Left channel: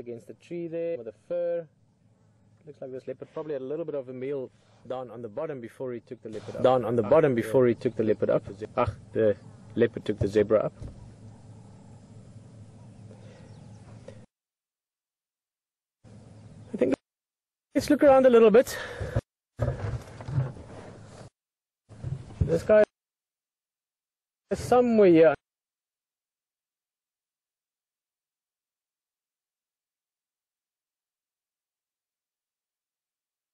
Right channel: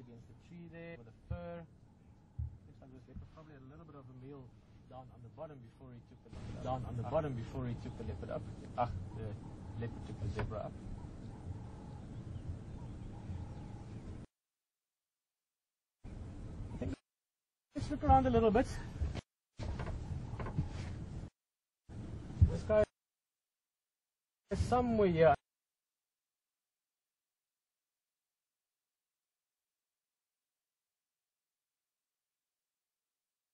against the tree there with the fur. Looks like this leopard probably had a little bit of a meal down on the bottom before he took the leopard up. The leopard took the zebra up. I think let's look around a little bit. This guy is somewhere here.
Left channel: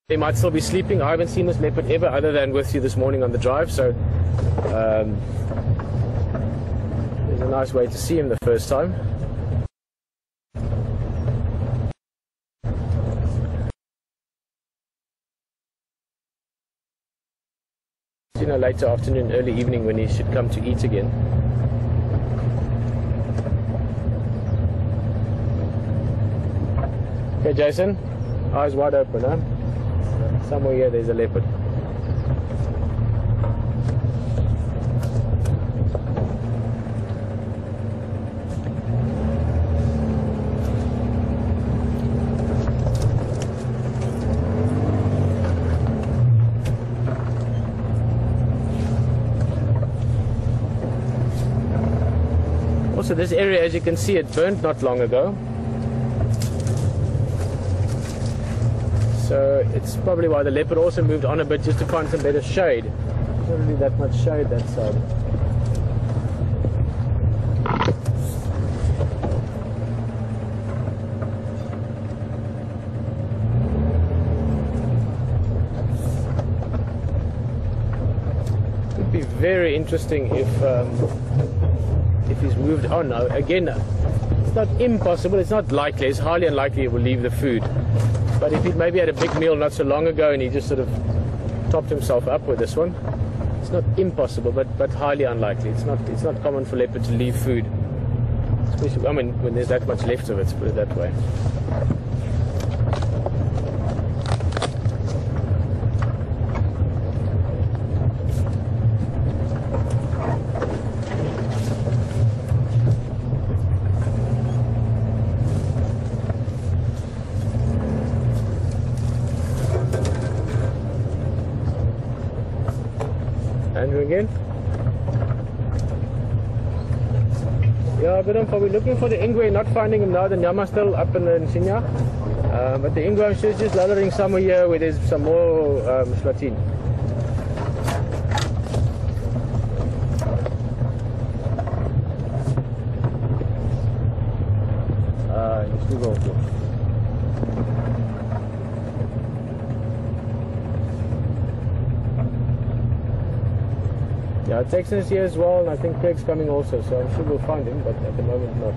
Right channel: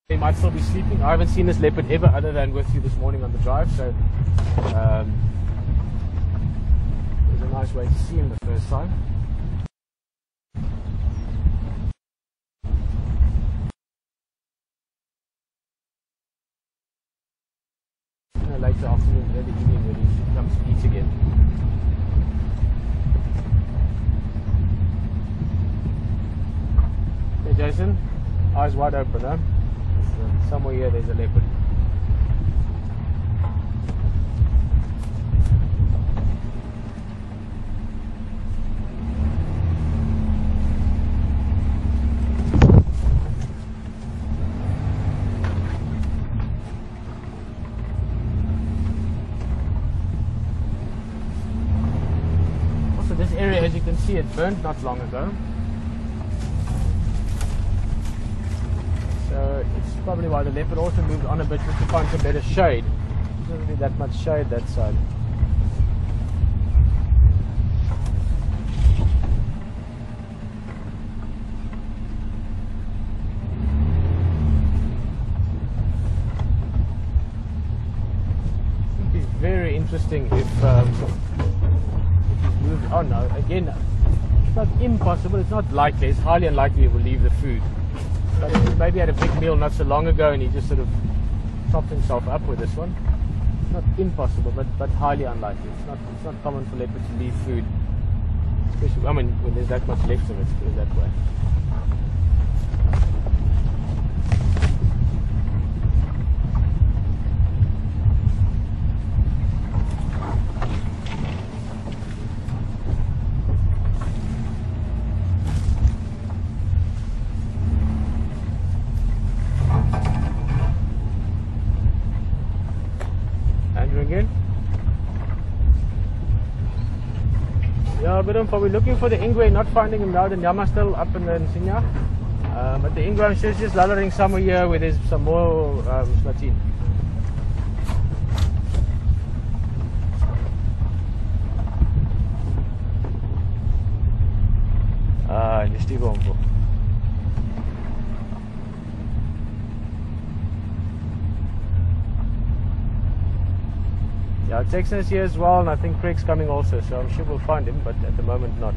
They might still be sleeping. I haven't seen this leopard ever other than with you this morning on the drive, so there's a nice way to see him the first time. You know, later afternoon, early evening when he should come to eat again. Okay, Jason, eyes wide open, huh? Somewhere here there's a leopard. Also, this area, as you can see, it burned not long ago. So it's probably why the leopard also moved on a bit just to find some better shade. There's not really that much shade that side. It would be very interesting if he's moved on now. Again, it's not impossible, it's not likely, it's highly unlikely he will leave the food. But if he maybe had a big meal not so long ago and he just sort of topped himself up with this one, it's not impossible, but highly unlikely. It's not common for leopard to leave food, especially, I mean, when there's that much left of it, to put it that way. Again. Yeah, but I'm probably looking for the ingwe, not finding him now. The Nyama still up in Sinya. But the ingwe is just lullering somewhere here where there's some more Schwatin. In the Stiegel. Yeah, Texan's here as well, and I think Craig's coming also, so I'm sure we'll find him, but at the moment not.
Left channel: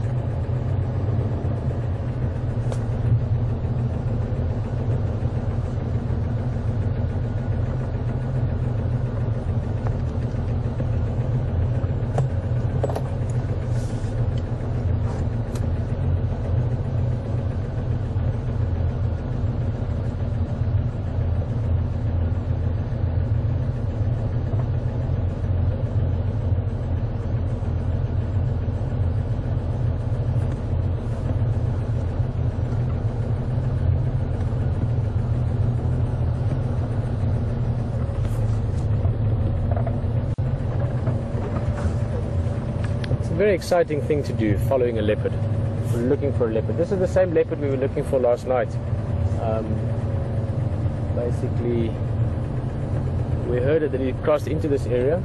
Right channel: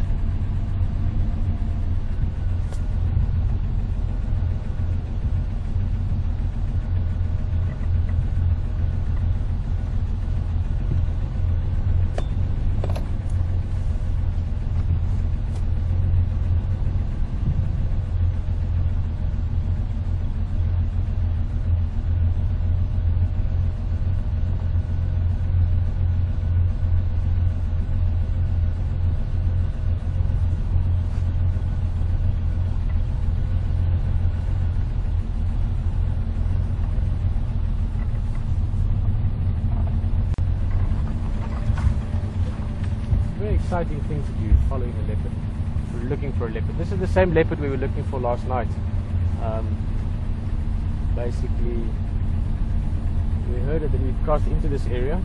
Very exciting thing to do, following a leopard. We're looking for a leopard. This is the same leopard we were looking for last night. Basically, we heard that he crossed into this area,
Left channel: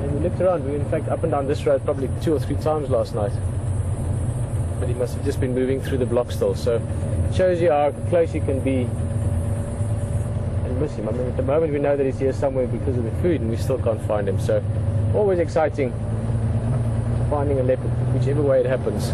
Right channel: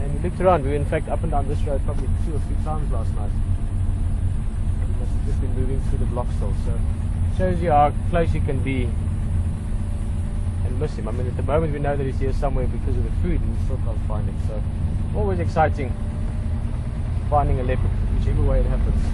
and we looked around. We were in fact up and down this road probably 2 or 3 times last night, but he must have just been moving through the block still. So it shows you how close you can be and miss him. I mean, at the moment we know that he's here somewhere because of the food, and we still can't find him. So always exciting finding a leopard, whichever way it happens.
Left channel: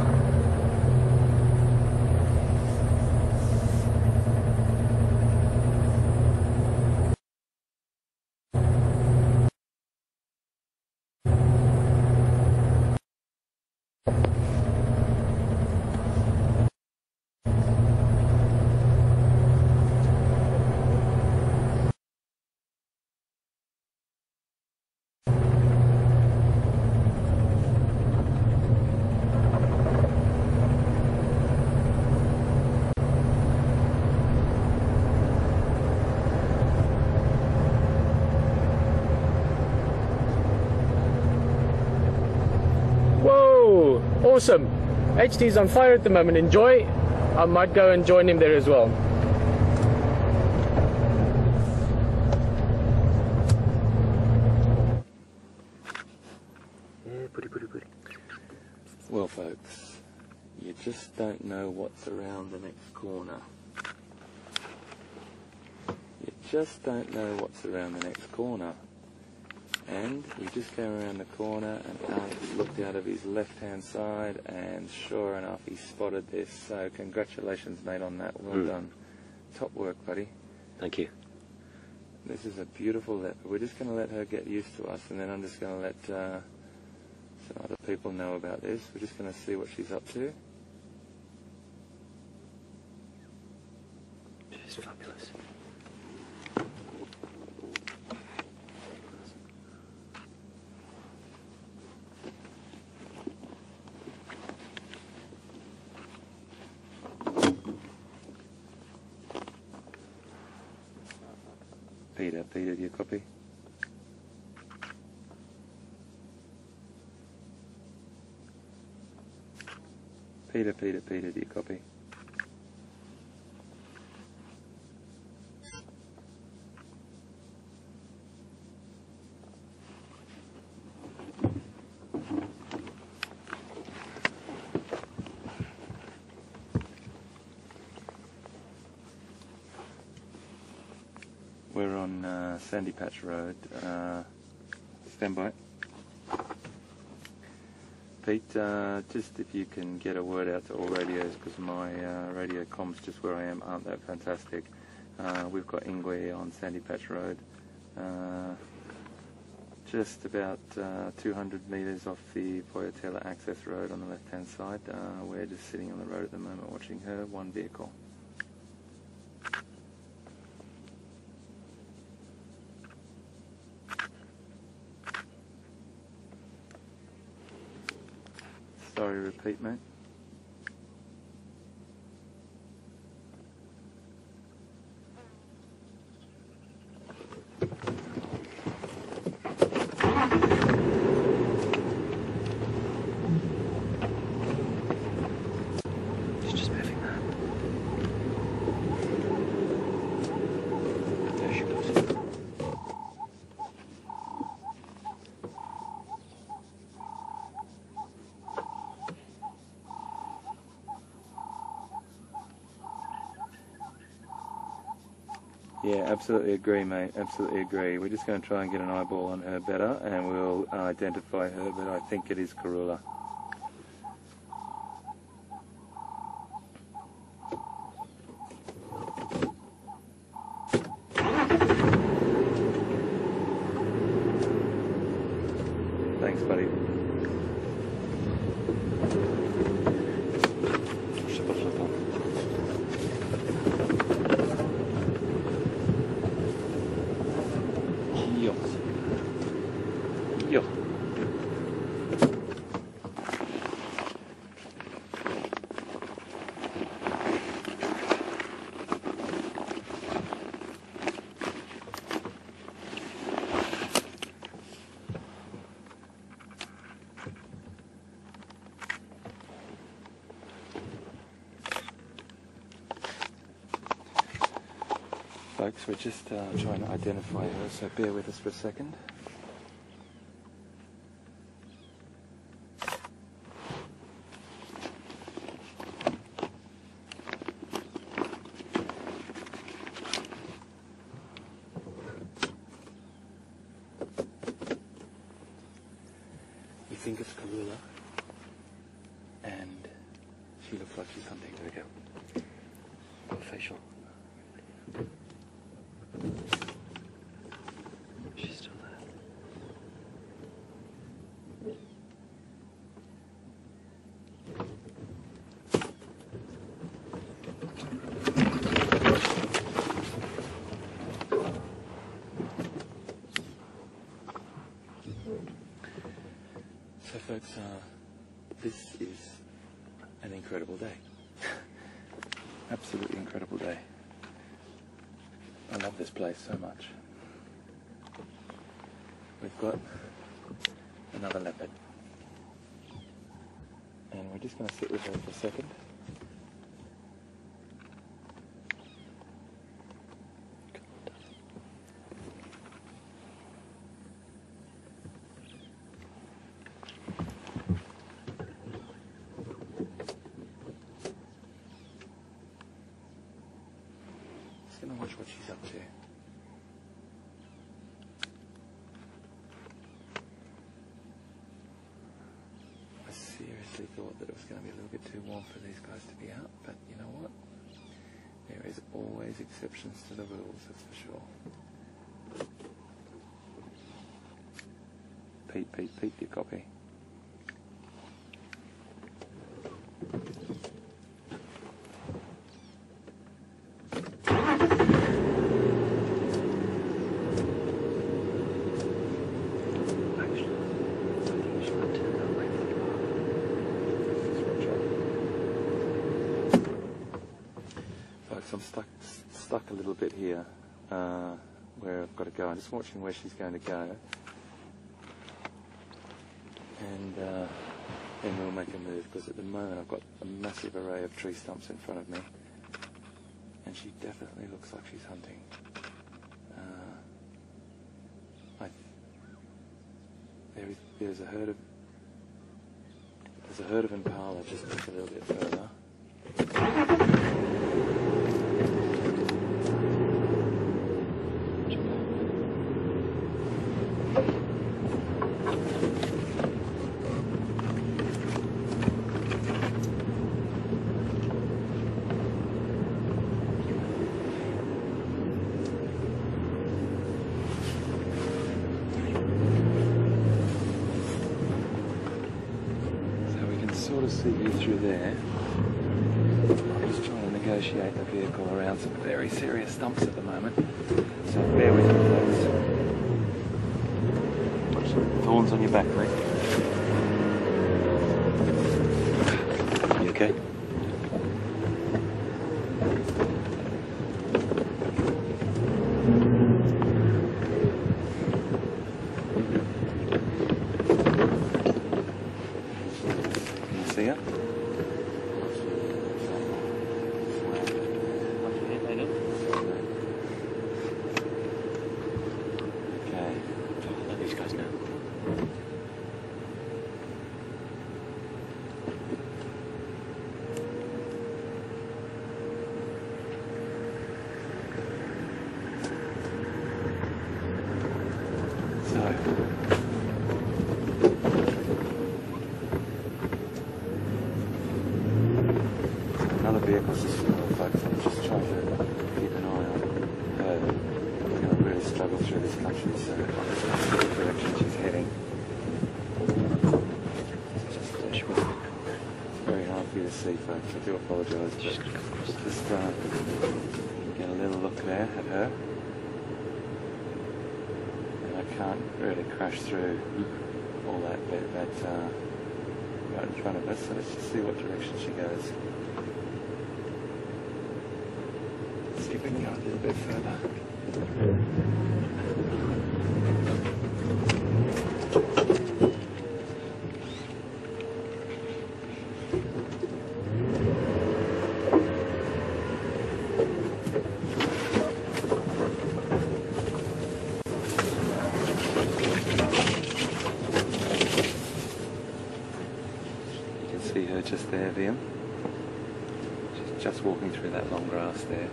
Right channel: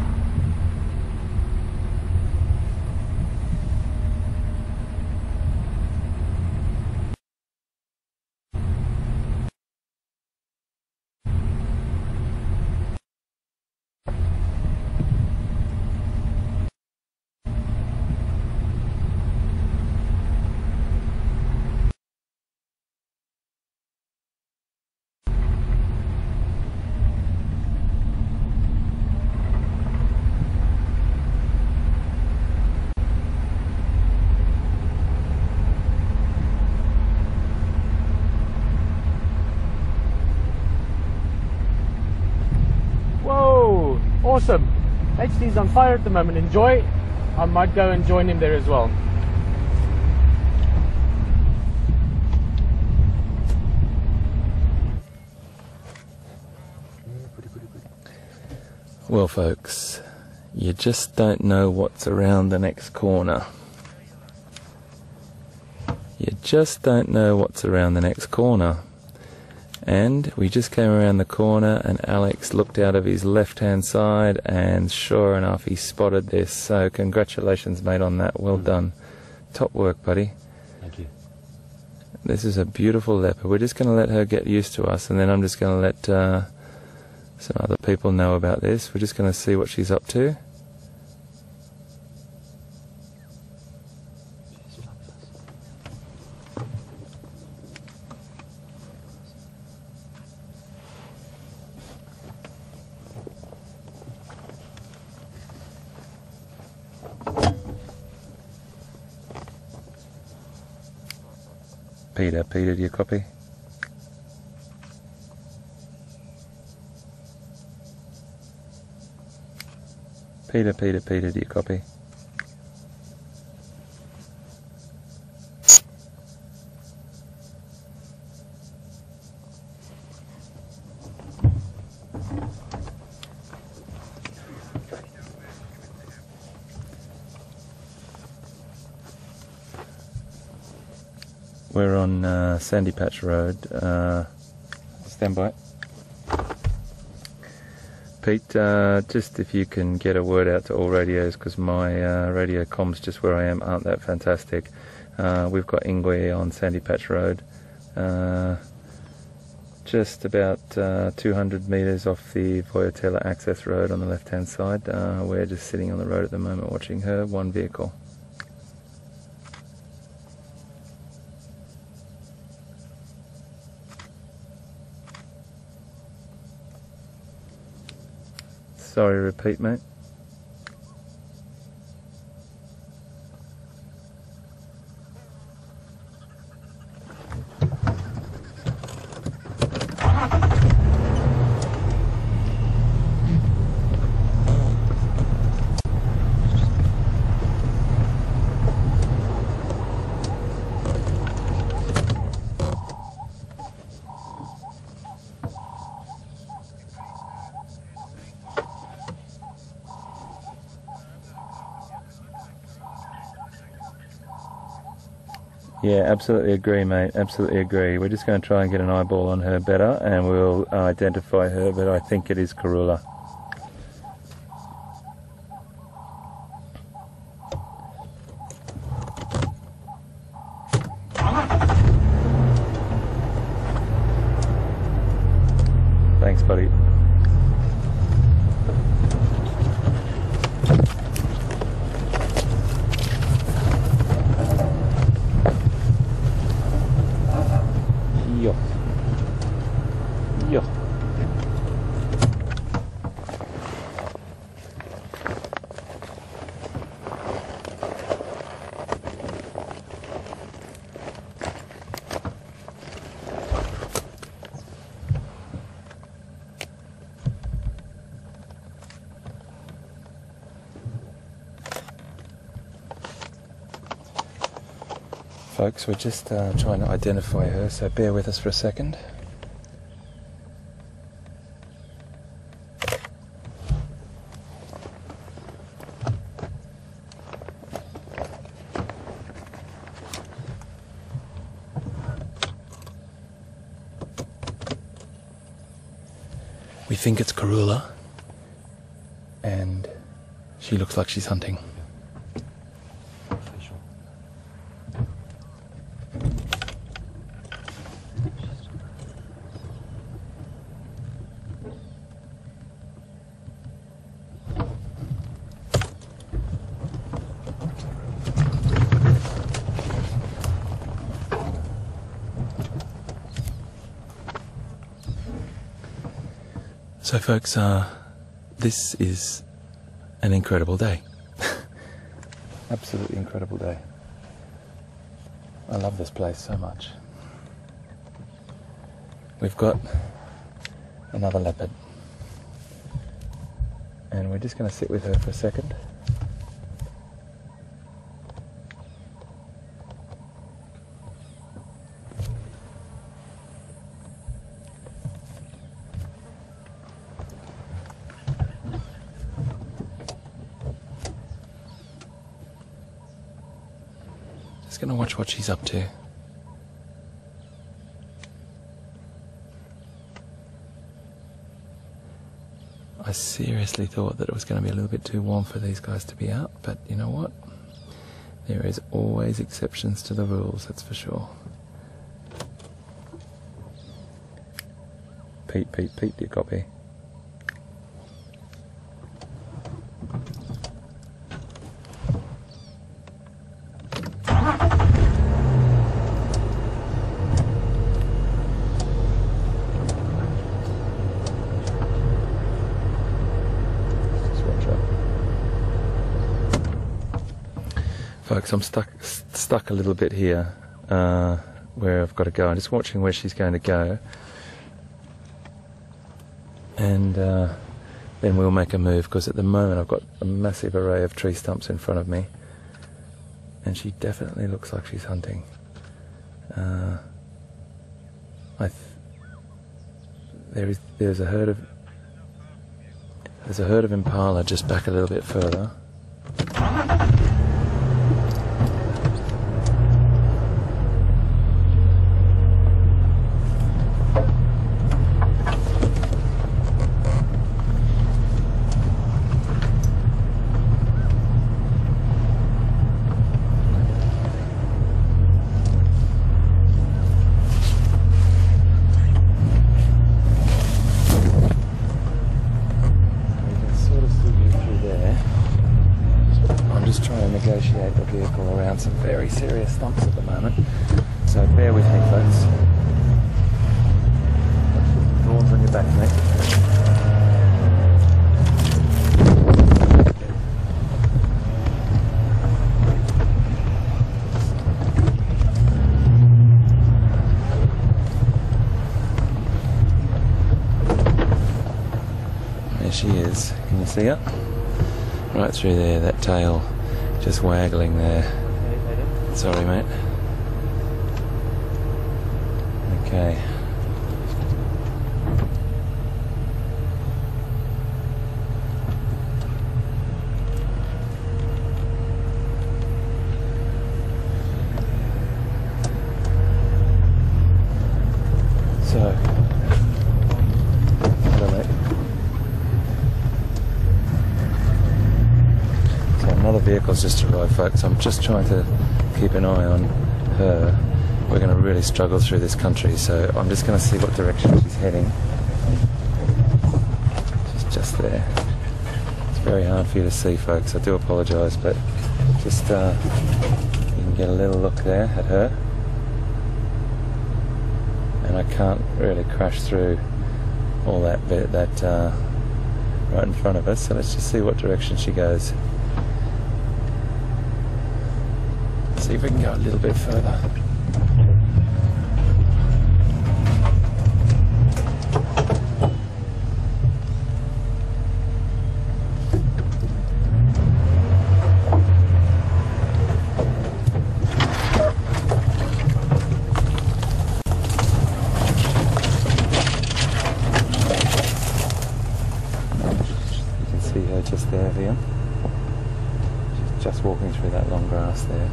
HD's on fire at the moment. Enjoy. I might go and join him there as well. Well folks, you just don't know what's around the next corner. You just don't know what's around the next corner. And we just came around the corner and Alex looked out of his left hand side and sure enough he spotted this. So congratulations mate on that, well done. Top work buddy. Thank you. This is a beautiful leopard. We're just going to let her get used to us and then I'm just going to let some other people know about this. We're just going to see what she's up to. She's fabulous. Peter, do you copy? Peter, do you copy? We're on Sandy Patch Road. Stand by. Pete, just if you can get a word out to all radios, because my radio comms just where I am aren't that fantastic. We've got Ingwe on Sandy Patch Road, just about 200 metres off the Voyatella access road on the left hand side. We're just sitting on the road at the moment watching her, one vehicle. Sorry, repeat, mate. It's just moving now. There she goes. Yeah, absolutely agree, mate. Absolutely agree. We're just going to try and get an eyeball on her better, and we'll identify her. But I think it is Karula. Thanks, buddy. Yo. Yo. Folks, we're just trying to identify her, so bear with us for a second. We think it's Karula, and she looks like she's hunting. There we go. Facial. She's still there. So folks, this is an incredible day. Absolutely incredible day. I love this place so much. We've got another leopard. And we're just going to sit with her for a second. Just going to watch what she's up to. I seriously thought that it was going to be a little bit too warm for these guys to be out, but you know what? There is always exceptions to the rules, that's for sure. Pete, Pete, Pete, do you copy? Folks, I'm stuck a little bit here where I've got to go. I'm just watching where she's going to go, and then we'll make a move, because at the moment I've got a massive array of tree stumps in front of me, and she definitely looks like she's hunting. There's a herd of Impala just back a little bit further. Negotiate the vehicle around some very serious stumps at the moment, so bear with me, folks. Watch the thorns on your back, mate. Okay. There she is. Can you see her? Right through there, that tail just waggling there. Sorry, mate. Okay. These guys now. So, hello, mate. Another vehicle's just arrived, folks. I'm just trying to keep an eye on her. We're going to really struggle through this country, so I'm just going to see what direction she's heading. She's just there. It's very hard for you to see, folks. I do apologise, but just you can get a little look there at her. And I can't really crash through all that bit right in front of us, so let's just see what direction she goes. See if we can go a little bit further. You can see her just there, Liam. She's just walking through that long grass there.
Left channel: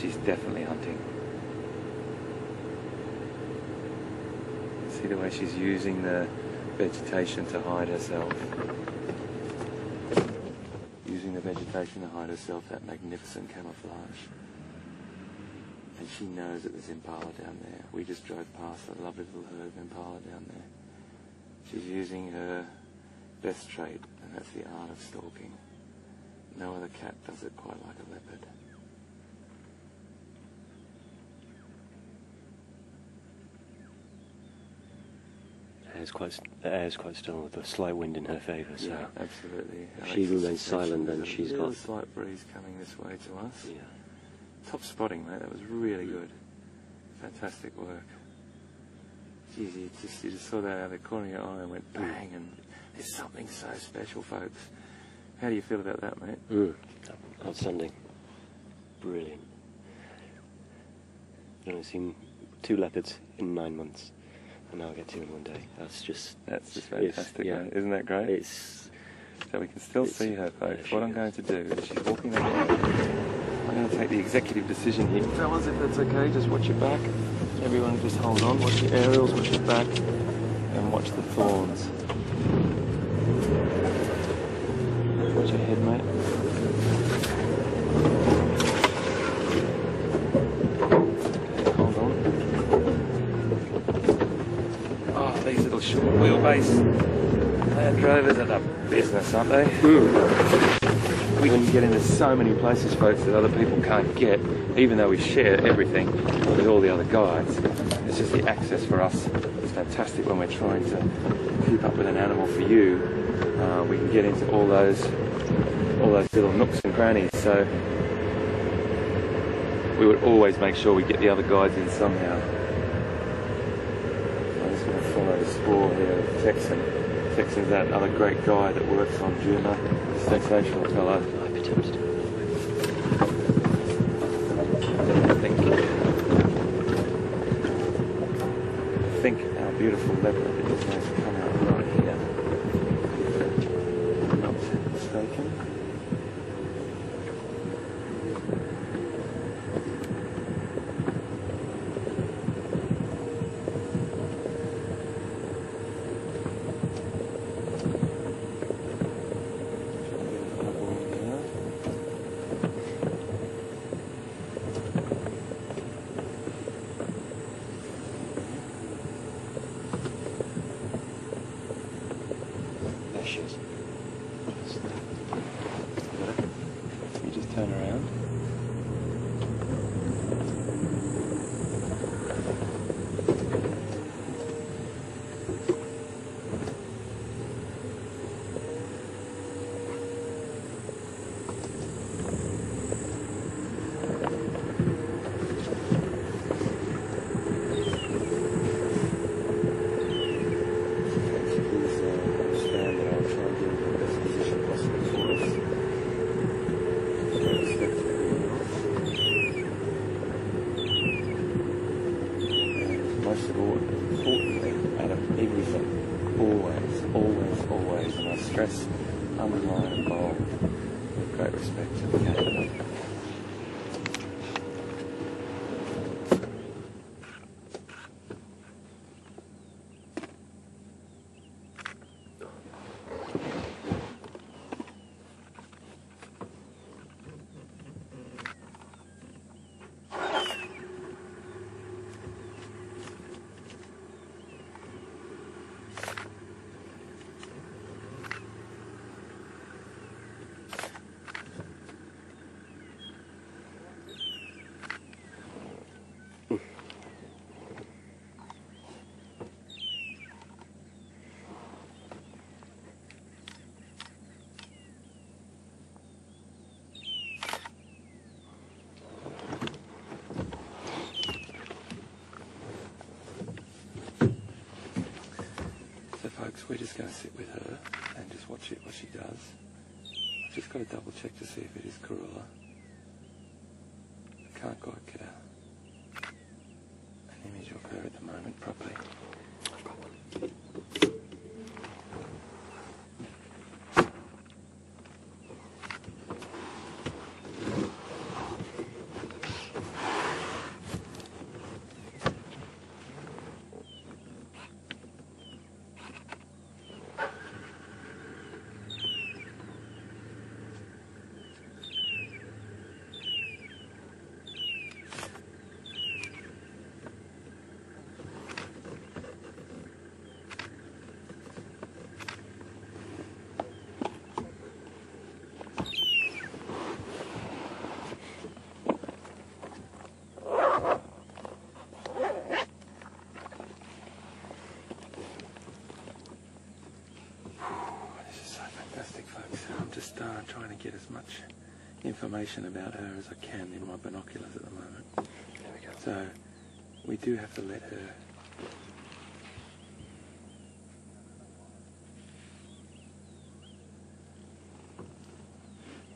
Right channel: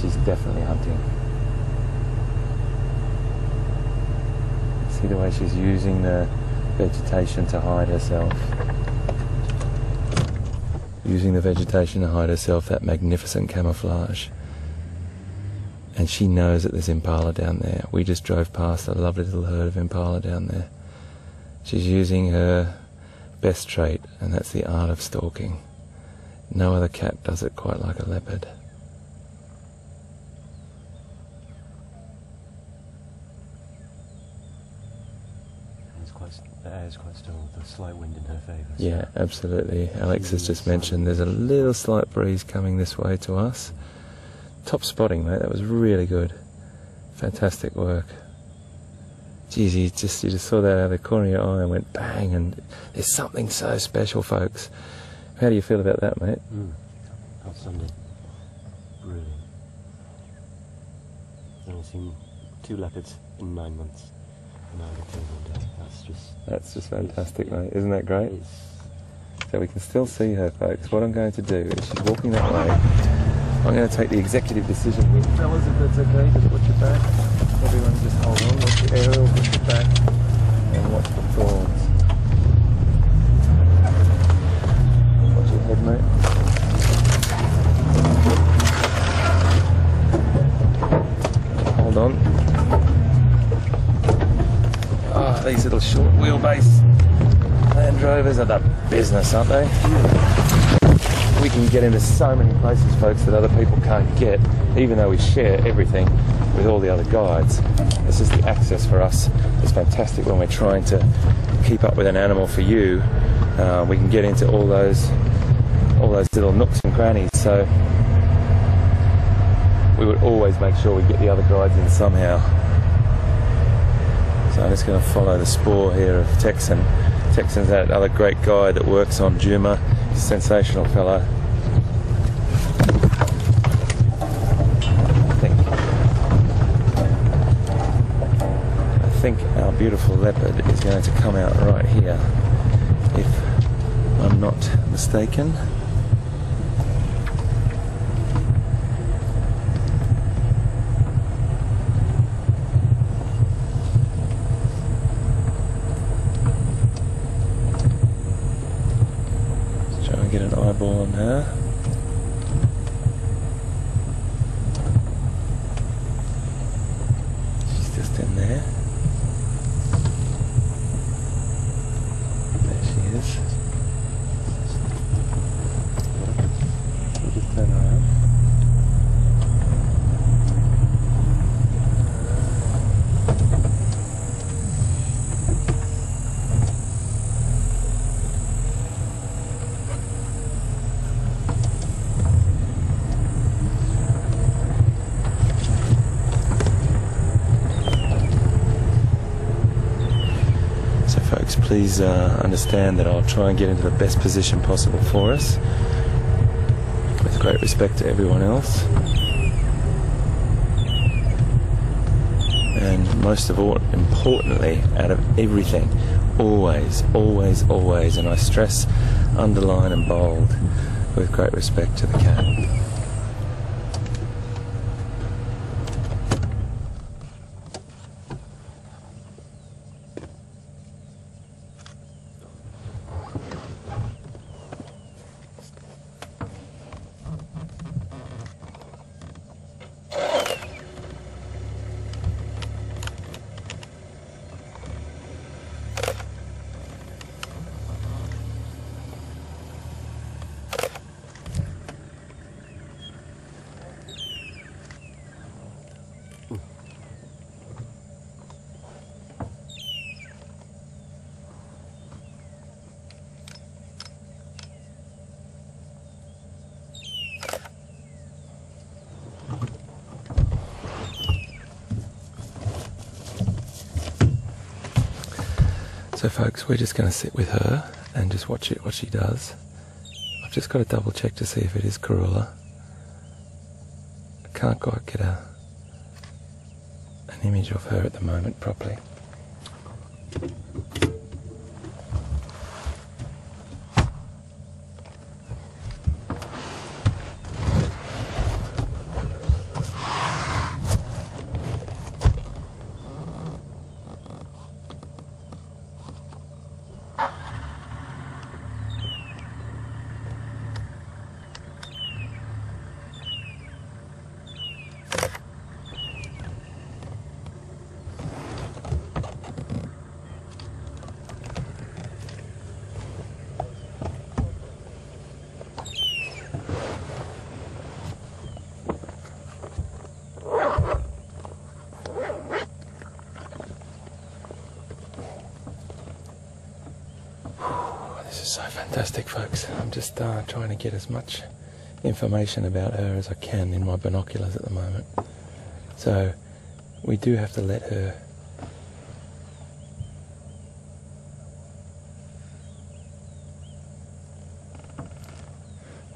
She's definitely hunting. See the way she's using the vegetation to hide herself. Using the vegetation to hide herself, that magnificent camouflage. And she knows that there's Impala down there. We just drove past a lovely little herd of Impala down there. She's using her best trait, and that's the art of stalking. No other cat does it quite like a leopard. The air's quite still with a slight wind in her favour. So yeah, absolutely. Alex has just mentioned there's a little slight breeze coming this way to us. Yeah. Top spotting, mate. That was really good. Fantastic work. Geez, you just saw that out of the corner of your eye and went bang, and there's something so special, folks. How do you feel about that, mate? Outstanding. Brilliant. I've only seen 2 leopards in 9 months, and now I get 2 in 1 day. That's just fantastic, yeah. mate. Isn't that great? So we can still see her, folks. What I'm going to do is, she's walking that way. I'm going to take the executive decision here. Fellas, if that's okay, just watch your back. Everyone just hold on, watch your aerials, watch your back, and watch the thorns. Watch your head, mate. Okay, hold on. Oh, these little short wheelbase Land Rovers are the business, aren't they? We can get into so many places, folks, that other people can't get, even though we share everything with all the other guides. This is the access for us. It's fantastic when we're trying to keep up with an animal for you. We can get into all those little nooks and crannies. So we would always make sure we get the other guides in somehow. So I'm just going to follow the spoor here of Texan. Texan's another great guy that works on Juma. Sensational fellow. I think our beautiful leopard is going to come out right here, if I'm not mistaken. Get an eyeball on her. She's just in there. There she is. We'll just turn around. Please understand that I'll try and get into the best position possible for us, with great respect to everyone else. And most of all, importantly, out of everything, always, always, always, and I stress, underline and bold, with great respect to the cat. So folks, we're just going to sit with her and just watch what she does. I've just got to double check to see if it is Karula. I can't quite get an image of her at the moment properly. So fantastic, folks. I'm just trying to get as much information about her as I can in my binoculars at the moment. So we do have to let her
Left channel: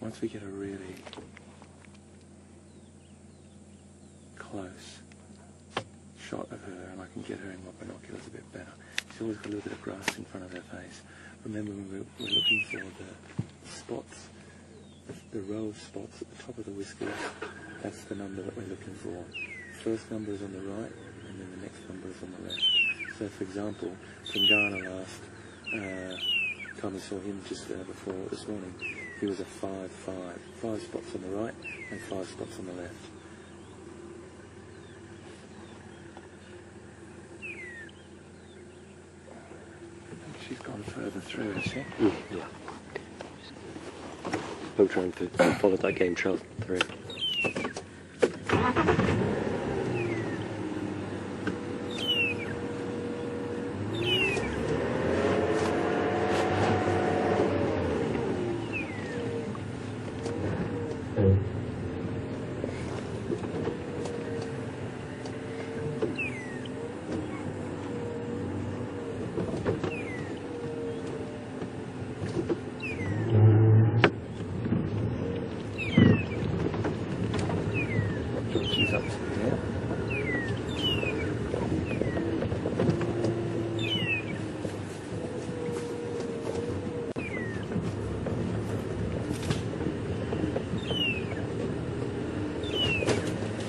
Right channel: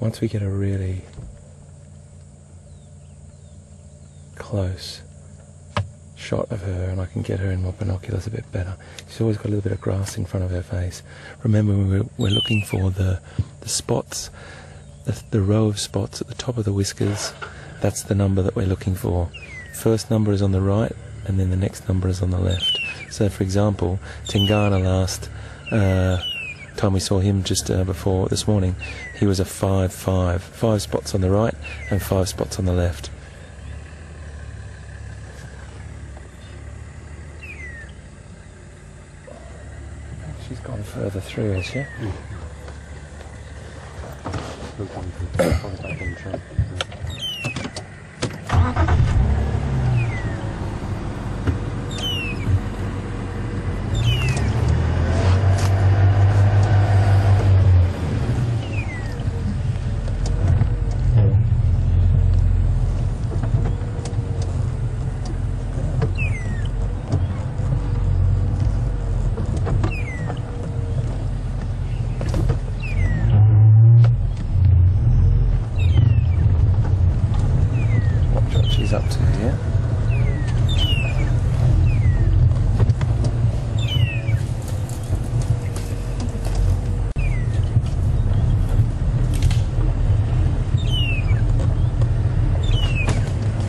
once we get a really close shot of her and I can get her in my binoculars a bit better. She's always got a little bit of grass in front of her face. Remember, we're looking for the spots, the row of spots at the top of the whiskers. That's the number that we're looking for. First number is on the right and then the next number is on the left. So for example, Tingana last time we saw him just before this morning, he was a 5-5. 5 spots on the right and 5 spots on the left. She's gone further through, has she? Yeah. I'm trying to follow that game trail. Right. She's up to here.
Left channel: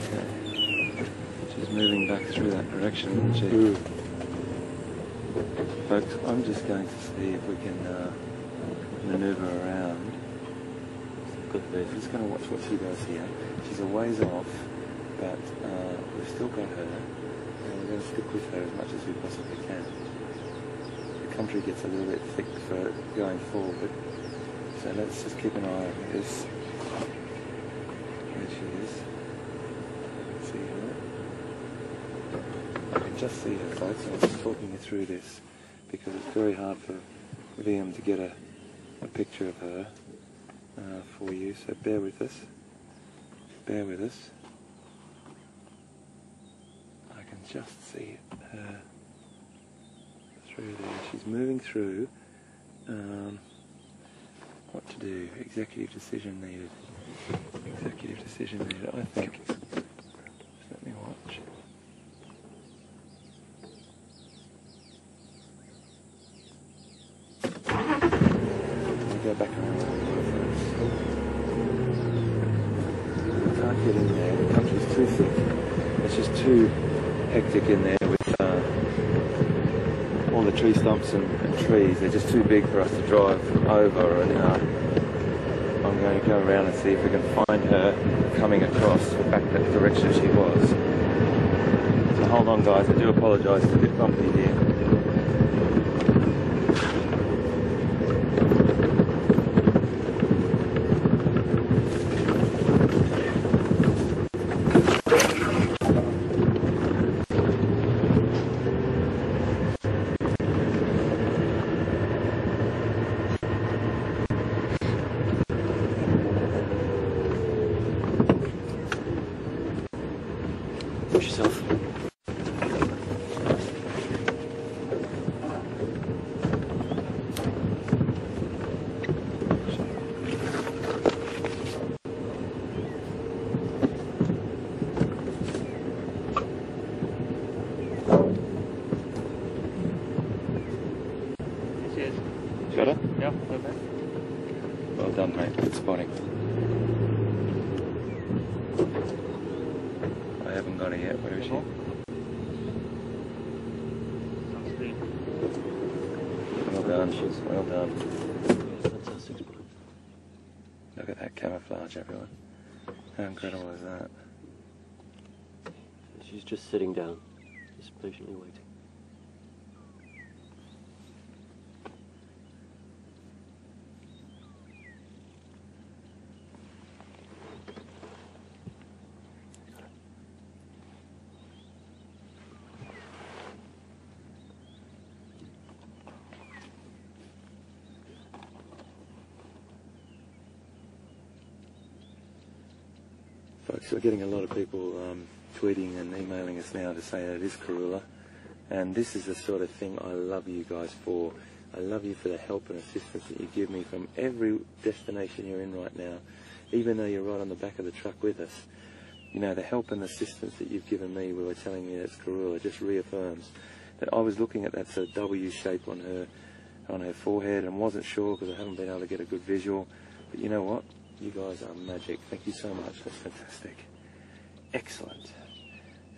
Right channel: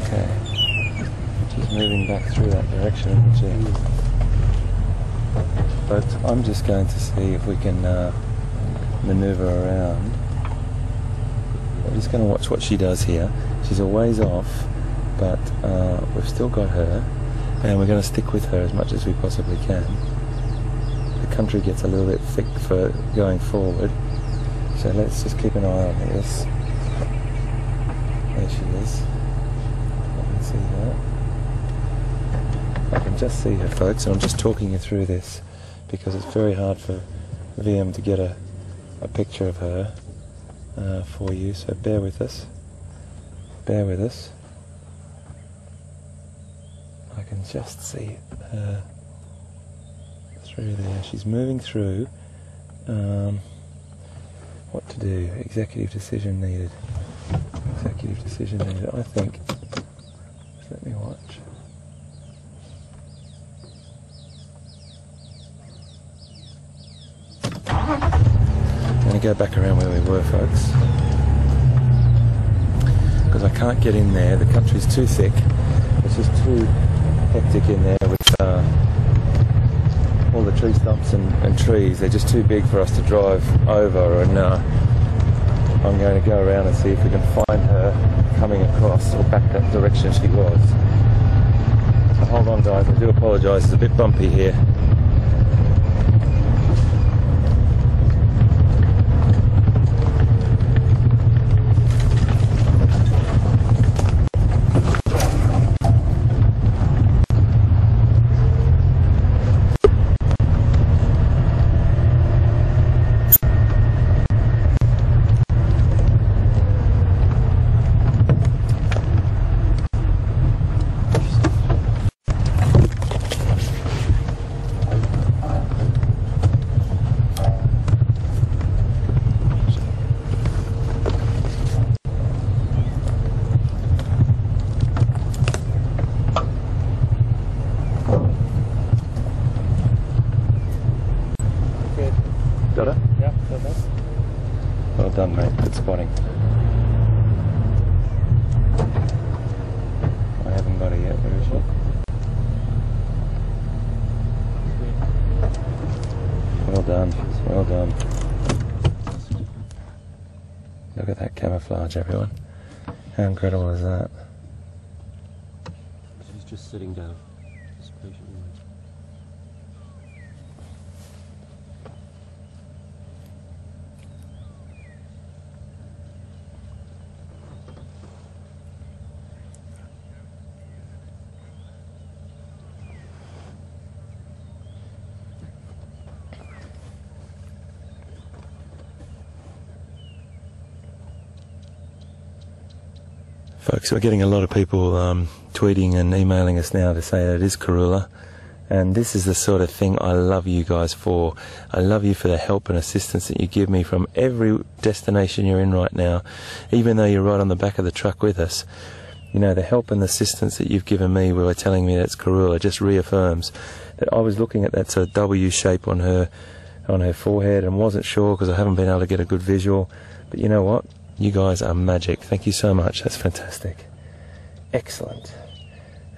Okay. She's moving back through that direction, isn't she? Mm. But I'm just going to see if we can maneuver around. I'm just going to watch what she does here. She's a ways off, but we've still got her, and we're going to stick with her as much as we possibly can. The country gets a little bit thick for going forward, so let's just keep an eye on this. There she is. I can see her. I can just see her, folks, and I'm just talking you through this because it's very hard for VM to get a picture of her for you, so bear with us. Bear with us. I can just see her through there. She's moving through. What to do? Executive decision needed. Executive decision needed, I think. Just let me watch. I'm going to go back around where we were, folks. Because I can't get in there, the country's too thick. It's just too hectic in there with all the tree stumps and trees. They're just too big for us to drive over, and I'm going to go around and see if we can find her coming across or back that direction she was. So hold on, guys, I do apologise, it's a bit bumpy here. Got it? Yeah, okay. Well done, mate. Good spotting. I haven't got it yet. Where is she? Well done. Well done. Look at that camouflage, everyone. How incredible is that? She's just sitting down, just patiently waiting. Folks, we're getting a lot of people tweeting and emailing us now to say that it is Karula, And this is the sort of thing I love you guys for. I love you for the help and assistance that you give me from every destination you're in right now. Even though you're right on the back of the truck with us, you know, the help and assistance that you've given me by telling me that's Karula just reaffirms that I was looking at that sort of W shape on her forehead and wasn't sure because I haven't been able to get a good visual. But you know what? You guys are magic. Thank you so much. That's fantastic. Excellent.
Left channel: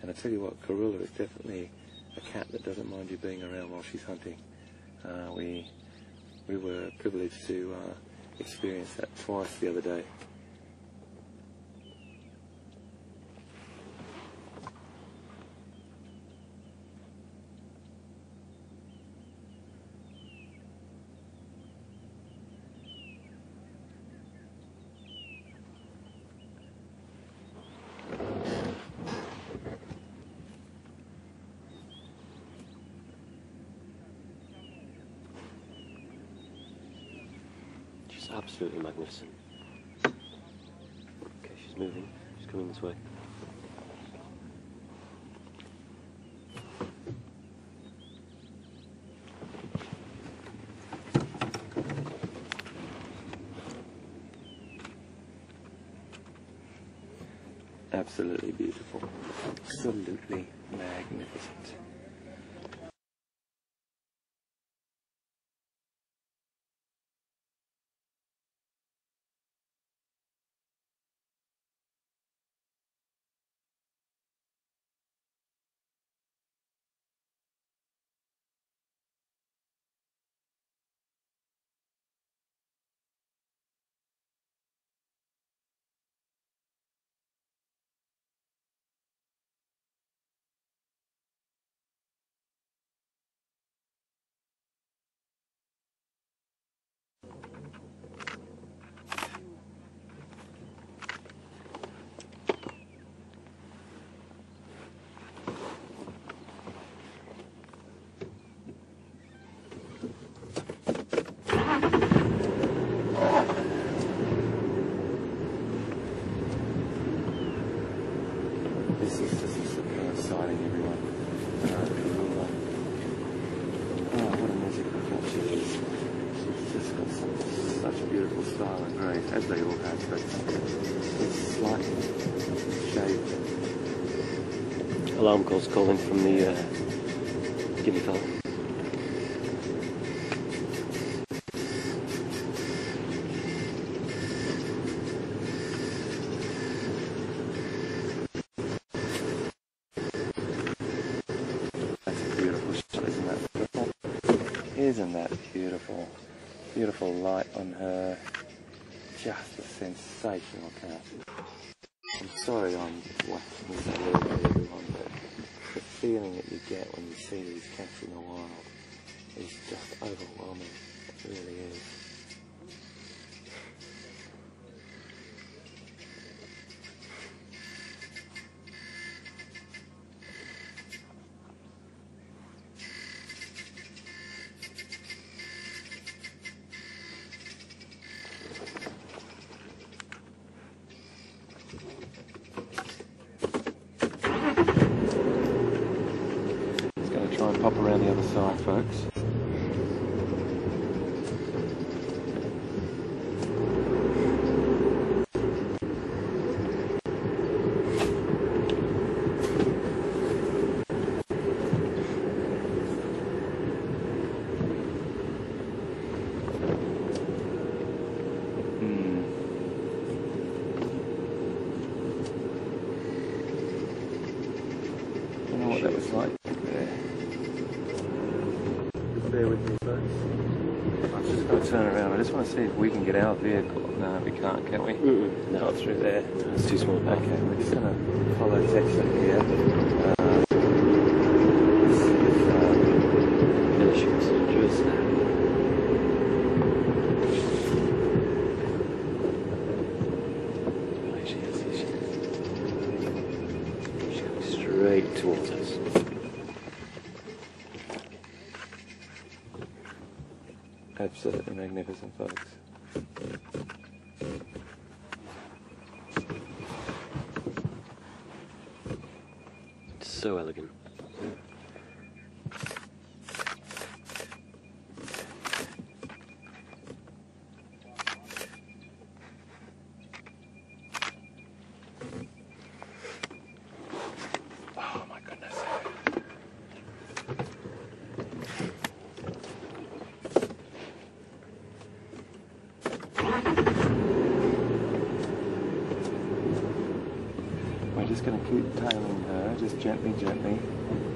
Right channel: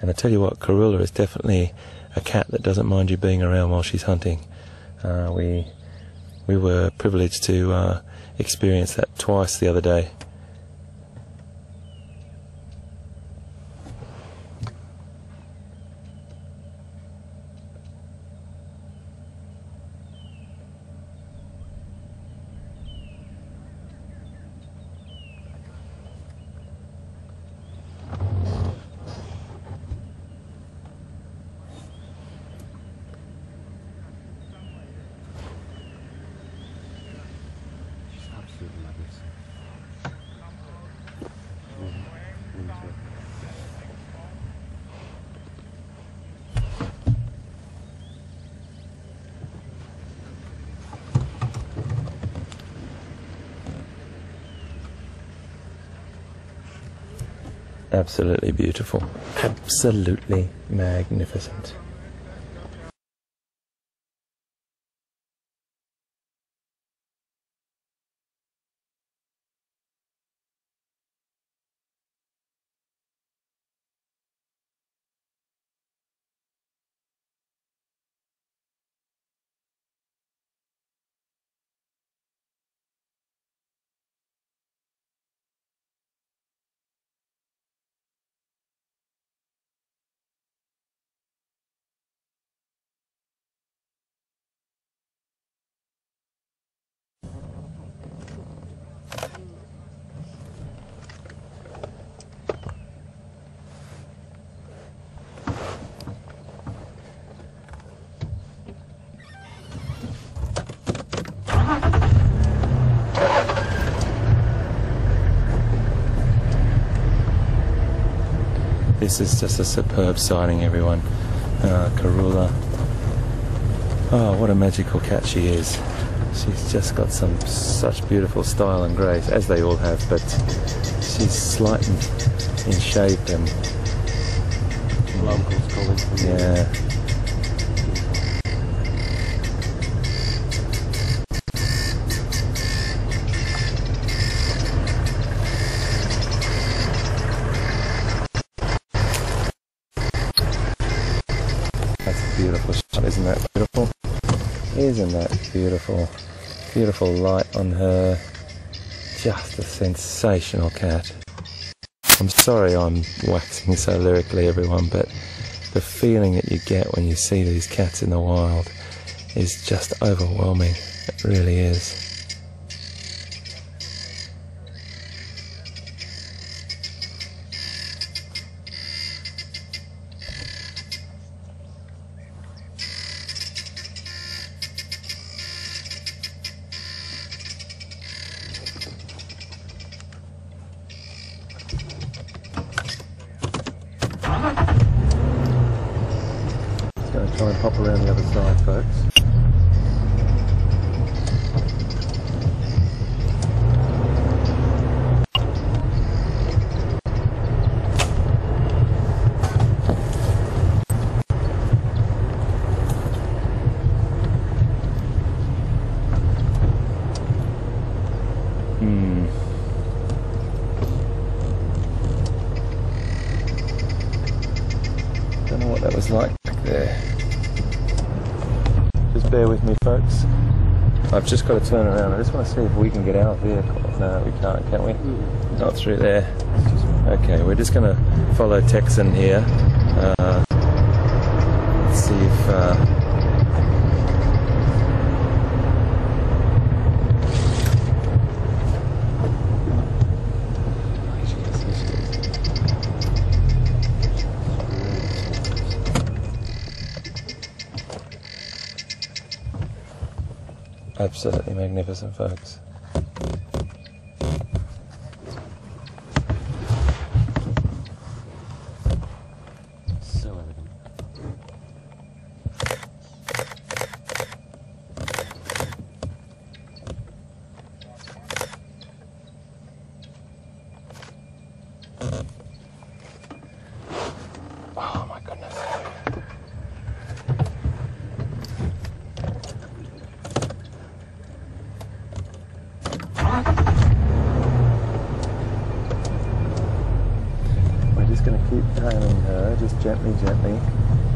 And I tell you what, Karula is definitely a cat that doesn't mind you being around while she's hunting. We were privileged to experience that twice the other day. Absolutely magnificent. Okay, she's moving. She's coming this way. Absolutely beautiful. Absolutely magnificent. This is just a superb sighting, everyone. Karula. Oh, what a magical cat she is. She's just got such beautiful style and grace, as they all have, but she's slight in shape and... Alarm call's calling from the guinea fowl. That's a beautiful shot, isn't that beautiful? Isn't that beautiful? Beautiful light on her. Just a sensational cat. I'm sorry I'm waxing so lyrically, everyone, but the feeling that you get when you see these cats in the wild is just overwhelming. It really is. Try and pop around the other side, folks. Don't know what that was like there. Bear with me, folks. I've just got to turn around. I just want to see if we can get our vehicle. No, we can't, can we? Not through there. It's too small. Okay, we're just going to follow Texan here. Let's see if... There she is. Straight towards us. Absolutely magnificent, folks. So elegant. just going to keep tailing her, just gently, gently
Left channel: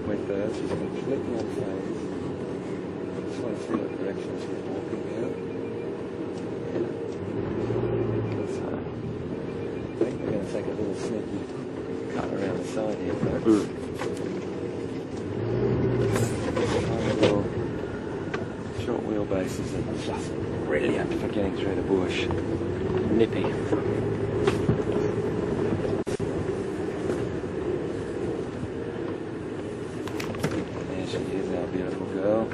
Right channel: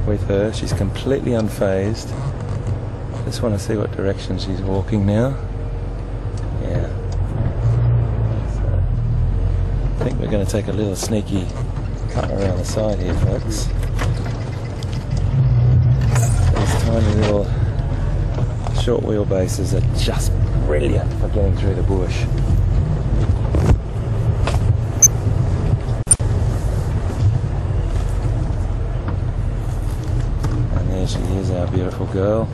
with her. She's completely unfazed. Just want to see what direction she's walking now. Yeah. So, I think we're going to take a little sneaky cut around the side here, folks. These tiny little short wheelbases are just brilliant for getting through the bush. Nippy. And there she is, our beautiful girl.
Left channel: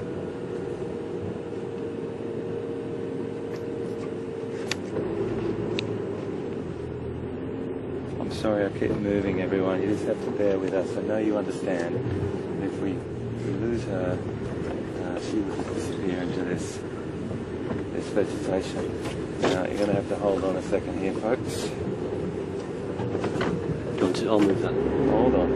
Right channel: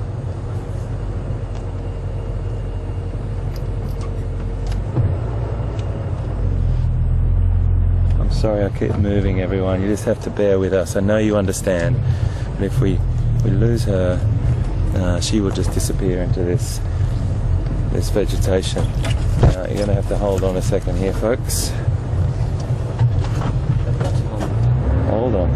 I'm sorry I keep moving, everyone. You just have to bear with us. I know you understand, but if we lose her, she will just disappear into this vegetation. You're going to have to hold on a second here, folks. I'll move that. Hold on.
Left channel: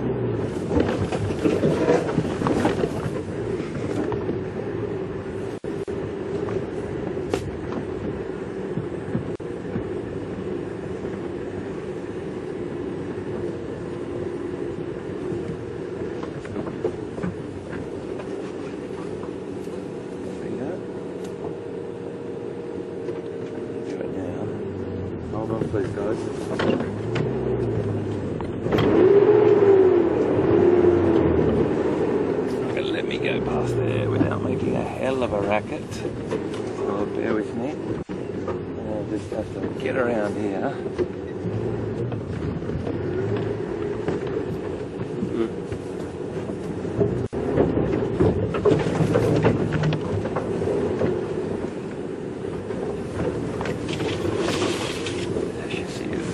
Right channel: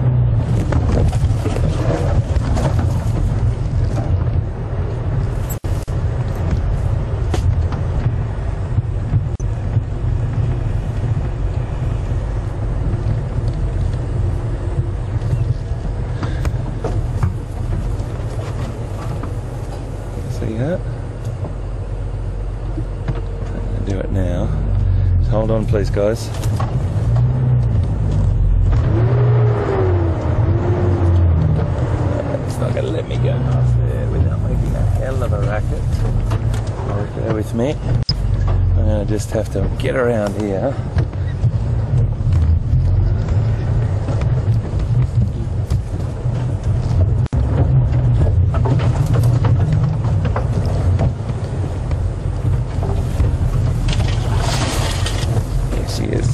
See that? Do it now. Just hold on, please, guys. It's not going to let me go past there without making a hell of a racket. So bear with me. I'm going to just have to get around here.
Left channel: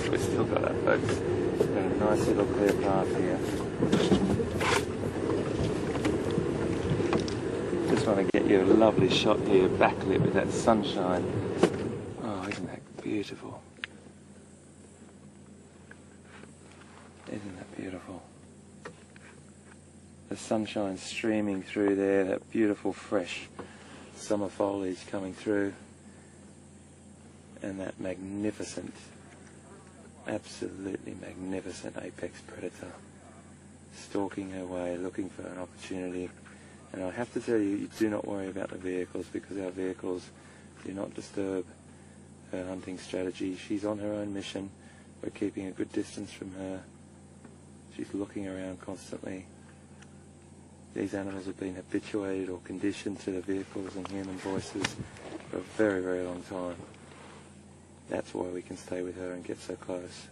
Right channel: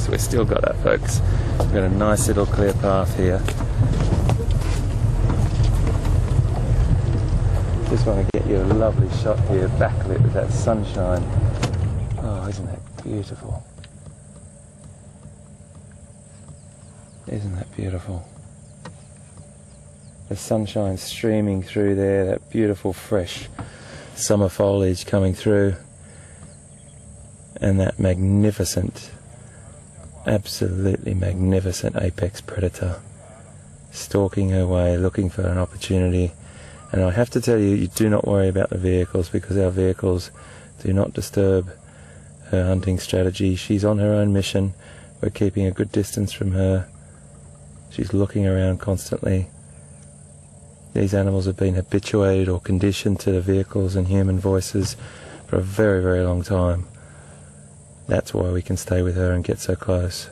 We've still got her, folks. We've got a nice little clear path here. Just want to get you a lovely shot here, backlit with that sunshine. Oh, isn't that beautiful? Isn't that beautiful? The sunshine streaming through there, that beautiful fresh summer foliage coming through, and that magnificent, absolutely magnificent apex predator stalking her way, looking for an opportunity. And I have to tell you, you do not worry about the vehicles, because our vehicles do not disturb her hunting strategy. She's on her own mission. We're keeping a good distance from her. She's looking around constantly. These animals have been habituated or conditioned to the vehicles and human voices for a very, very long time. That's why we can stay with her and get so close.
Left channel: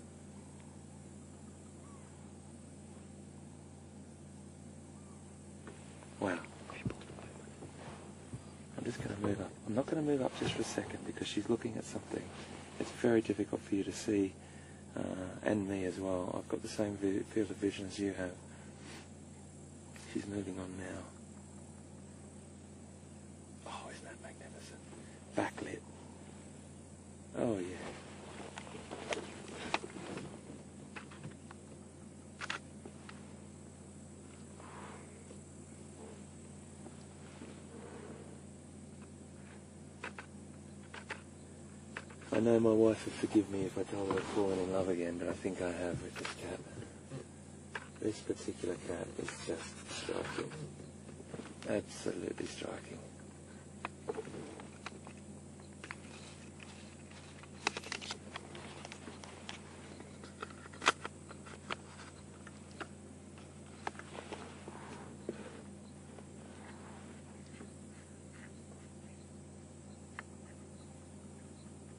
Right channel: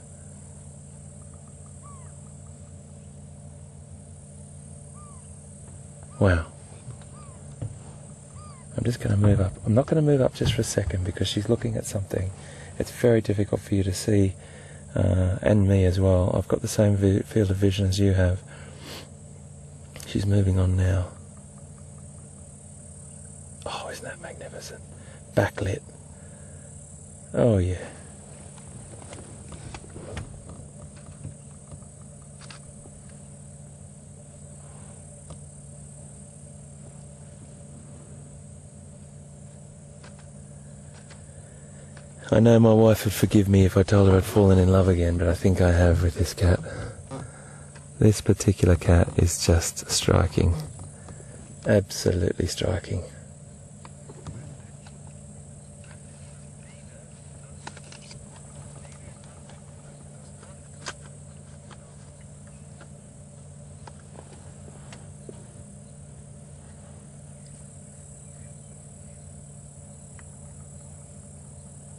Wow. I'm just going to move up. I'm not going to move up just for a second because she's looking at something. It's very difficult for you to see, and me as well. I've got the same field of vision as you have. She's moving on now. Oh, isn't that magnificent? Backlit. Oh yeah. I know my wife would forgive me if I told her I'd fallen in love again, but I think I have with this cat. This particular cat is just striking. Absolutely striking.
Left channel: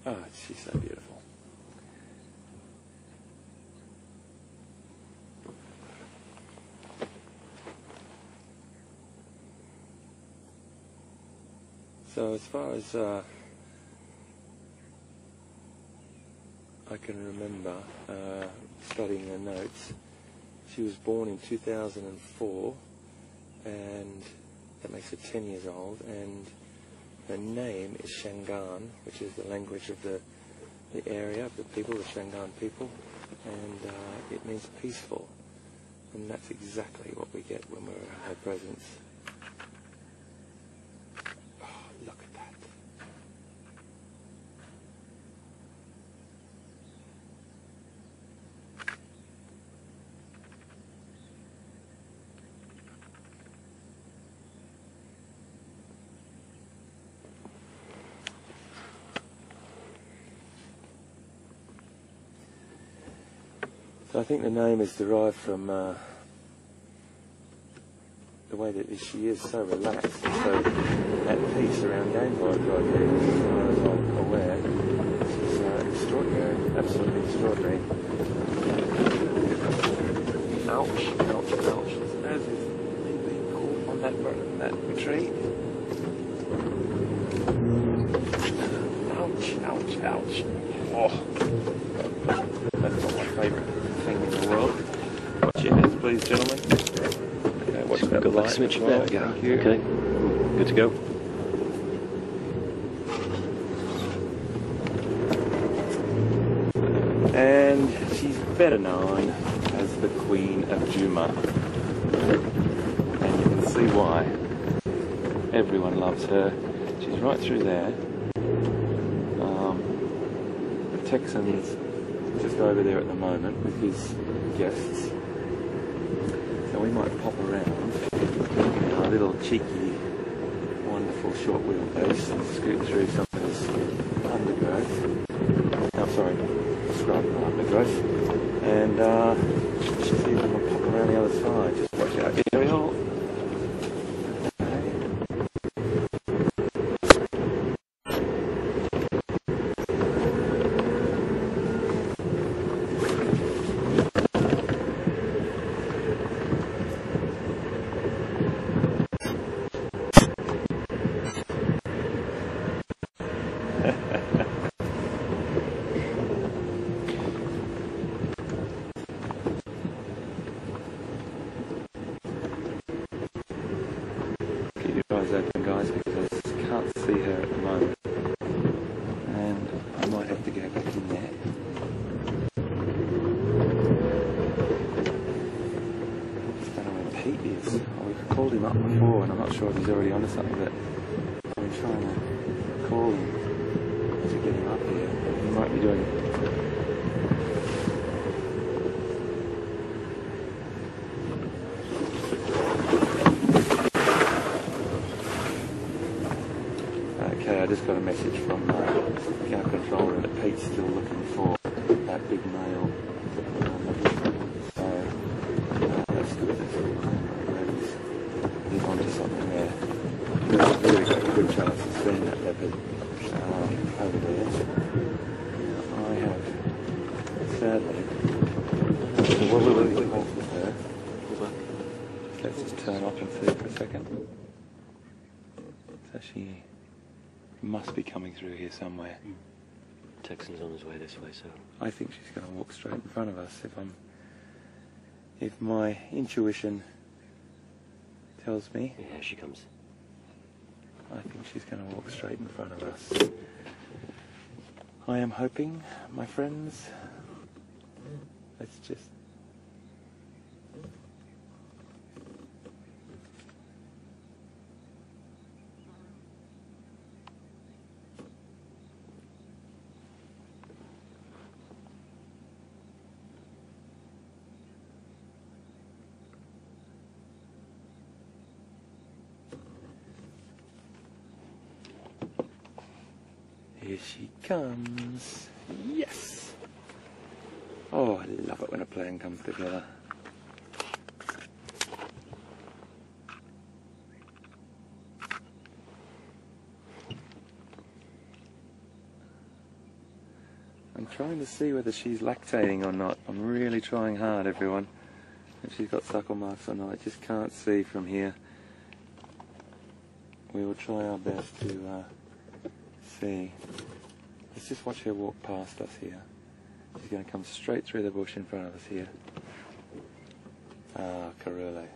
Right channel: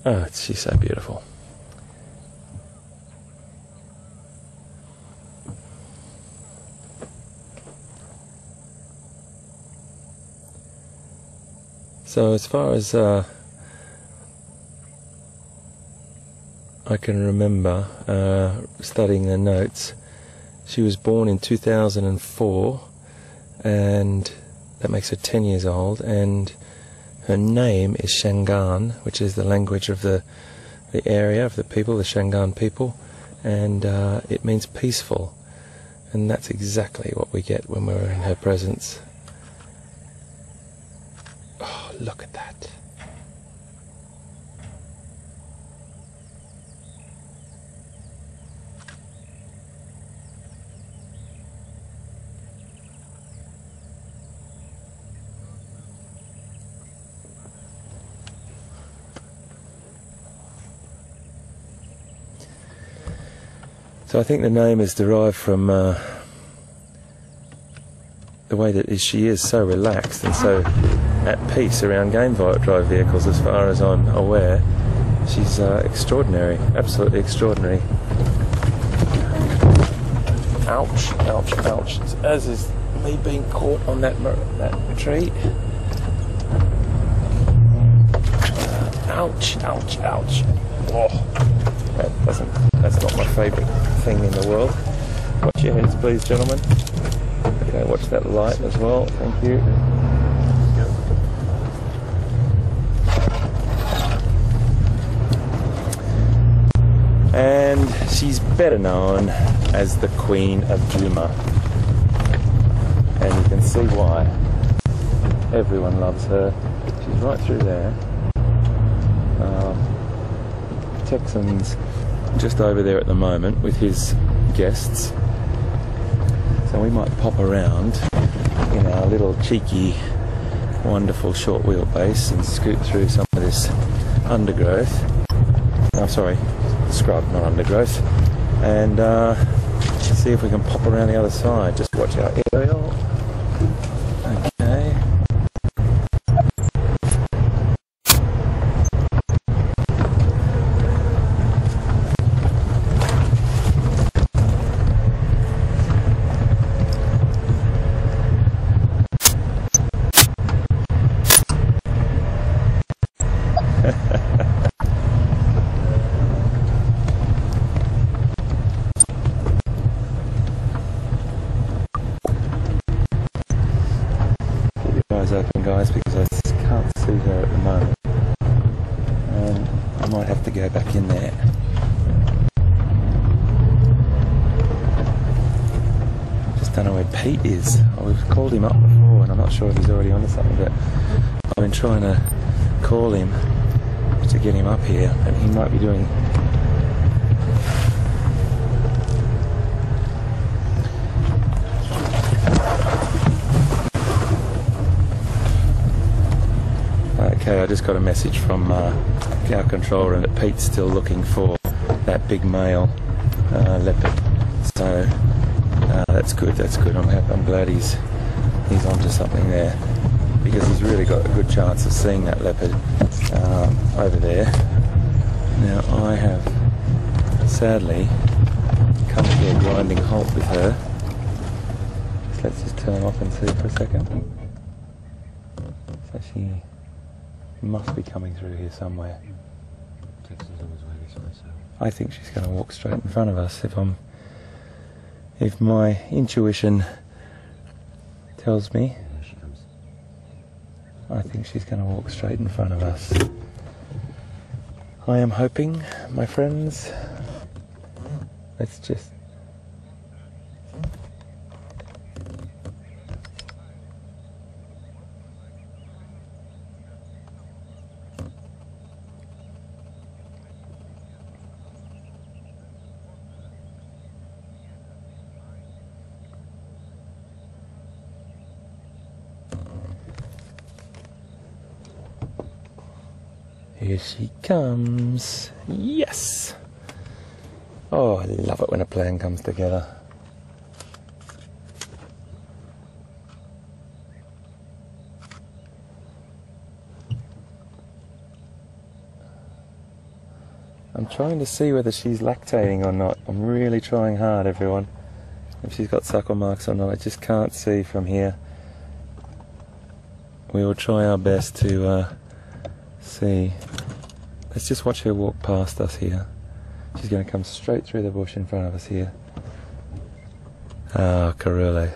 Oh, she's so beautiful. So as far as I can remember, studying the notes, she was born in 2004, and that makes her 10 years old, and her name is Shangaan, which is the language of the area, of the people, the Shangaan people, and it means peaceful, and that's exactly what we get when we're in her presence. Oh, look at that. So I think the name is derived from the way that she is so relaxed and so at peace around game drive vehicles, as far as I'm aware. She's extraordinary, absolutely extraordinary. Ouch, ouch, ouch. As is me being caught on that tree. Ouch, ouch, ouch. Oh, that's not my favourite thing in the world. Watch your hands, please, gentlemen. Okay, watch that light as well. Thank you. Okay, good to go. And she's better known as the Queen of Juma. And you can see why. Everyone loves her. She's right through there. Texan's just over there at the moment with his guests. So we might pop around in our little cheeky, wonderful short wheelbase and scoot through some of this undergrowth. Oh, sorry, scrub, not undergrowth. And see if we can pop around the other side. Just watch our aerial. Okay. Open, guys, because I just can't see her at the moment, and I might have to go back in there. I just don't know where Pete is. We've called him up before and I'm not sure if he's already onto something, but I've been trying to call him to get him up here, but he might be doing Okay, I just got a message from our control room that Pete's still looking for that big male leopard. So that's good. That's good. I'm glad he's onto something there, because he's really got a good chance of seeing that leopard over there. Now I have sadly come to a grinding halt with her. Let's just turn off and see for a second. So she must be coming through here somewhere. Texan's on his way this way, so I think she's going to walk straight in front of us. If my intuition tells me, yeah, here she comes. I think she's going to walk straight in front of us. I am hoping, my friends. Let's just. Here she comes. Yes! Oh, I love it when a plan comes together. I'm trying to see whether she's lactating or not. I'm really trying hard, everyone. If she's got suckle marks or not, I just can't see from here. We will try our best to see. Let's just watch her walk past us here. She's going to come straight through the bush in front of us here. Ah, Karula.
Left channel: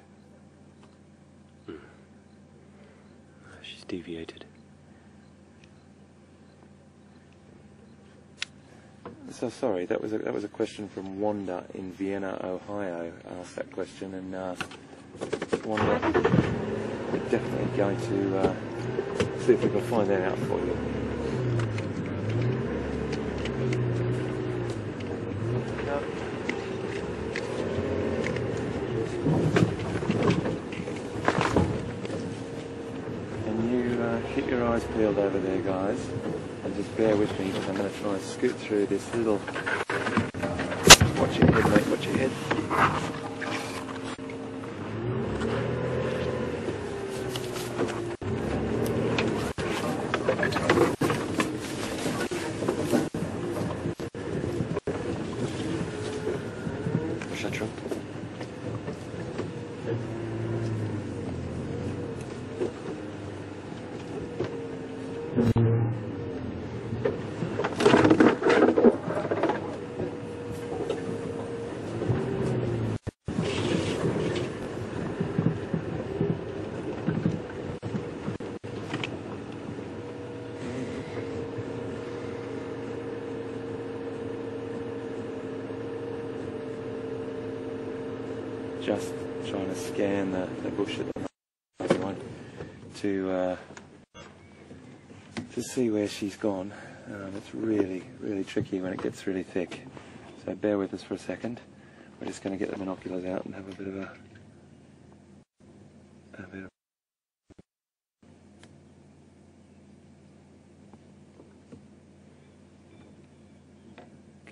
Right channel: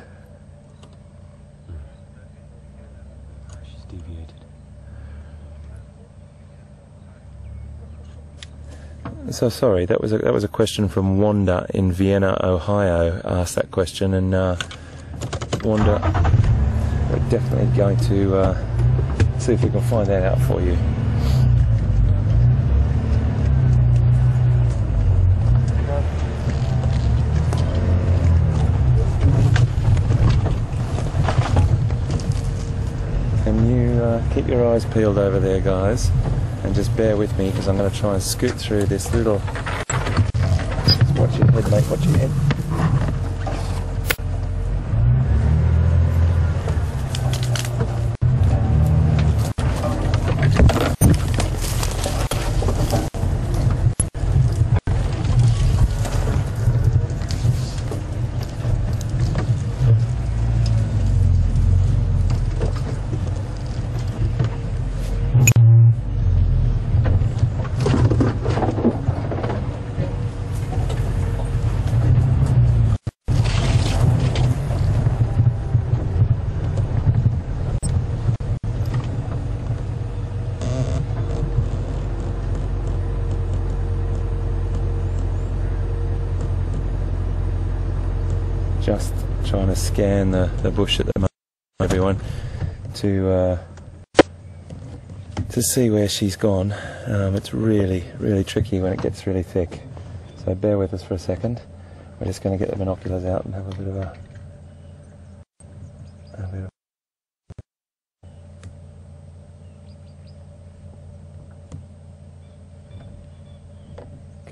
She's deviated. So sorry, that was a question from Wanda in Vienna, Ohio. Asked that question, and Wanda, we're definitely going to see if we can find that out for you. Can you keep your eyes peeled over there, guys, and just bear with me, because I'm going to try and scoot through this little Watch your head, mate, watch your head. Just trying to scan the bush at the moment, everyone, to see where she's gone. It's really tricky when it gets really thick, so bear with us for a second. We're just going to get the binoculars out and have a bit of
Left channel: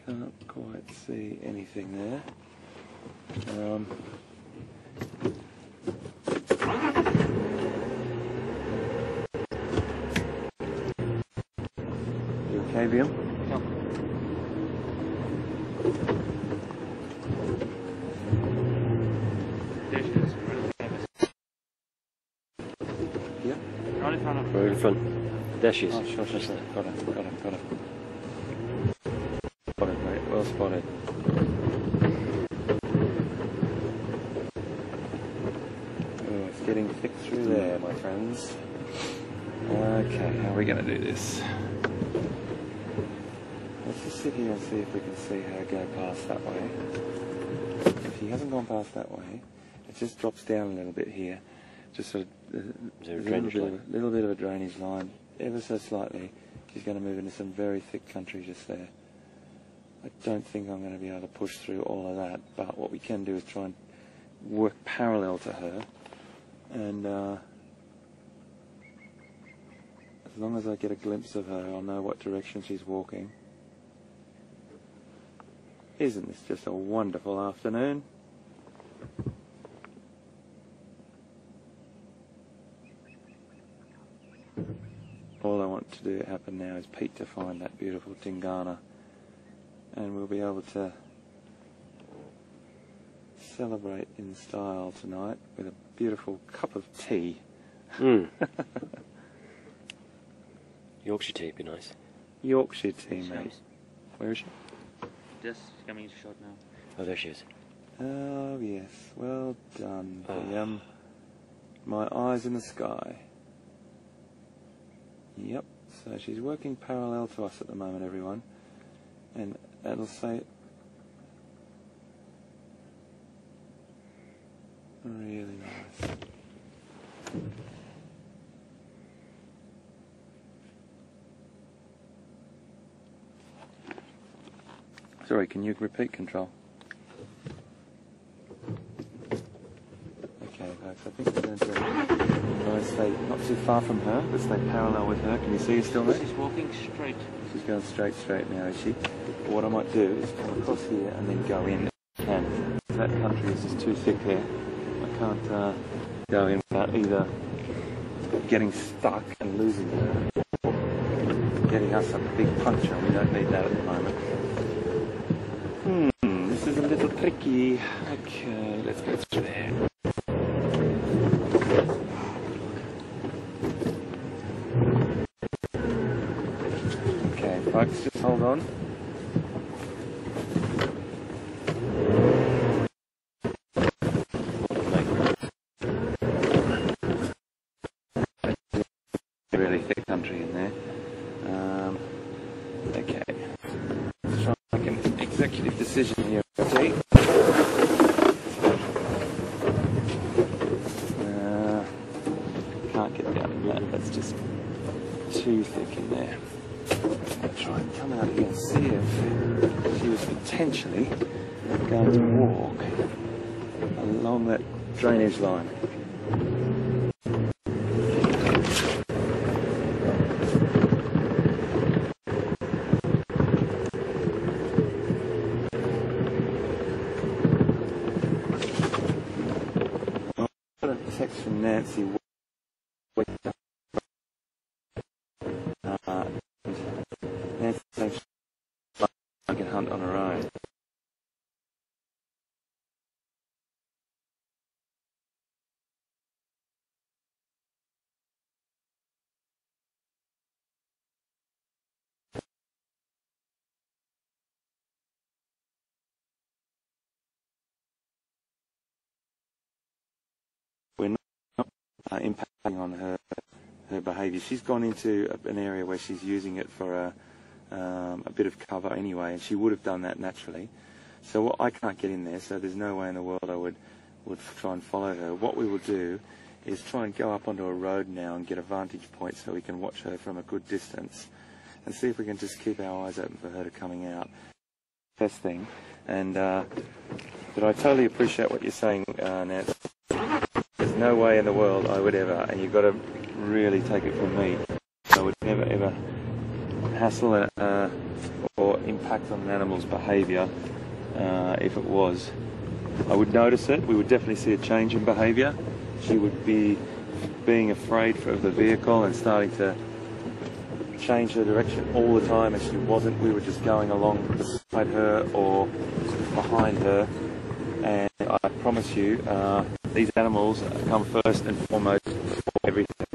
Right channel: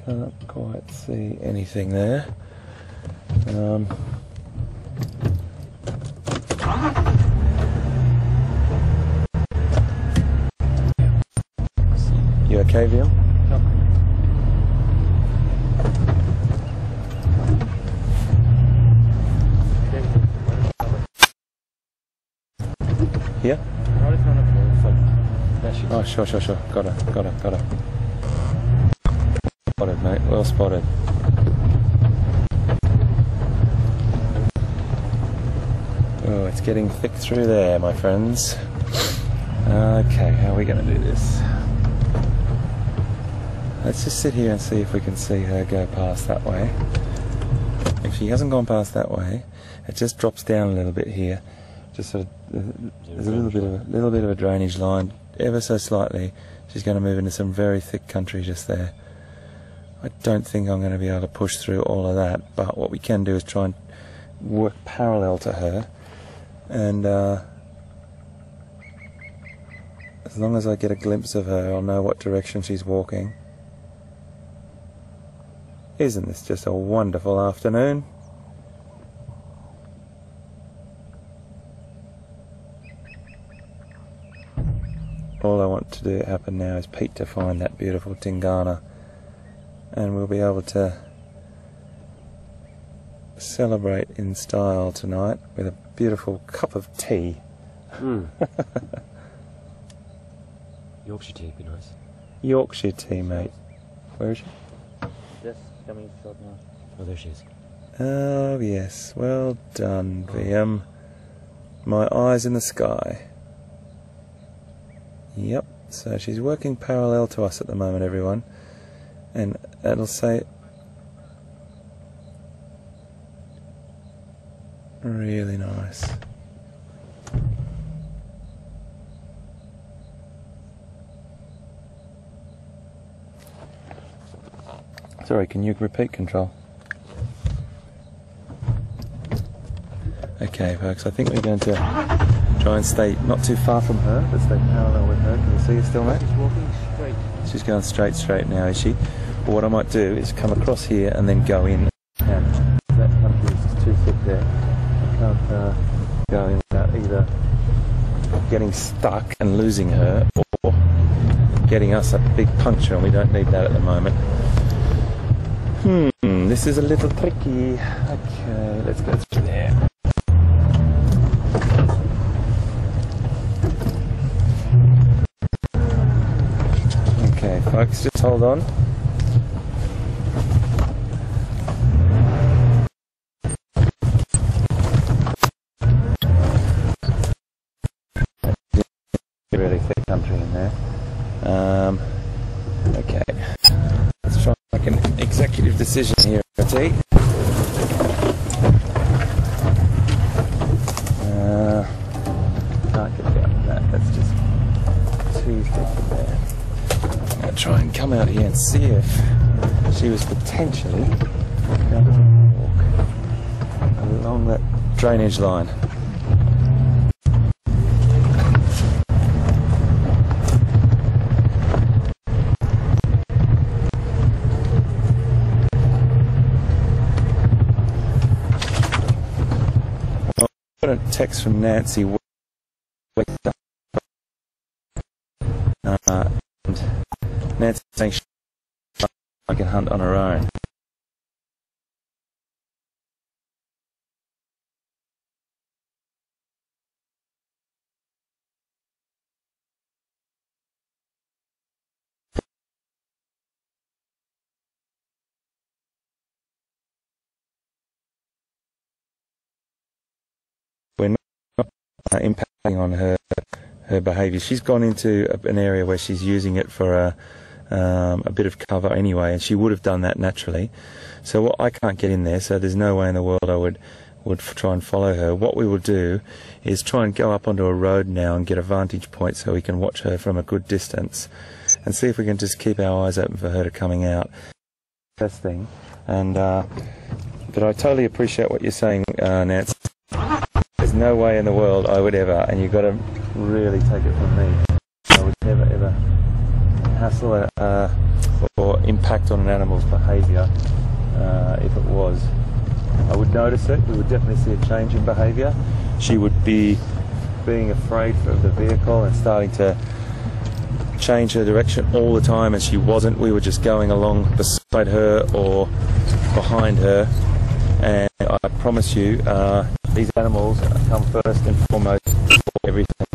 can't quite see anything there. You okay, Liam? No. Here? Right in front. There she is. Oh, sure. Got her. Spotted, mate. Well spotted. Oh, it's getting thick through there, my friends. Okay, how are we going to do this? Let's just sit here and see if we can see her go past that way. If she hasn't gone past that way, it just drops down a little bit here. Just sort of, there's a little bit of a drainage line, ever so slightly. She's going to move into some very thick country just there. I don't think I'm going to be able to push through all of that, but what we can do is try and work parallel to her, and as long as I get a glimpse of her, I'll know what direction she's walking. Isn't this just a wonderful afternoon? All I want to do happen now is Pete to find that beautiful Tingana, and we'll be able to celebrate in style tonight with a beautiful cup of tea. Yorkshire tea would be nice. Yorkshire tea, mate. Where is she? Just coming into shot now. Oh, there she is. Oh yes, well done, VM. My eyes in the sky. Yep, so she's working parallel to us at the moment, everyone. And it'll say... really nice. Sorry, can you repeat, Control? Okay, folks, I think we're going to try and stay not too far from her, but stay parallel with her. Can you see her still, mate? She's walking straight. She's going straight now, is she? Well, what I might do is come across here and then go in. And that country is just too thick there. I can't go in without either getting stuck and losing her, or getting us a big puncher, and we don't need that at the moment. This is a little tricky. Okay, let's go through there. Okay, folks, just hold on. Really thick country in there. Okay. Let's try and make an executive decision here, T. Can't get down to that. That's just too thick in there. I'm going to try and come out here and see if she was potentially going to walk along that drainage line. text from Nancy. And Nancy saying she can hunt on her own. We're not impacting on her behaviour. She's gone into an area where she's using it for a bit of cover anyway, and she would have done that naturally. So I can't get in there, so there's no way in the world I would try and follow her. What we will do is try and go up onto a road now and get a vantage point so we can watch her from a good distance and see if we can just keep our eyes open for her to coming out. Best thing. And but I totally appreciate what you're saying, Nancy. There's no way in the world I would ever, and you've got to really take it from me, I would never ever hassle or impact on an animal's behaviour. If it was, I would notice it. We would definitely see a change in behaviour. She would be being afraid of the vehicle and starting to change her direction all the time, and she wasn't. We were just going along beside her or behind her, and I promise you these animals come first and foremost for everything.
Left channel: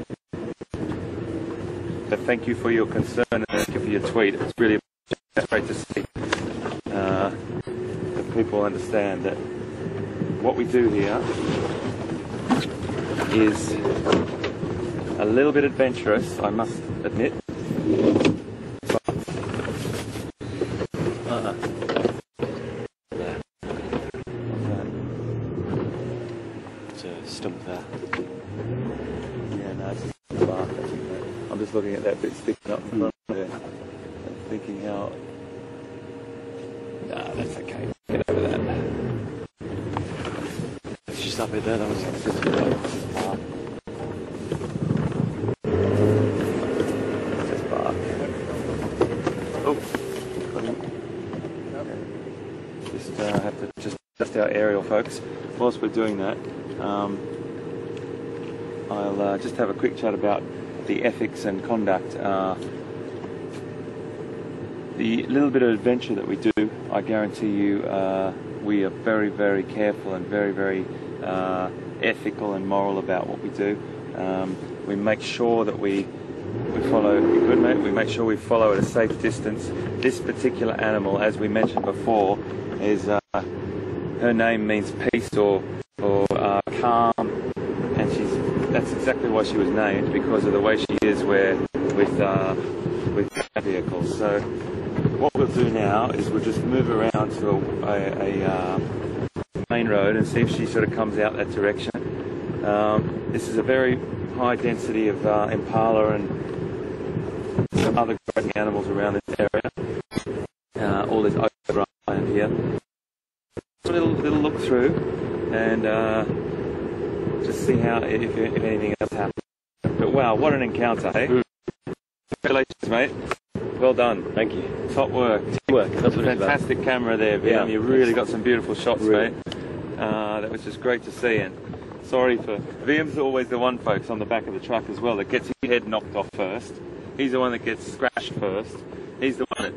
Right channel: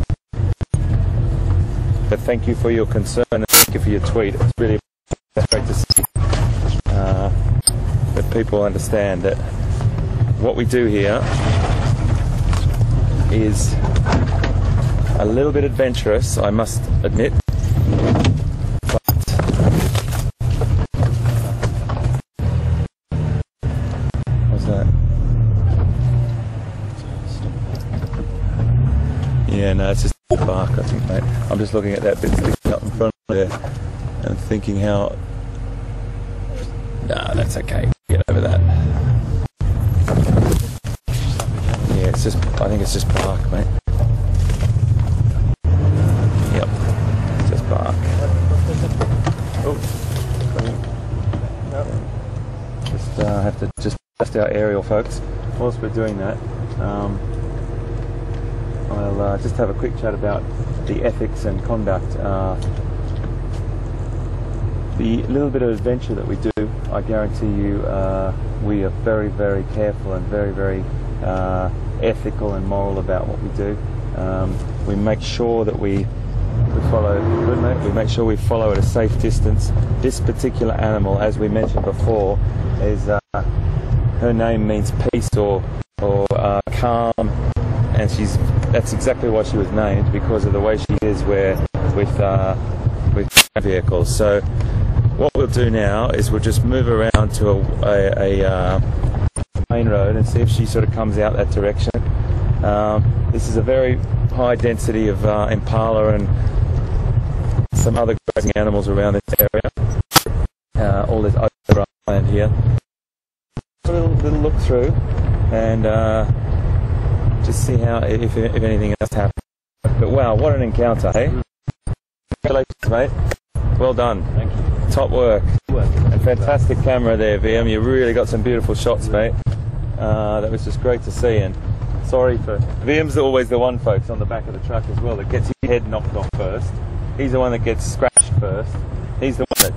But thank you for your concern and thank you for your tweet. It's really great to see that people understand that what we do here is a little bit adventurous, I must admit. Yeah, no, it's just bark, I think, mate. I'm just looking at that bit sticking up in front of there and thinking how... Nah, that's okay. Get over that. Just up there, yeah, it's just, I think it's just bark, mate. Yep, it's just bark. Oh. Just have to just adjust our aerial, folks. Whilst we're doing that, I'll just have a quick chat about the ethics and conduct. The little bit of adventure that we do, I guarantee you, we are very, very careful and very, very ethical and moral about what we do. We make sure that we follow, good mate, we make sure we follow at a safe distance. This particular animal, as we mentioned before, is her name means peace or calm, and that's exactly why she was named, because of the way she is with vehicles. So what we'll do now is we'll just move around to a main road and see if she sort of comes out that direction. This is a very high density of Impala and some other grazing animals around this area. All this open land here. A little look through and just see how if anything else happens. But wow, what an encounter, hey? Congratulations, mate. Well done. Thank you. Top work. Fantastic camera there, VM. Yeah. You really got some beautiful shots, mate. That was just great to see. And sorry for VM's always the one, folks, on the back of the truck as well that gets his head knocked off first. He's the one that gets scratched first. He's the one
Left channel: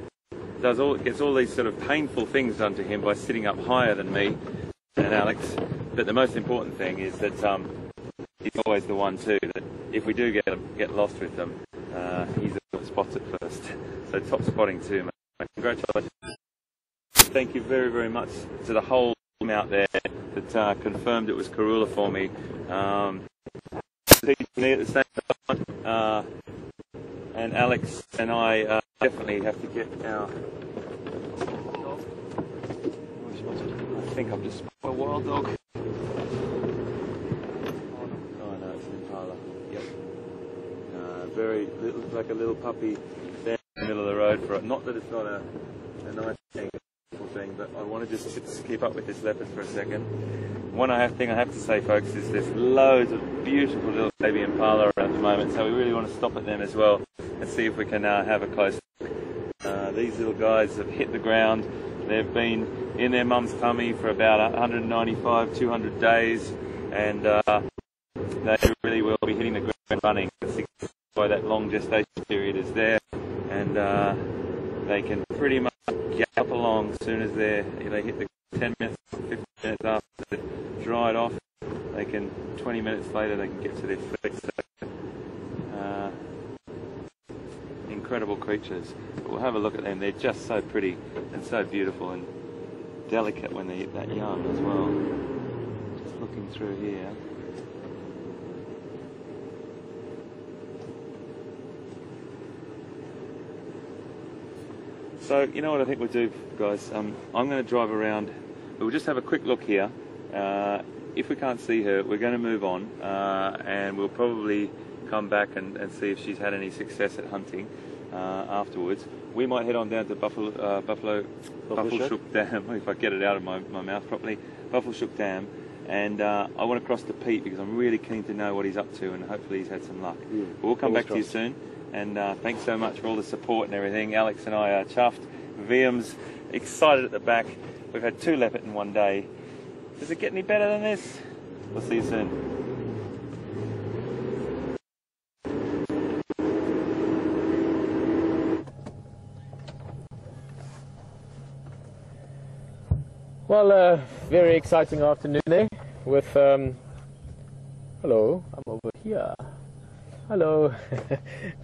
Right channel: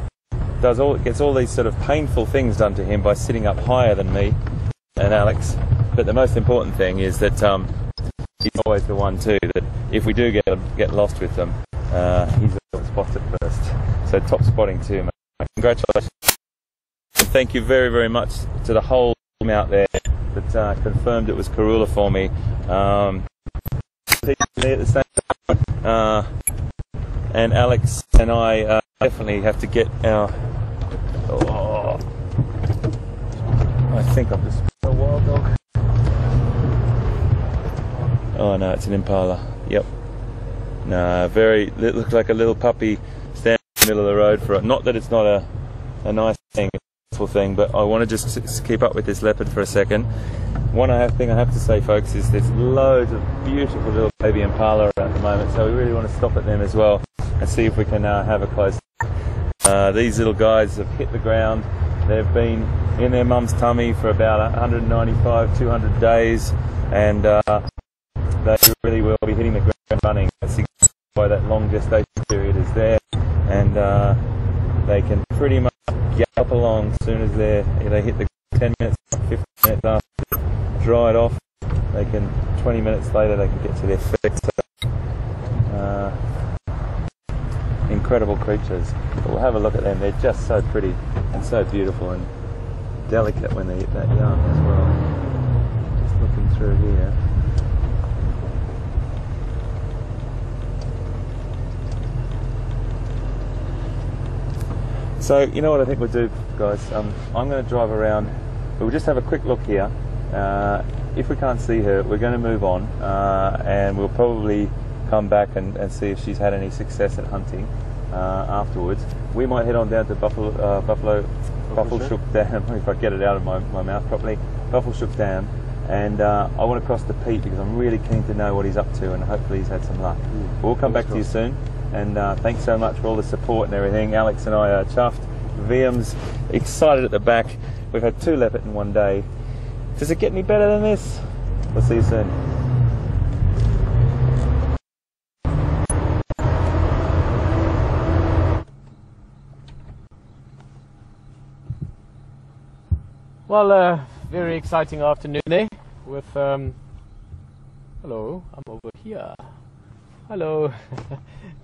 that gets all these sort of painful things done to him by sitting up higher than me and Alex. But the most important thing is that he's always the one too that if we do get lost with them, he's the one that spots it first. So top spotting too, mate. Congratulations. And thank you very, very much to the whole team out there that confirmed it was Karula for me. Me at the same time. And Alex and I definitely have to get our... Oh, I think I've just... A wild dog. Oh no, it's an Impala. Yep. No, it looks like a little puppy standing in the middle of the road for it. Not that it's not a nice thing, a beautiful thing, but I want to just keep up with this leopard for a second. One thing I have to say, folks, is there's loads of beautiful little baby Impala around at the moment, so we really want to stop at them as well and see if we can have a close look. These little guys have hit the ground. They've been in their mum's tummy for about 195, 200 days, and they really will be hitting the ground running. That's why that long gestation period is there, and they can pretty much gallop along as soon as they hit the 10 minutes, 15 minutes after dried off. They can 20 minutes later they can get to their feet. So, incredible creatures. But we'll have a look at them. They're just so pretty and so beautiful and delicate when they eat that young as well. Just looking through here. So, you know what I think we'll do, guys? I'm going to drive around. We'll just have a quick look here. If we can't see her, we're going to move on, and we'll probably come back and see if she's had any success at hunting afterwards. We might head on down to Buffelshoek Dam, if I get it out of my mouth properly, Buffelshoek Dam, and I want to cross the Pete because I'm really keen to know what he's up to, and hopefully he's had some luck. We'll come back to you soon. And thanks so much for all the support and everything. Alex and I are chuffed. VM's excited at the back. We've had 2 leopard in one day. Does it get any better than this? We'll see you soon. Well, very exciting afternoon there with, hello, I'm over here. Hello.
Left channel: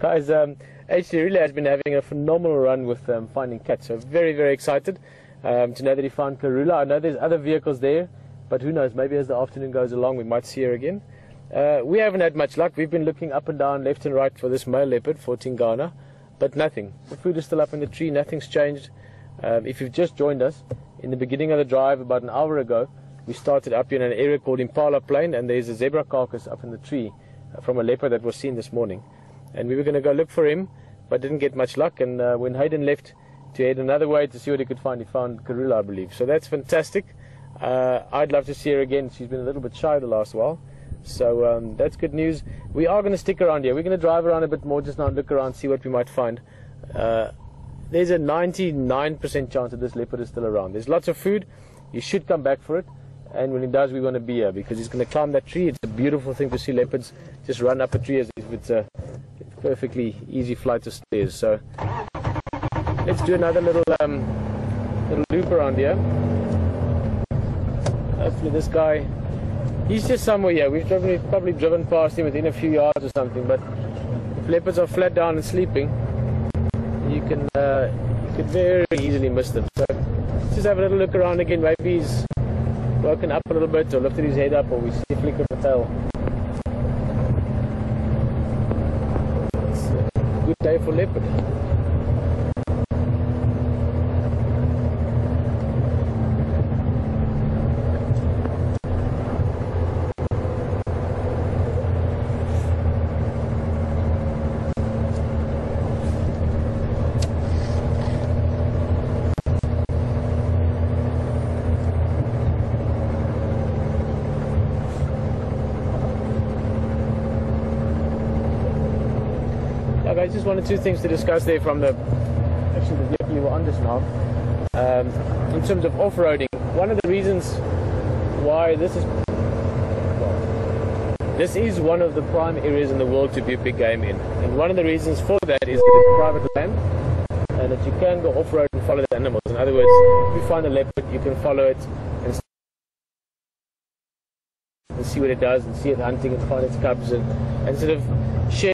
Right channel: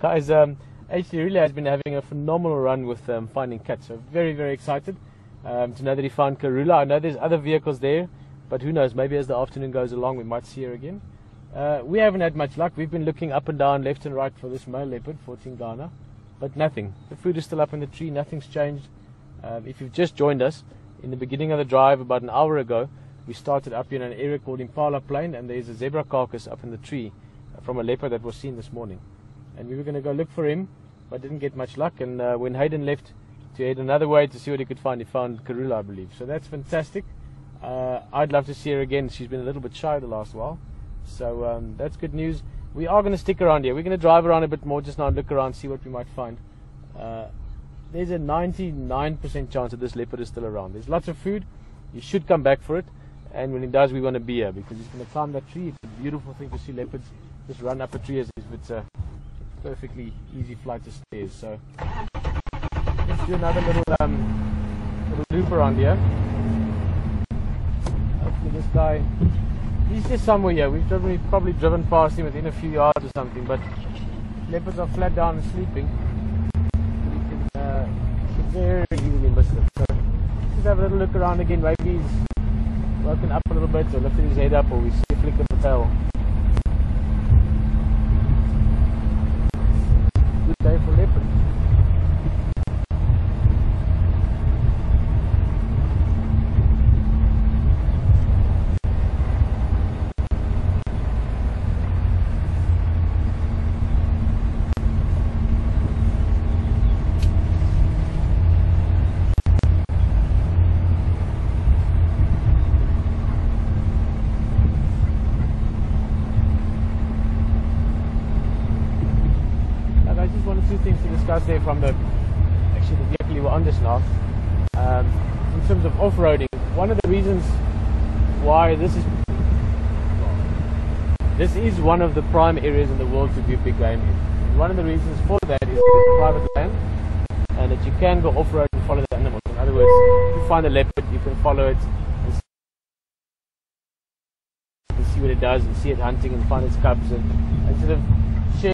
Guys, actually really has been having a phenomenal run with finding cats, so very, very excited to know that he found Karula. I know there's other vehicles there, but who knows, maybe as the afternoon goes along we might see her again. We haven't had much luck. We've been looking up and down, left and right for this male leopard, 14 Ghana, but nothing. The food is still up in the tree, nothing's changed. If you've just joined us, in the beginning of the drive about an hour ago, we started up in an area called Impala Plain, and there's a zebra carcass up in the tree from a leopard that was seen this morning, and we were going to go look for him but didn't get much luck, and when Hayden left to head another way to see what he could find, he found Karula, I believe. So that's fantastic. I'd love to see her again. She's been a little bit shy the last while, so that's good news. We are going to stick around here. We're going to drive around a bit more just now and look around, see what we might find. There's a 99% chance that this leopard is still around. There's lots of food. You should come back for it. And when he does, we want to be here because he's going to climb that tree. It's a beautiful thing to see leopards just run up a tree as if it's a perfectly easy flight of stairs. So let's do another little loop around here. Hopefully this guy, he's just somewhere here. We've probably driven past him within a few yards or something, but if leopards are flat down and sleeping, you can very easily miss them. So let's just have a little look around again. Maybe he's woken up a little bit or lifted his head up, or we see a flick of the tail. It's a good day for leopard. Two things to discuss there from the vehicle you were on just now. In terms of off-roading, one of the reasons why this is one of the prime areas in the world to be a big game in, and one of the reasons for that is that it's private land and that you can go off-road and follow the animals. In other words, if you find a leopard, you can follow it and see what it does and see it hunting and find its cubs and sort of share.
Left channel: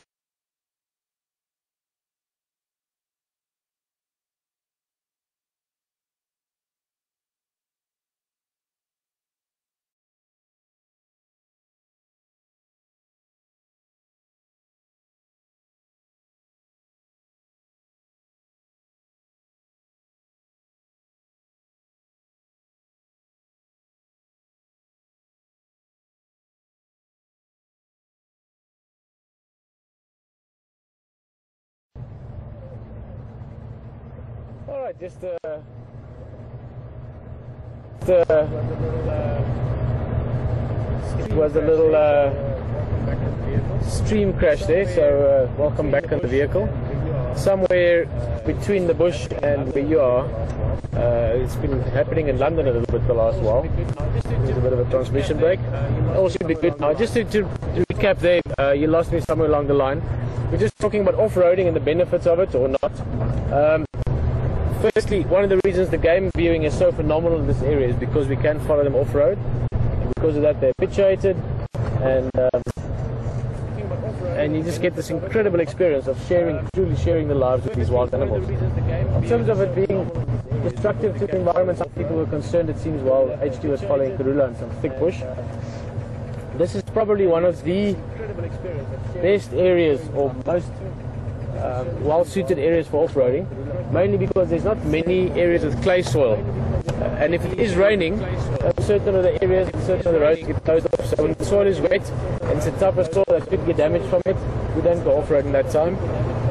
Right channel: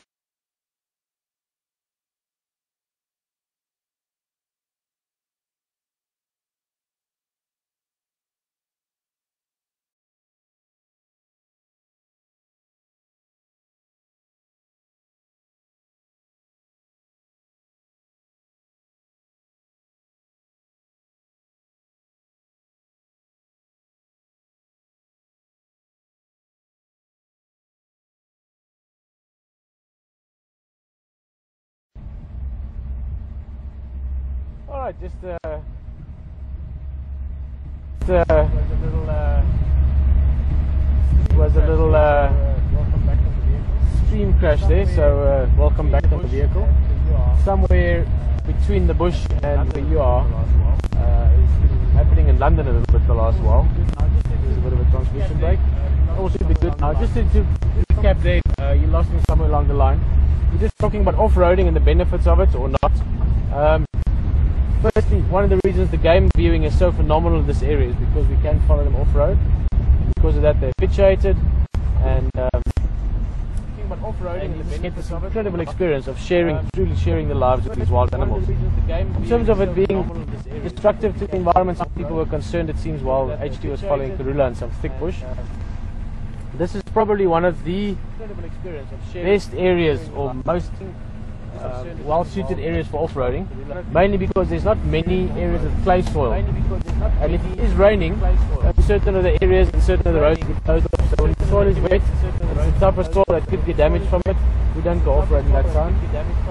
Alright, just it was a little stream crash there, so welcome back on the vehicle. Somewhere between the bush and where you are, it's been happening in London a little bit the last while. There's a bit of a transmission break. All should be good now. Just to recap recap there, you lost me somewhere along the line. We're just talking about off-roading and the benefits of it or not. Firstly, one of the reasons the game viewing is so phenomenal in this area is because we can follow them off-road. Because of that, they're habituated, and you just get this incredible experience of truly sharing the lives of these wild animals. In terms of it being destructive to the environment, some people were concerned, it seems, while HT was following Karula in some thick bush. This is probably one of the best areas or most well-suited areas for off-roading, mainly because there's not many areas with clay soil, and if it is raining, certain of the areas and certain of the roads get closed off. So when the soil is wet and it's a type of soil that could get damaged from it, we don't go off-road in that zone.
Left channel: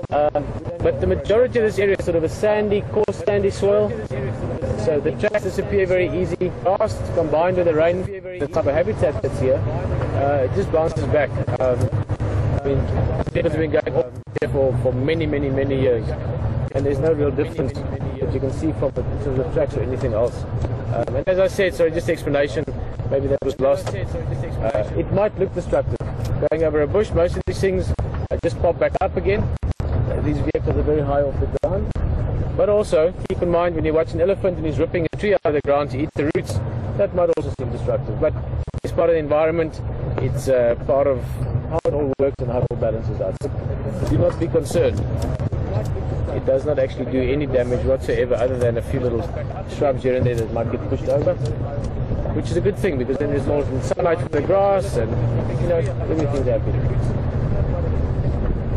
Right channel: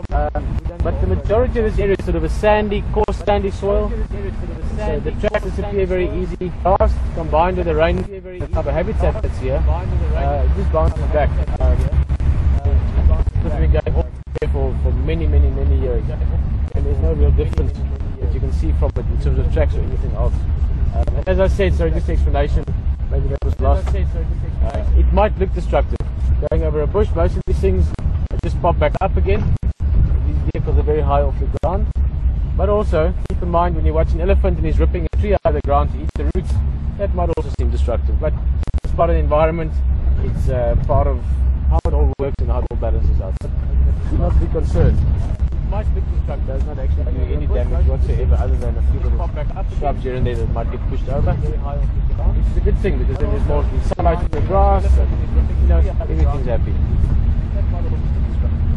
But the majority of this area is sort of a sandy, coarse sandy soil, so the tracks disappear very easy, fast, combined with the rain, the type of habitat that's here, it just bounces back. I mean, it's been going off here for many years, and there's no real difference that you can see from it in terms of tracks or anything else. And as I said, sorry, just explanation, maybe that was lost. It might look destructive. Going over a bush, most of these things just pop back up again. These vehicles are very high off the ground. But also, keep in mind when you watch an elephant and he's ripping a tree out of the ground to eat the roots, that might also seem destructive. But it's part of the environment, it's part of how it all works and how it all balances out. Do not be concerned. It does not actually do any damage whatsoever other than a few little shrubs here and there that might get pushed over, which is a good thing because then there's more sunlight in the grass and, you know, everything's happy,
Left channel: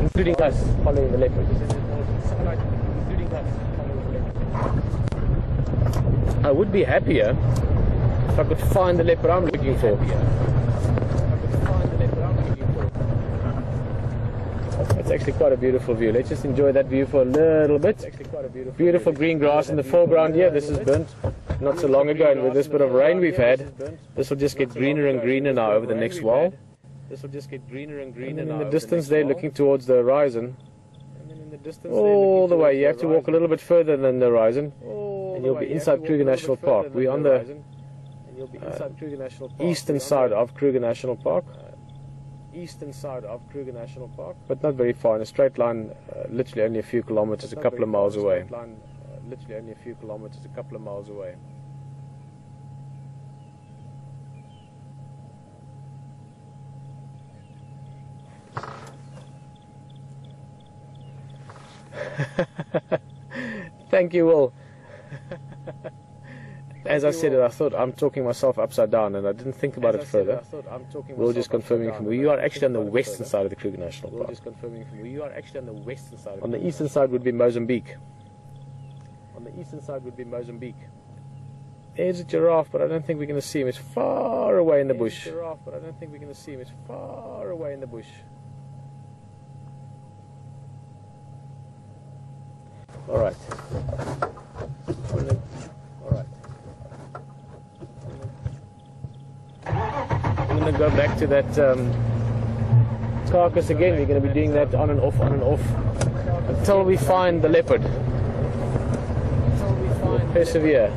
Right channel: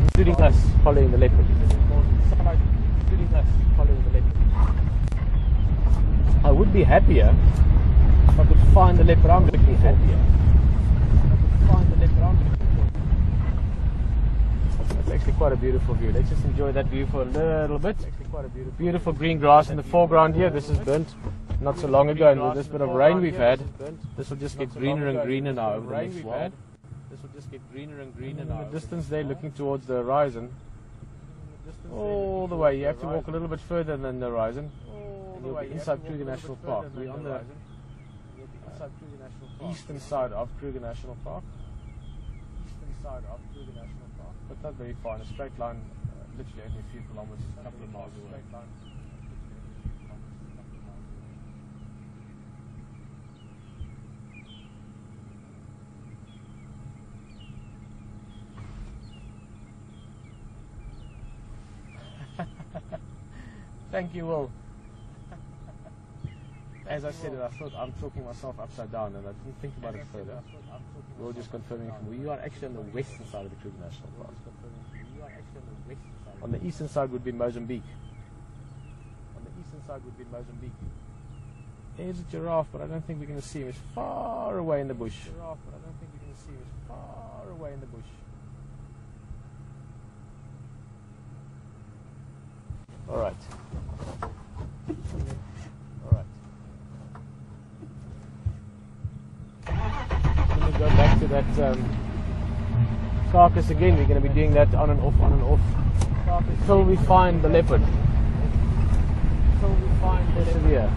including us following the leopard. I would be happier if I could find the leopard I'm looking for. It's actually quite a beautiful view. Let's just enjoy that view for a little bit. It's actually quite a beautiful green grass in the foreground here. This is burnt not so long ago, and with this bit of rain we've had, this will just get greener and greener now over the next while. This will just get greener and greener. And in the distance there, looking towards the horizon, all the way, you have to walk a little bit further than the horizon, and you'll be inside Kruger National Park. We're on the eastern side of Kruger National Park. But not very far, in a straight line, literally only a few kilometers, a couple of miles away. Thank you, Will. As I said it, I thought I'm talking myself upside down, and I didn't think about it further. We'll just confirming from you are actually on the western side of the Kruger National Park. On the eastern side would be Mozambique. There's a giraffe, but I don't think we're going to see him. It's far away in the bush. All right. I'm going to go back to that carcass again. We're going to be doing that on and off, until we find the leopard. Persevere.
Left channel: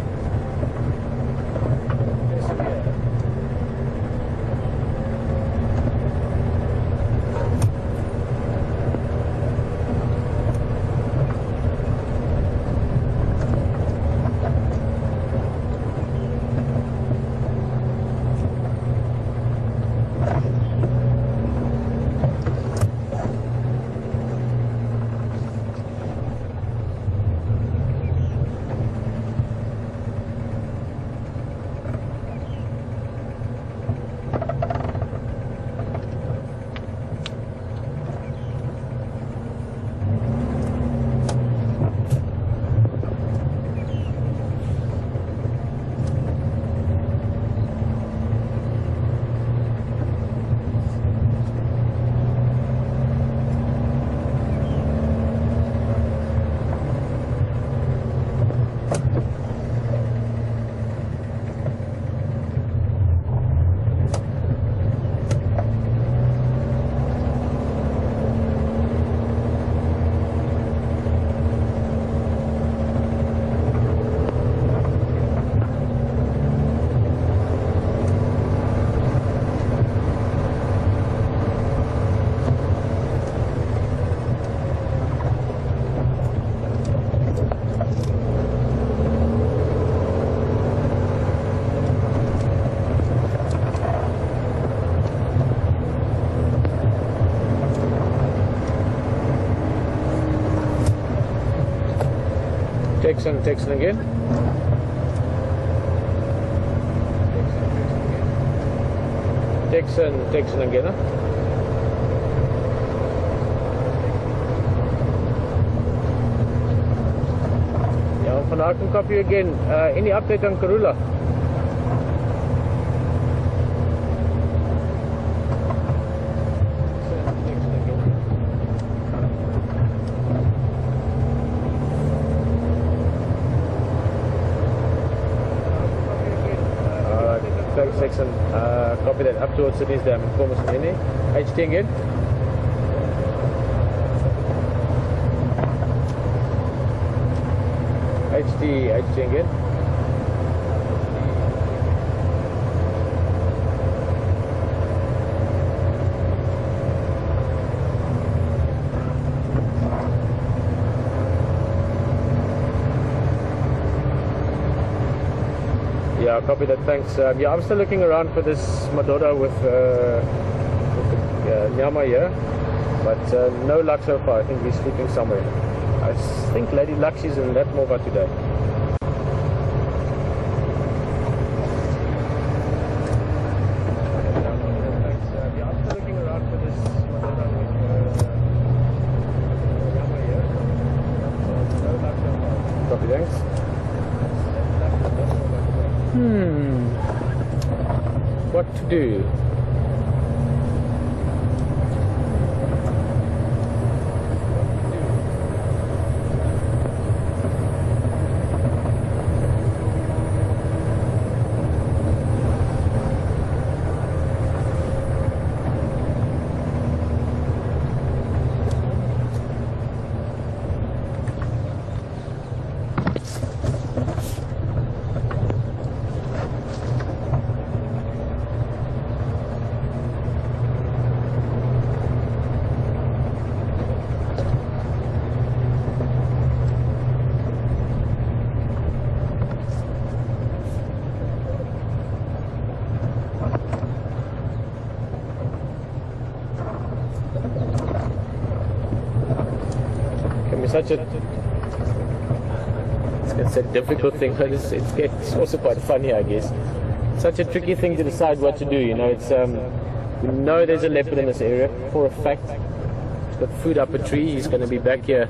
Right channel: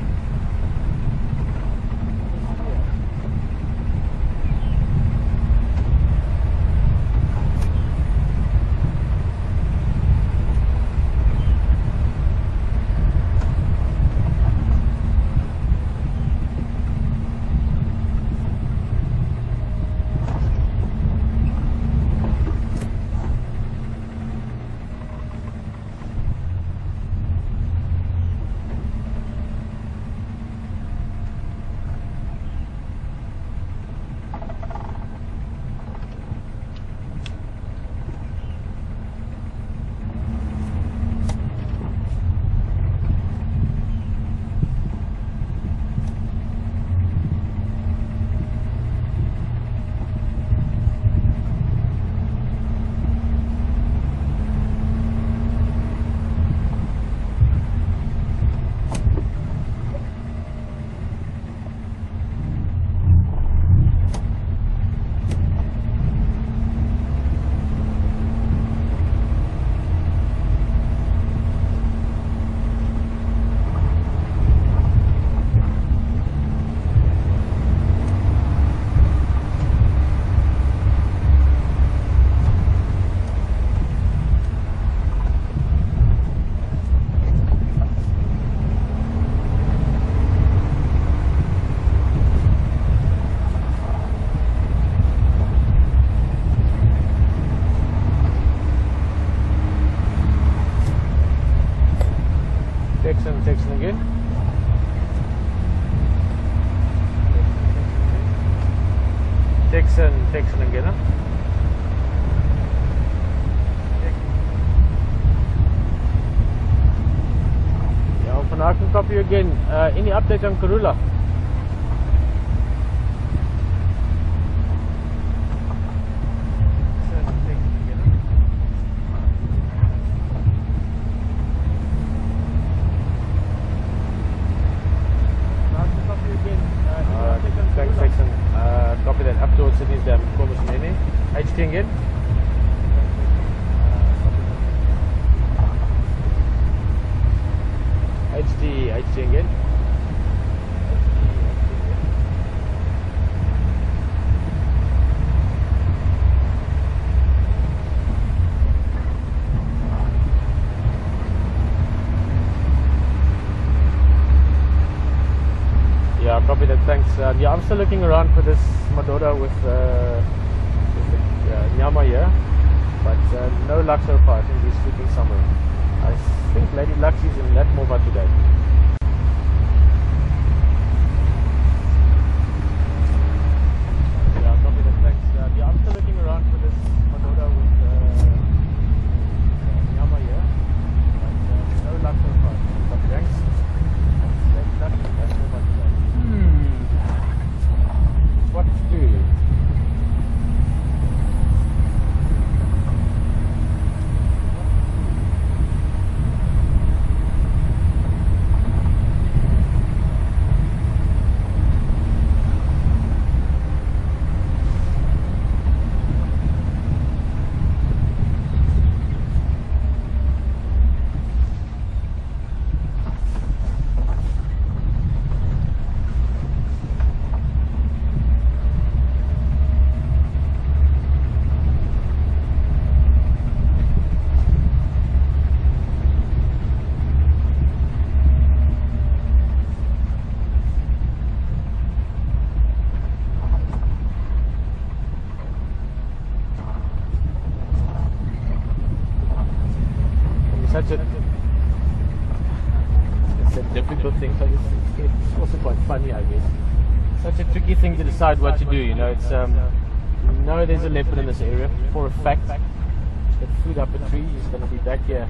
Texan en gehen. Yeah, I can copy you again. Any update on Karula? Texan, copy that up towards Sydney's dam, information in here. HT again. HT again. Yeah, copy that, thanks. Yeah, I'm still looking around for this Madora with the Nyama here, but no luck so far. I think he's sleeping somewhere. I think Lady Luxie's in that Mova today. Yeah, I'm still looking around for this Madora with Nyama here, but no luck so far. Copy, thanks. What to do? Such a it's a difficult thing, but it's also quite funny, I guess. Such a tricky thing to decide what to do. You know, it's you know there's a leopard in this area for a fact. He's got food up a tree. He's going to be back here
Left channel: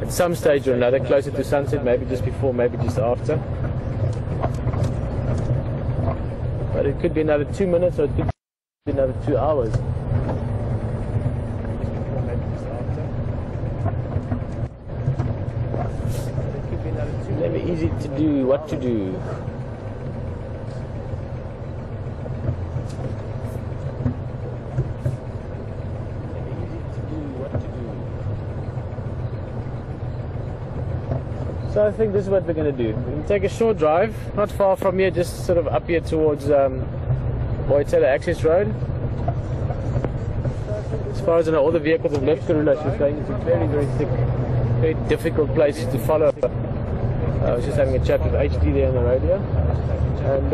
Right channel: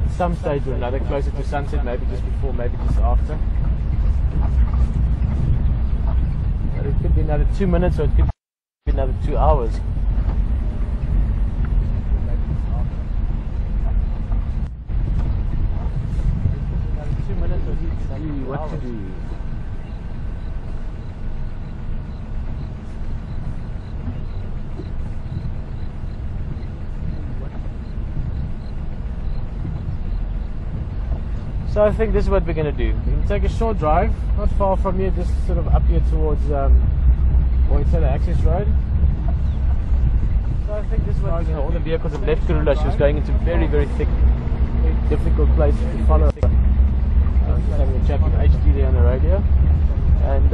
at some stage or another, closer to sunset, maybe just before, maybe just after. But it could be another 2 minutes, or it could be another 2 hours. Never easy to do what to do. So I think this is what we're going to do. We're going to take a short drive, not far from here, just sort of up here towards Voitsela Access Road. So I think as far as I know, all the vehicles have left Karula. She was going into very, very thick, very difficult places to follow. I was just having a chat with HD there on the radio, and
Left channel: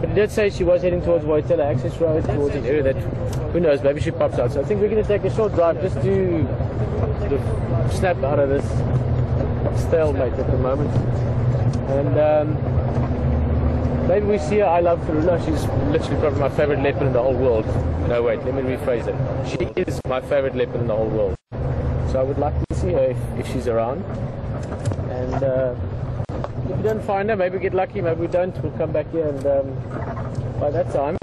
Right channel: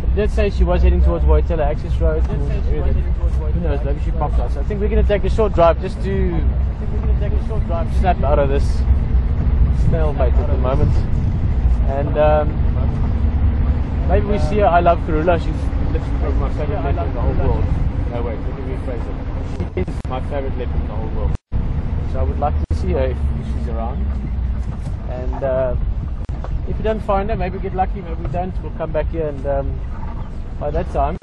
but let's say she was heading towards Voitsela Access Road, towards an area that, who knows, maybe she pops out. So I think we're going to take a short drive just to snap out of this stalemate at the moment, and maybe we see her. I love Karula. She's literally got my favorite leopard in the whole world. No, wait, let me rephrase it. She is my favorite leopard in the whole world. So I would like to see her if she's around. And if we don't find her, maybe we get lucky, maybe we don't. We'll come back here, and by that time,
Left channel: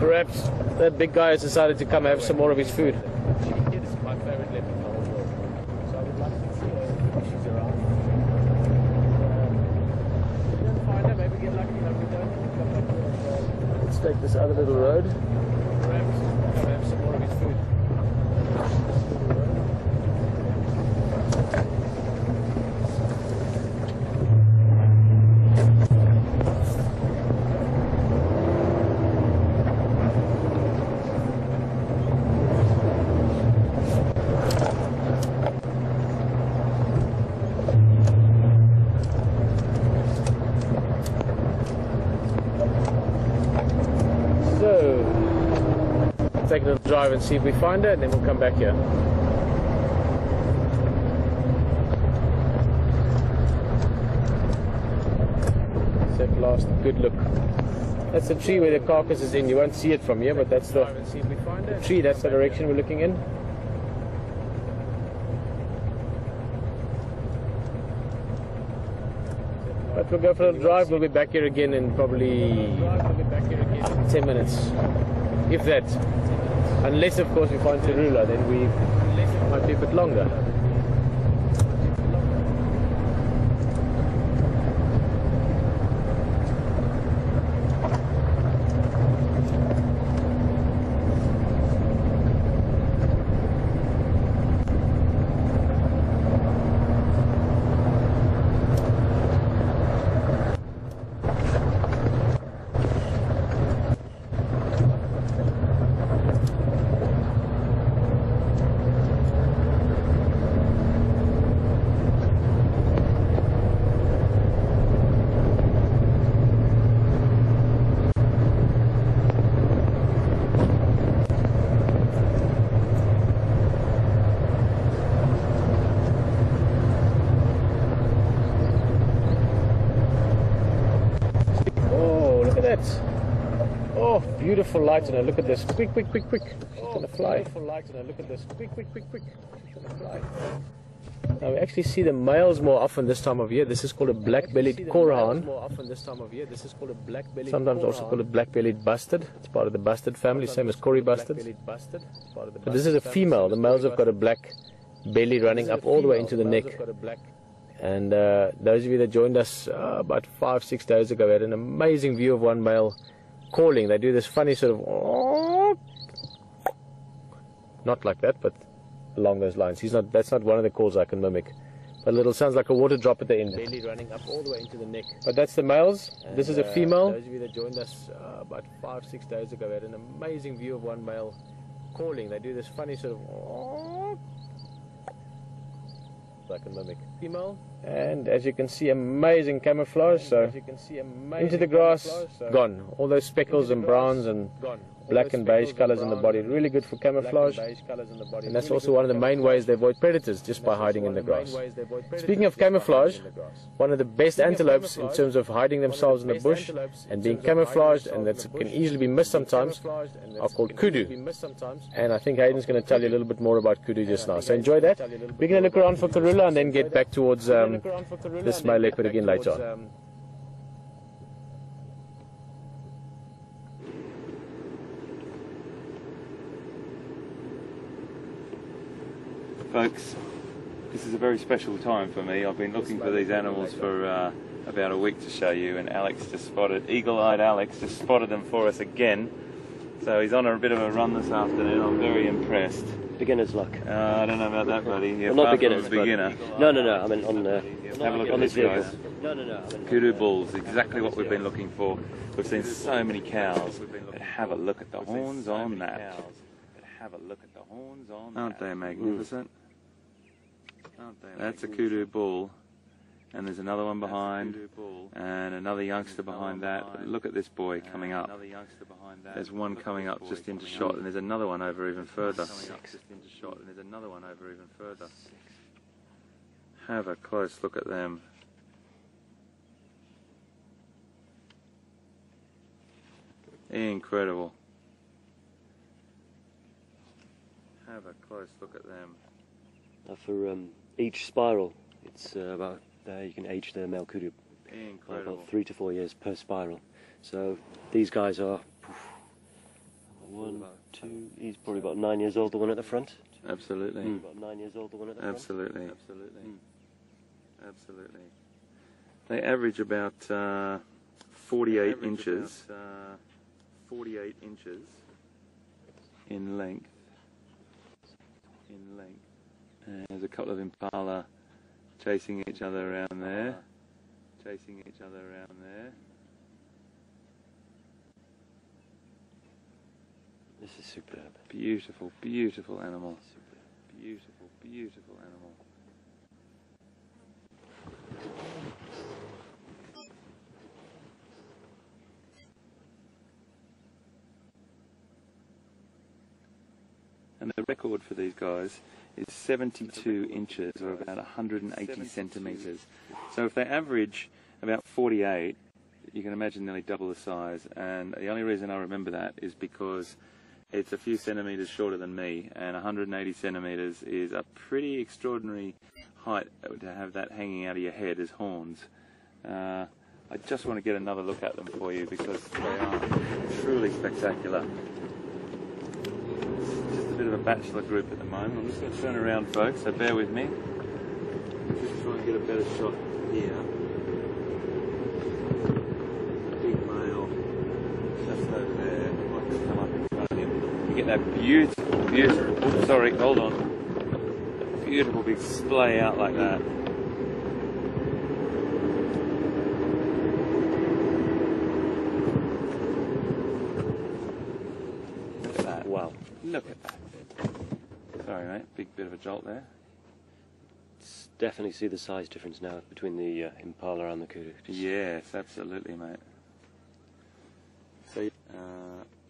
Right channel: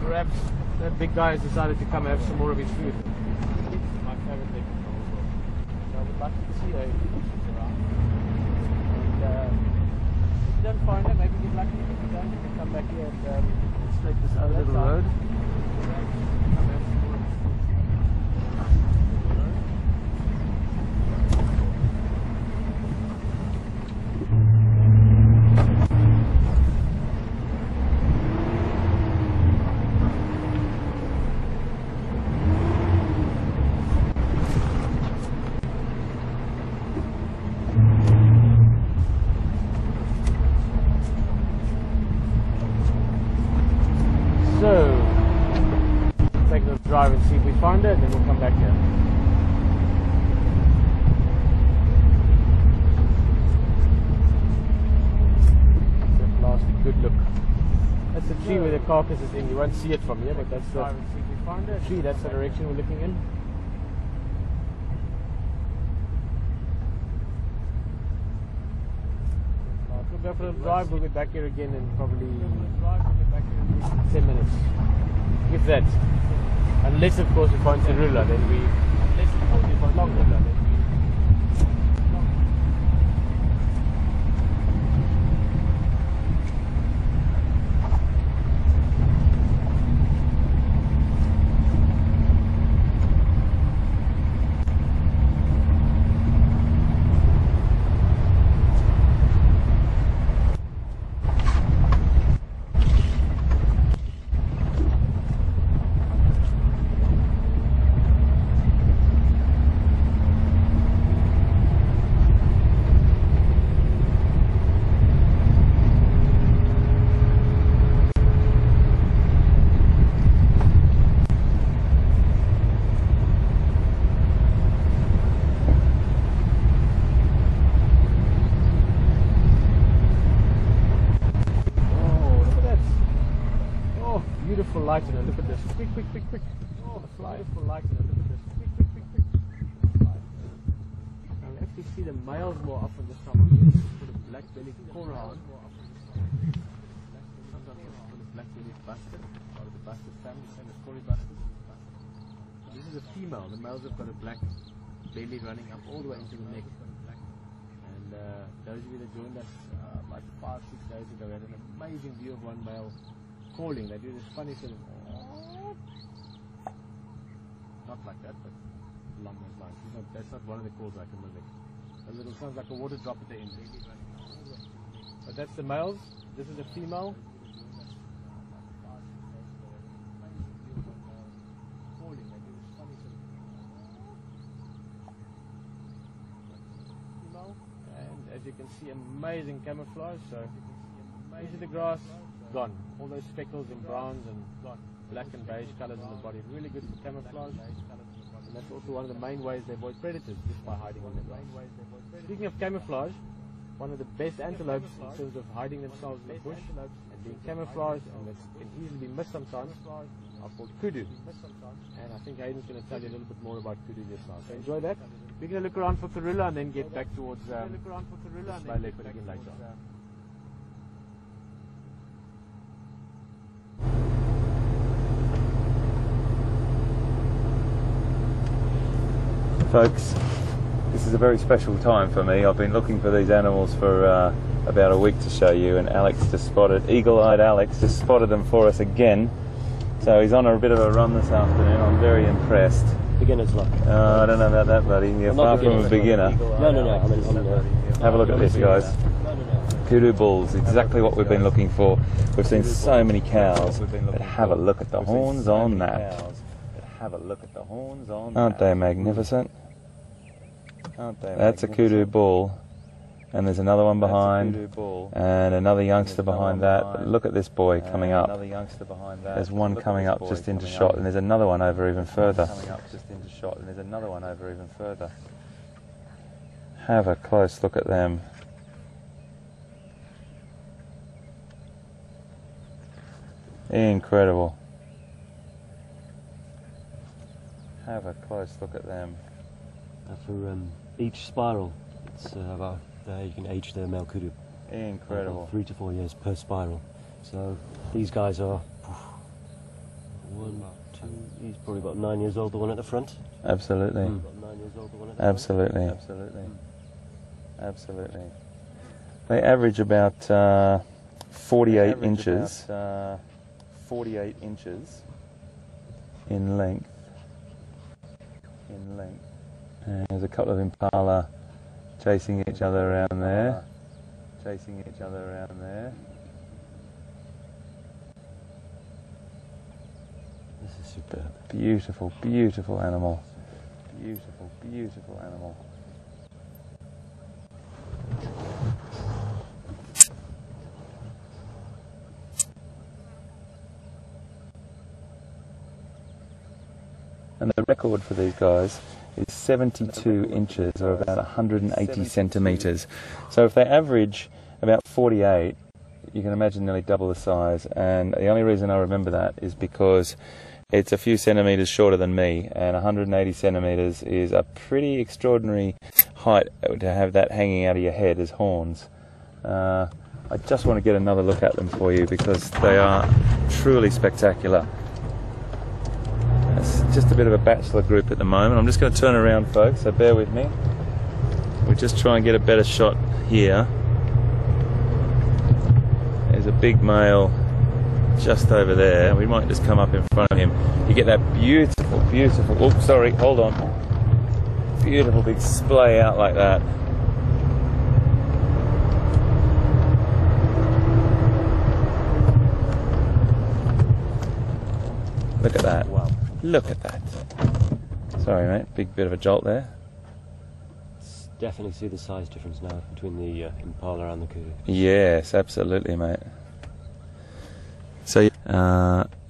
perhaps that big guy has decided to come have some more of his food. She's my favorite leopard in the whole world. So I would like to see her if she's around. And if we don't find her, maybe we get lucky, maybe we don't. We'll come back here, and let's take this other little road. Perhaps come have some more of his food. So, take a drive and see if we find her, and then we'll come back here. Let's have a last good look. That's the tree where the carcass is in. You won't see it from here, but that's the tree. That's the direction we're looking in. But we'll go for a drive. We'll be back here again in probably 10 minutes, if that. Unless, of course, we find Karula, then we might be a bit longer. Beautiful light, and look at this. Quick. It's gonna fly. Look at this. Quick. Now we actually see the males more often this time of year. This is called a black-bellied koran. Sometimes also called a black-bellied bustard. It's part of the bustard family, same as Kori bustards. But this is a female. The males have got a black belly running up all the way into the neck. And those of you that joined us about 5-6 days ago had an amazing view of one male calling. They do this funny sort of, not like that, but along those lines. That's not one of the calls I can mimic. But it sounds like a water drop at the end. Belly running up all the way into the neck. But that's the males. And this is a female. Those of you that joined us about 5-6 days ago had an amazing view of one male calling. They do this funny sort of, I can mimic. Female. And as you can see, amazing camouflage. So into the grass, gone. All those speckles and browns and black and beige colors in the body, really good for camouflage. And that's also one of the main ways they avoid predators, just by hiding in the grass. Speaking of camouflage, one of the best antelopes in terms of hiding themselves in the bush and being camouflaged, and that can easily be missed sometimes, are called kudu. And I think Hayden's going to tell you a little bit more about kudu just now. So enjoy that. We're going to look around for Karula and then get back towards this male leopard again later on. Folks, this is a very special time for me. I've been looking for these animals for about a week to show you, and Alex just spotted, eagle-eyed Alex just spotted them for us again. So he's on a bit of a run this afternoon. I'm very impressed. Beginner's luck. I don't know about that, buddy. You're far from a beginner. No. I mean, have a look at this, guys. Kudu bulls, exactly what we've been looking for. We've seen so many cows, but have a look at the horns on that. Aren't they magnificent? That's a kudu bull, and there's another one behind, and another youngster behind that. But look at this boy coming up. There's one coming up just into shot, and there's another one over even further. Have a close look at them. Incredible. Have a close look at them. For each spiral, it's about you can age the male kudu. Incredible. About 3 to 4 years per spiral. So these guys are 1, 2. He's probably about 9 years old. The one at the front. Absolutely. About 9 years old. The one at the Absolutely. Absolutely. They average about 48 inches. 48 inches in length. And there's a couple of Impala chasing each other around there. This is superb. Beautiful, beautiful animal. Beautiful animal. And the record for these guys is 72 inches, or about 180 centimetres. So if they average about 48, you can imagine nearly double the size, and the only reason I remember that is because it's a few centimetres shorter than me, and 180 centimetres is a pretty extraordinary height to have that hanging out of your head as horns. I just want to get another look at them for you because they are truly spectacular. It's just a bit of a bachelor group at the moment. I'm just going to turn around, folks, so bear with me. We'll just try and get a better shot here. There's a big male just over there. We might just come up in front of him. You get that beautiful, oh sorry, hold on. Beautiful big splay out like that. Look at that. Wow. Look at that. Sorry mate, big bit of a jolt there. Definitely see the size difference now between the Impala and the kudu. Yes, absolutely mate. So,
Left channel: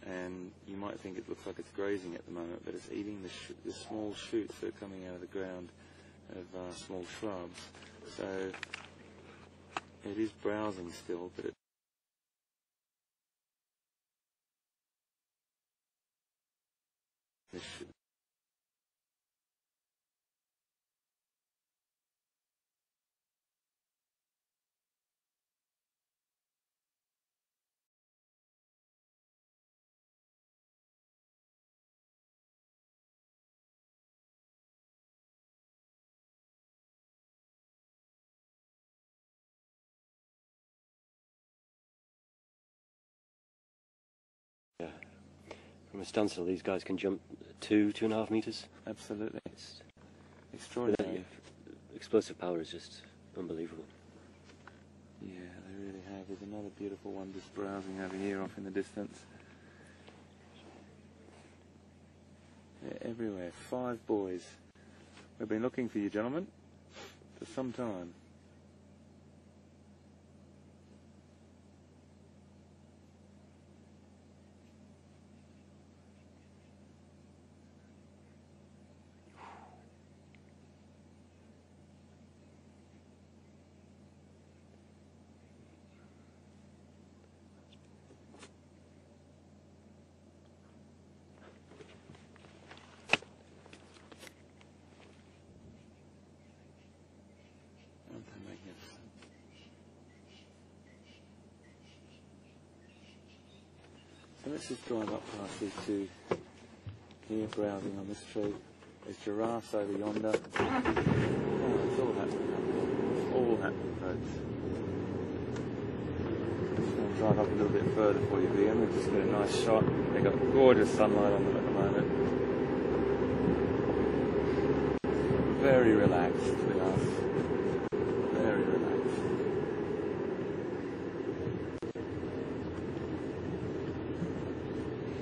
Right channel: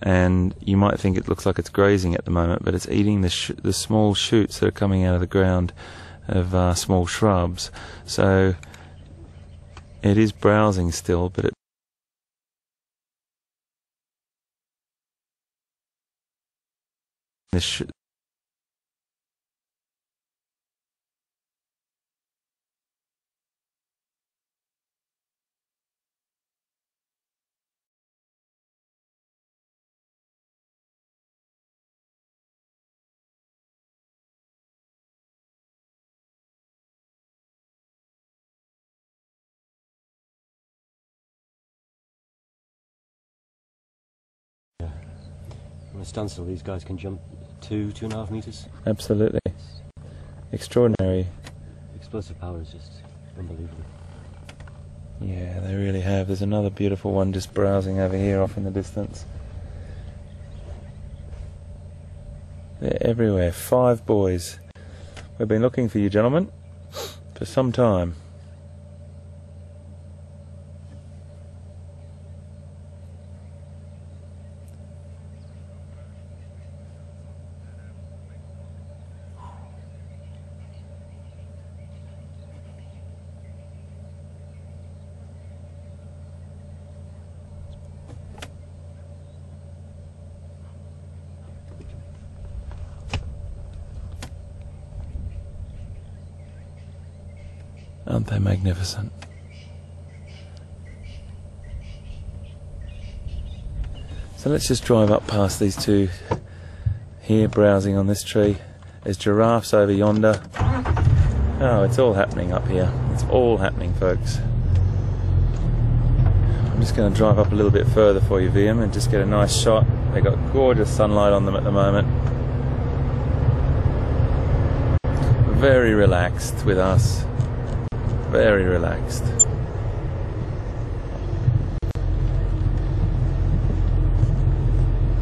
and you might think it looks like it's grazing at the moment, but it's eating the small shoots that are coming out of the ground of small shrubs. So it is browsing still, but it From a standstill, these guys can jump 2.5 meters. absolutely extraordinary. Explosive power is just unbelievable. Yeah, they really have. There's another beautiful one just browsing over here off in the distance. They're everywhere. 5 boys. We've been looking for you, gentlemen, for some time. Aren't they magnificent? So let's just drive up past these two here browsing on this tree. There's giraffes over yonder. Oh, it's all happening up here. It's all happening, folks. I'm just going to drive up a little bit further for you, VM, and just get a nice shot. They've got gorgeous sunlight on them at the moment. Very relaxed with us. Very relaxed.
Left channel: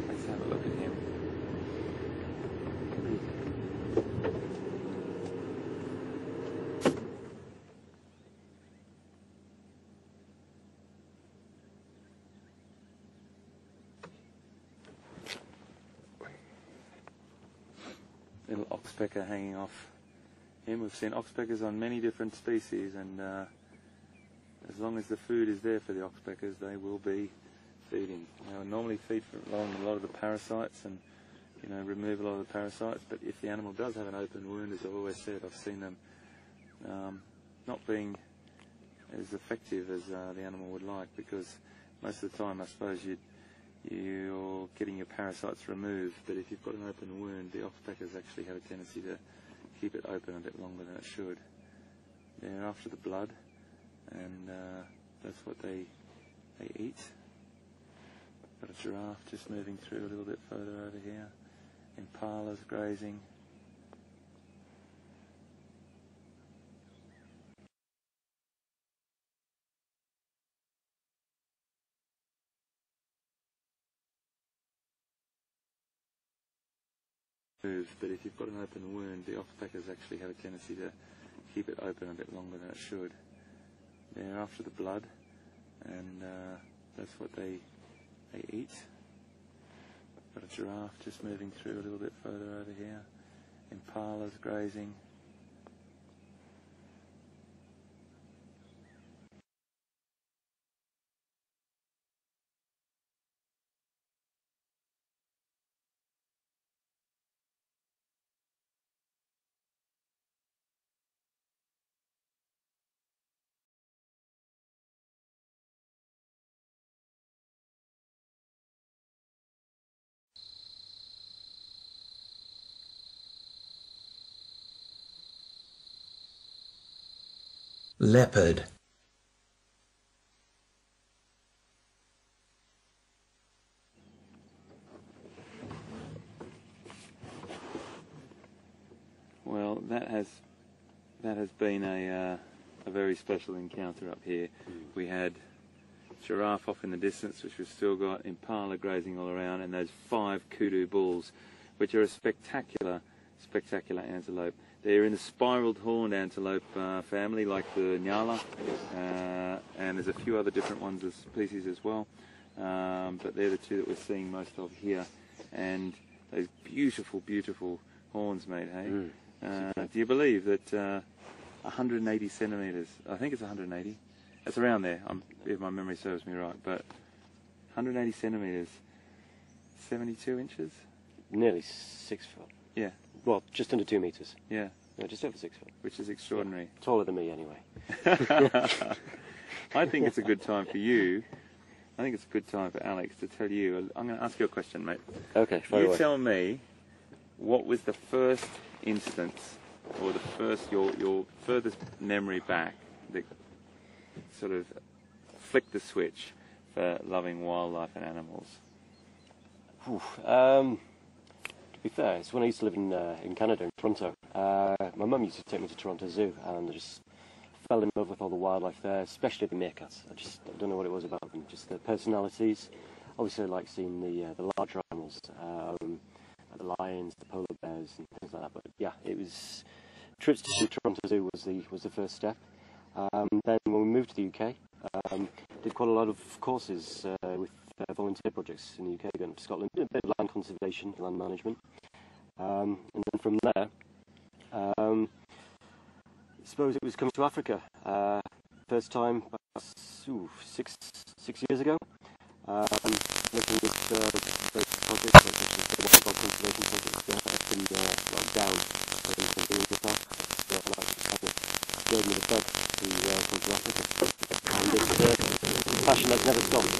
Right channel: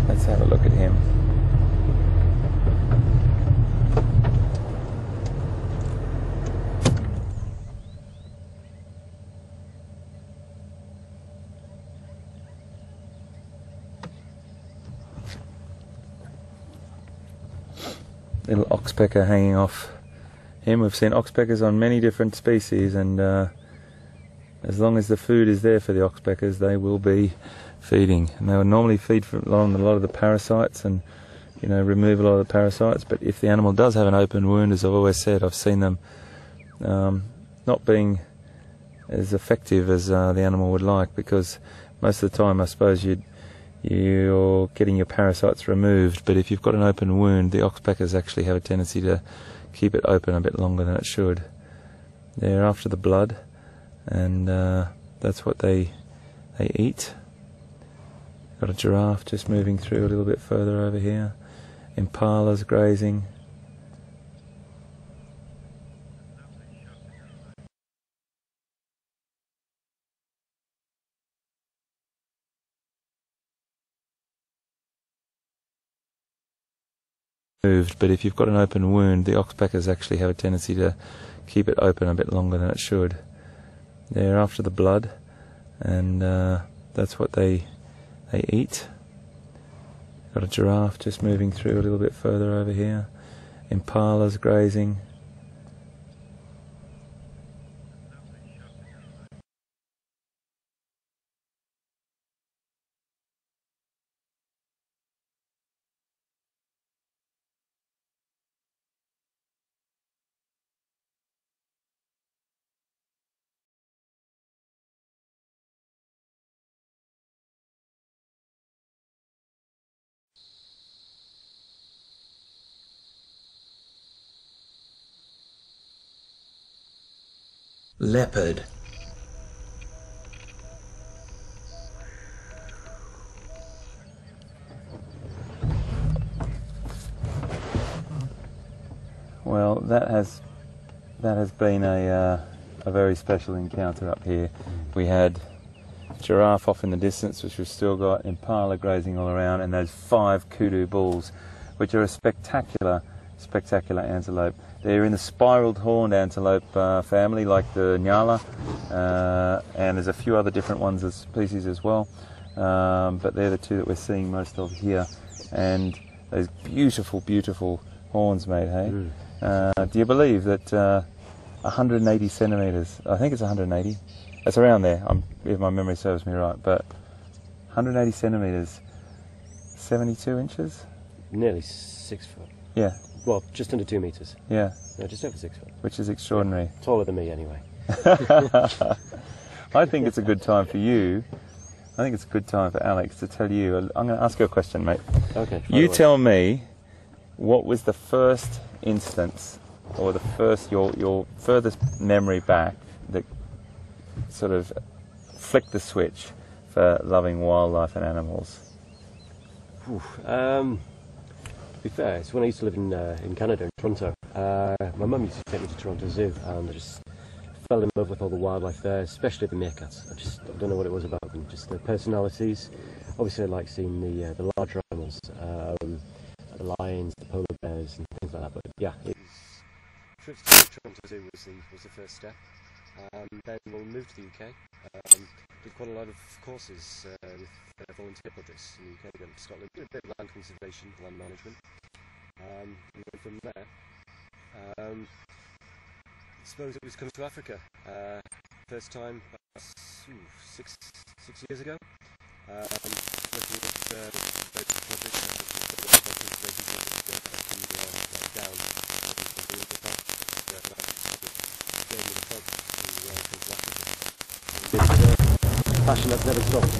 Let's have a look at him. Little oxpecker hanging off him. We've seen oxpeckers on many different species, and as long as the food is there for the oxpeckers, they will be feeding. And they will normally feed on a lot of the parasites and, you know, remove a lot of the parasites. But if the animal does have an open wound, as I've always said, I've seen them not being as effective as the animal would like, because most of the time I suppose you're getting your parasites removed, but if you've got an open wound, the oxpeckers actually have a tendency to keep it open a bit longer than it should. They're after the blood, and that's what they eat. Got a giraffe just moving through a little bit further over here. Impalas grazing. But if you've got an open wound, the oxpeckers actually have a tendency to keep it open a bit longer than it should. They're after the blood, and that's what they eat. Got a giraffe just moving through a little bit further over here. Impalas grazing. Leopard. Well, that has been a very special encounter up here. We had giraffe off in the distance, which we've still got impala grazing all around, and those 5 kudu bulls, which are a spectacular antelope. They're in the spiraled horned antelope family, like the Nyala, and there's a few other different ones as species as well, but they're the 2 that we're seeing most of here. And those beautiful horns, mate, hey? Do you believe that 180 centimetres, I think it's 180, it's around there, if my memory serves me right, but 180 centimetres, 72 inches? Nearly 6 foot. Yeah. Well, just under 2 metres. Yeah. Yeah, just over 6 foot. Which is extraordinary. Taller than me, anyway. I think it's a good time for you. I think it's a good time for Alex to tell you. I'm going to ask you a question, mate. Okay. You tell me, what was the first instance, or your furthest memory back that sort of flicked the switch for loving wildlife and animals? To be fair, it's when I used to live in Canada, in Toronto. My mum used to take me to Toronto Zoo, and I just fell in love with all the wildlife there, especially the meerkats. I don't know what it was about them, just their personalities. Obviously, I like seeing the larger animals, the lions, the polar bears, and things like that. But yeah, it was trips to the Toronto Zoo was the first step. Then when we moved to the UK, did quite a lot of courses with volunteer projects in the UK, going to Scotland, did a bit of land conservation, land management, and then from there, I suppose it was coming to Africa. First time about 6 years ago, looking at various projects, especially the wildlife conservation projects up and down in the Impala. That gave me the bug to come to Africa, and it's passion that's never stopped.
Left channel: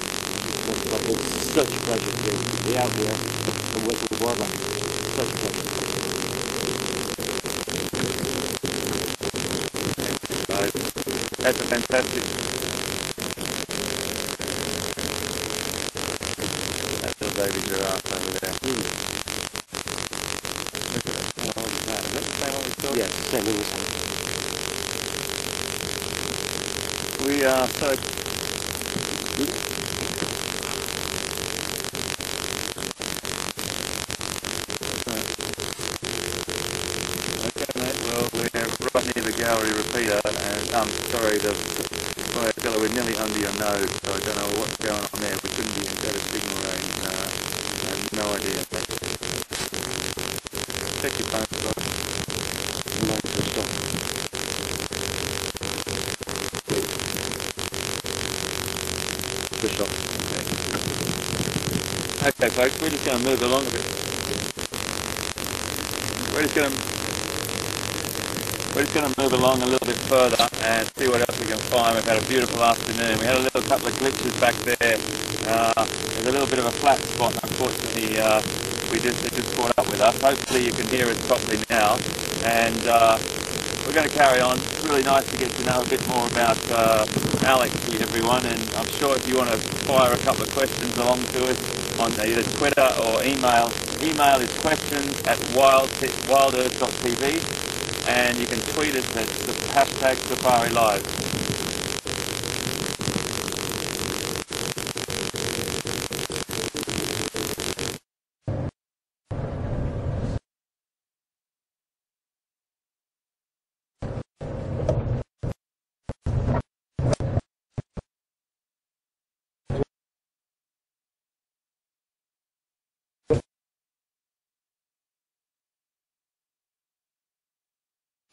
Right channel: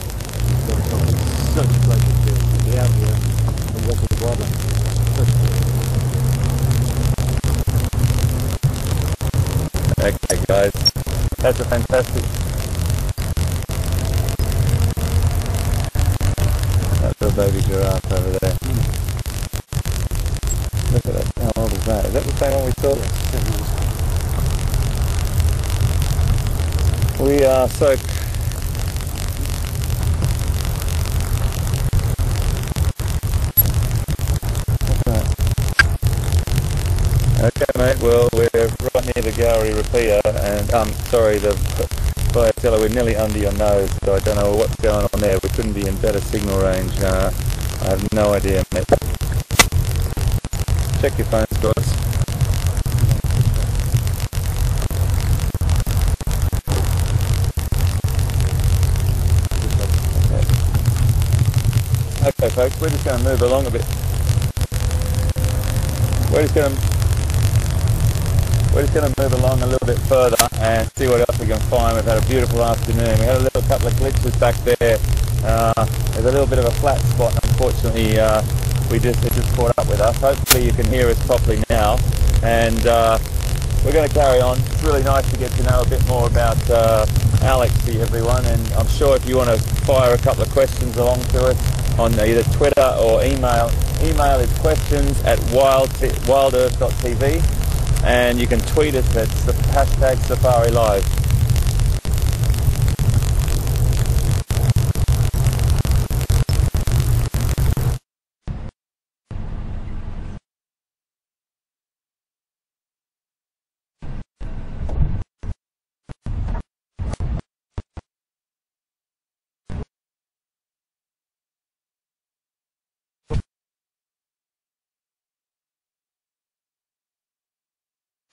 It's such a pleasure to be out here and work with the wildlife. Such a pleasure. Okay, guys, that's a fantastic. That little baby giraffe over there. Look at that. How old is that? Is that the same one we saw? Yes, certainly the same. We are so. Okay, mate, well, we're right near the gallery repeater, and sorry, Stella, we're nearly under your nose, so I don't know what's going on there. We couldn't be in better signal range. I have no idea, mate. Check your phone source. Okay, folks, we're just going to move along a bit. We're just going to move along a little bit further and see what else we can find. We've had a beautiful afternoon. We had a little couple of glitches back there. There's a little bit of a flat spot. Unfortunately, it just caught up with us. Hopefully you can hear us properly now. And we're going to carry on. It's really nice to get to know a bit more about Alex here, everyone. And I'm sure if you want to fire a couple of questions along to us on either Twitter or email is questions@wildearth.tv. And you can tweet us at the hashtag Safari Lives.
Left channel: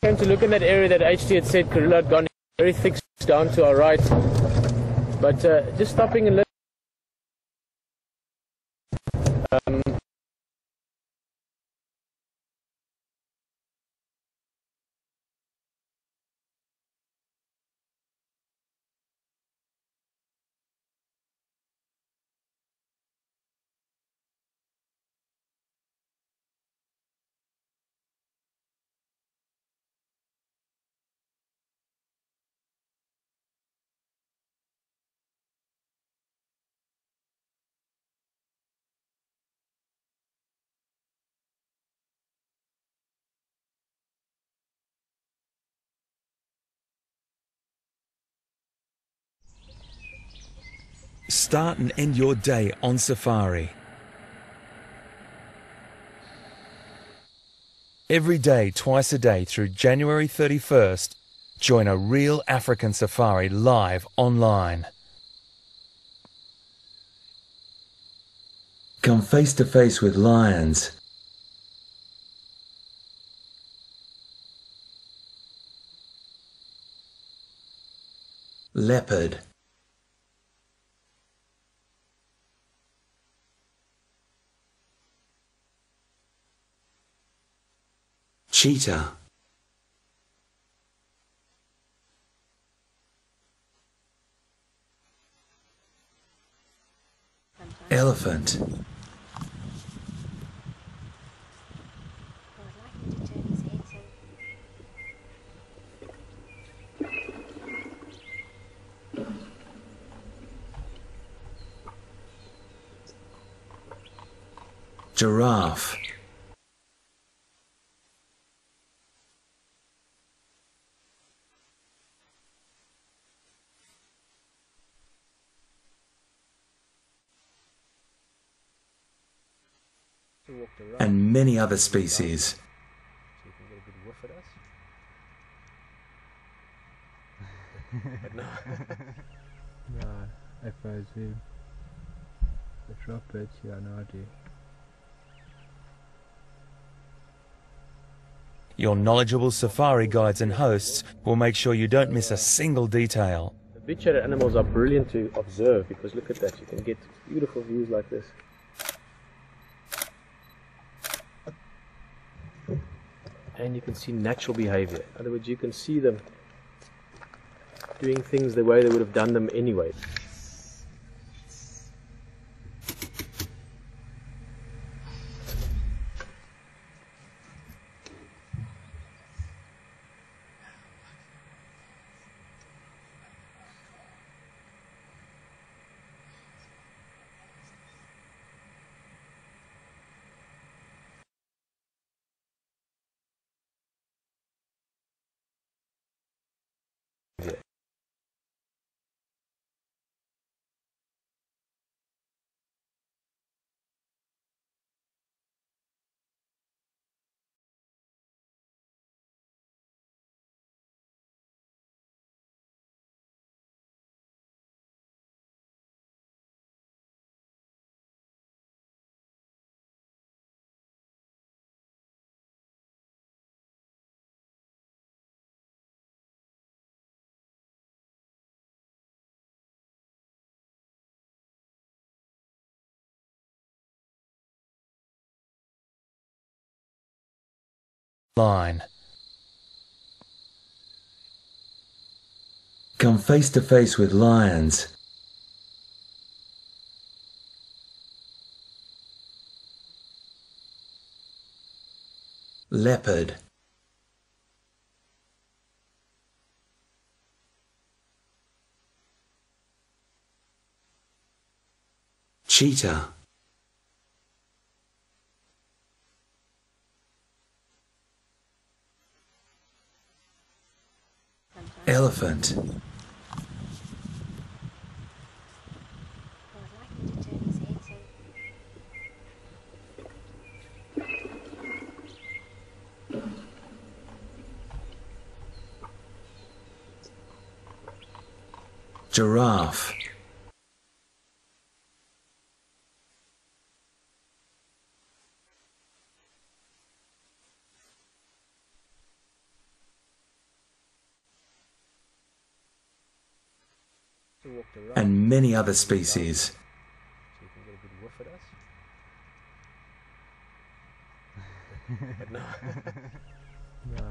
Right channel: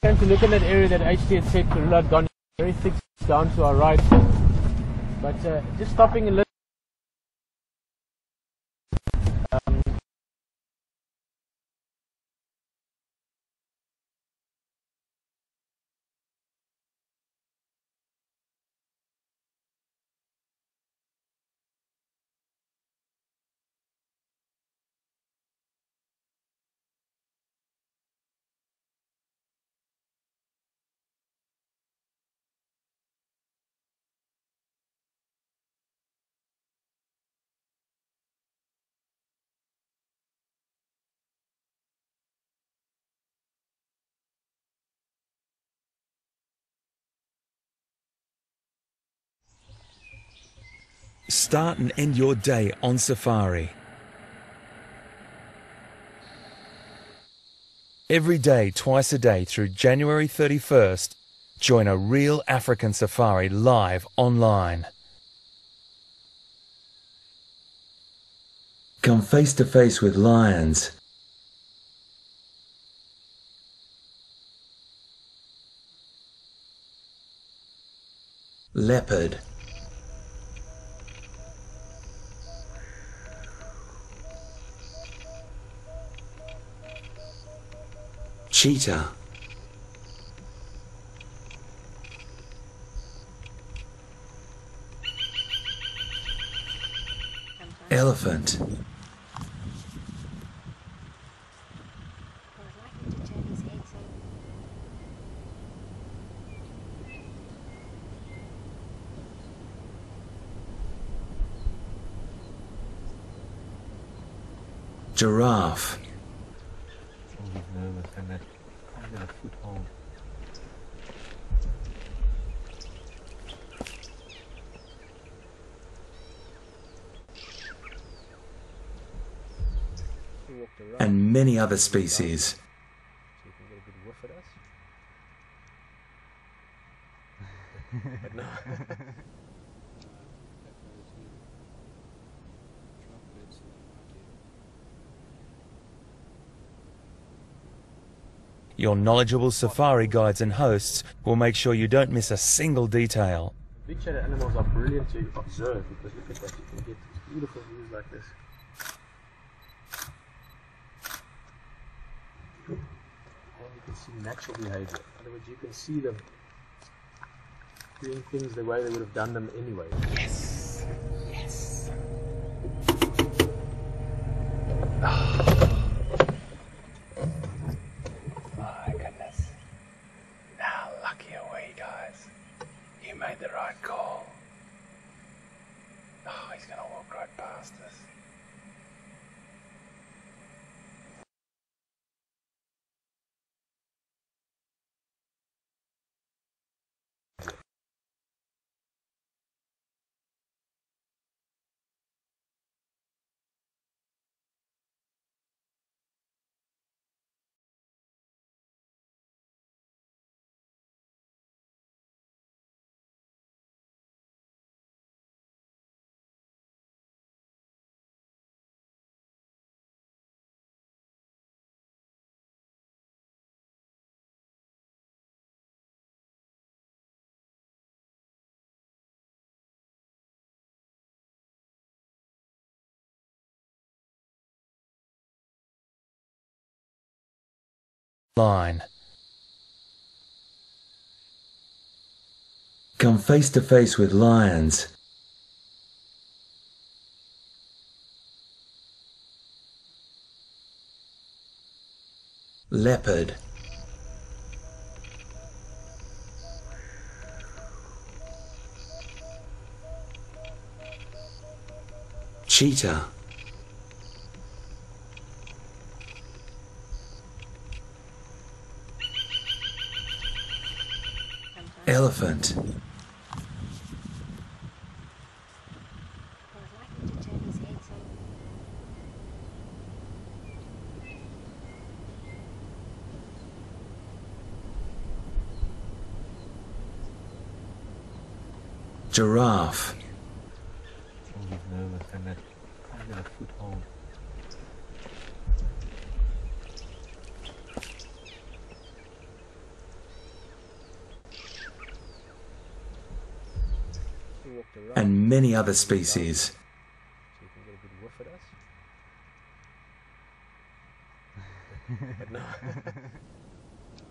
Came to look in that area that HT had said Karula had gone very thick down to our right, but just stopping and listening. Start and end your day on safari. Every day, twice a day through January 31st, join a real African safari live online. Come face to face with lions, leopard, cheetah, elephant, giraffe, and many other species. So you can get a good whiff at us. But no. No, FOZ. The droplets, yeah, no idea. Your knowledgeable safari guides and hosts will make sure you don't miss a single detail. The big-shaded animals are brilliant to observe because look at that, you can get beautiful views like this. And you can see natural behavior. In other words, you can see them doing things the way they would have done them anyway. Yes. Yes. My goodness. How lucky are we, guys? You made the right call. Oh, he's going to walk right past us. Line. Come face to face with lions, leopard, cheetah, elephant, giraffe, and many other species. So you can get a good whiff at us. But no. No,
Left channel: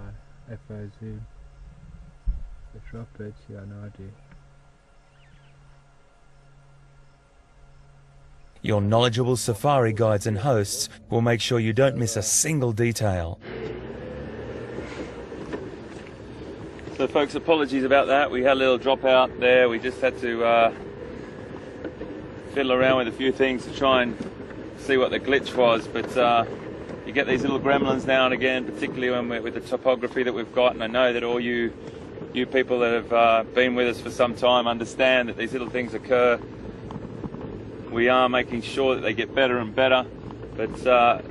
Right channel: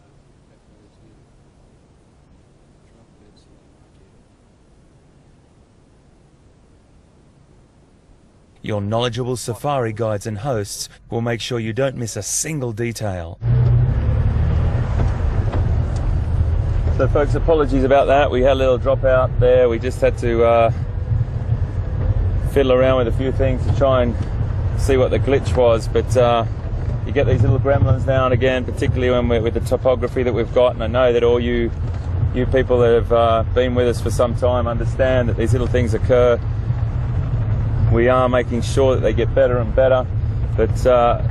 FOZ. The droplets, yeah, no idea. Your knowledgeable safari guides and hosts will make sure you don't miss a single detail. So folks, apologies about that. We had a little drop out there. We just had to fiddle around with a few things to try and see what the glitch was. But you get these little gremlins now and again, particularly when we're with the topography that we've got. And I know that all you people that have been with us for some time understand that these little things occur. We are making sure that they get better and better, but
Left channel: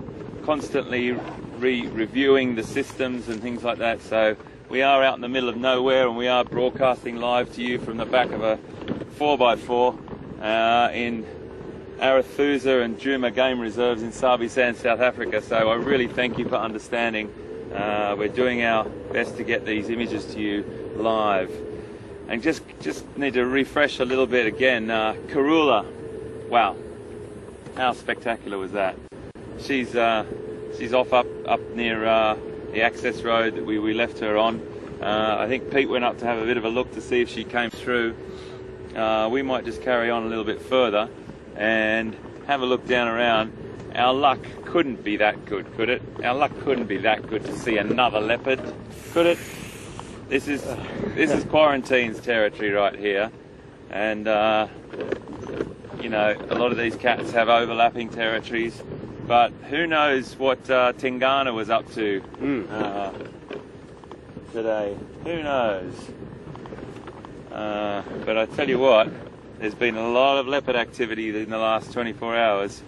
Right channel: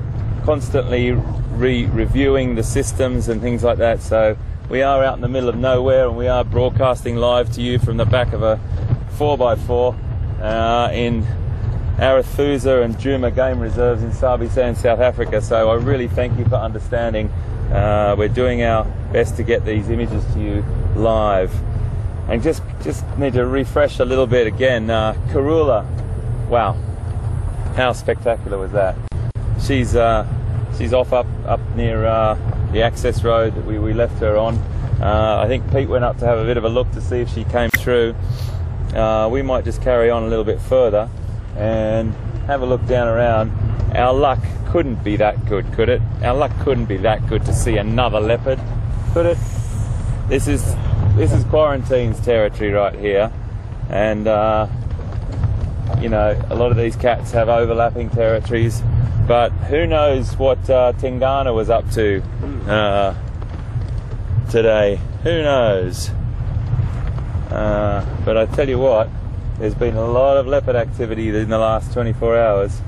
constantly reviewing the systems and things like that. So we are out in the middle of nowhere, and we are broadcasting live to you from the back of a 4x4 in Arathusa and Juma game reserves in Sabi Sand, South Africa. So I really thank you for understanding. We're doing our best to get these images to you live. And just need to refresh a little bit again. Karula, wow, how spectacular was that? She's off up near the access road that we left her on. I think Pete went up to have a bit of a look to see if she came through. We might just carry on a little bit further and have a look down around. Our luck couldn't be that good, could it? Our luck couldn't be that good to see another leopard, could it? This is Quarantine's territory right here, and you know, a lot of these cats have overlapping territories, but who knows what Tingana was up to today? Who knows? But I tell you what, there's been a lot of leopard activity in the last 24 hours,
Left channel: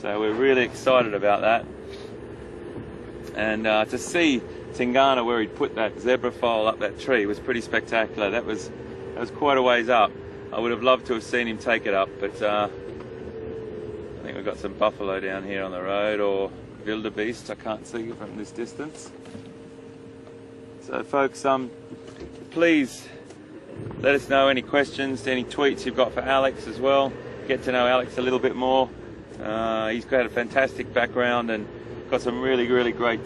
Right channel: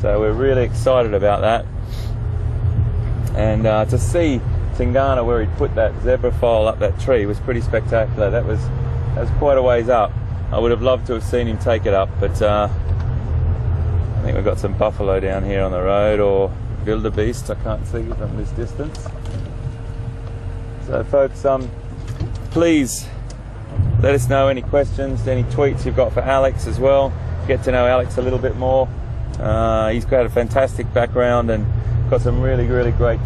so we're really excited about that. And to see Tingana where he'd put that zebra foal up that tree was pretty spectacular. That was quite a ways up. I would have loved to have seen him take it up, but I think we've got some buffalo down here on the road, or wildebeest. I can't see from this distance. So folks, please let us know any questions, any tweets you've got for Alex as well. Get to know Alex a little bit more. He's got a fantastic background and got some really great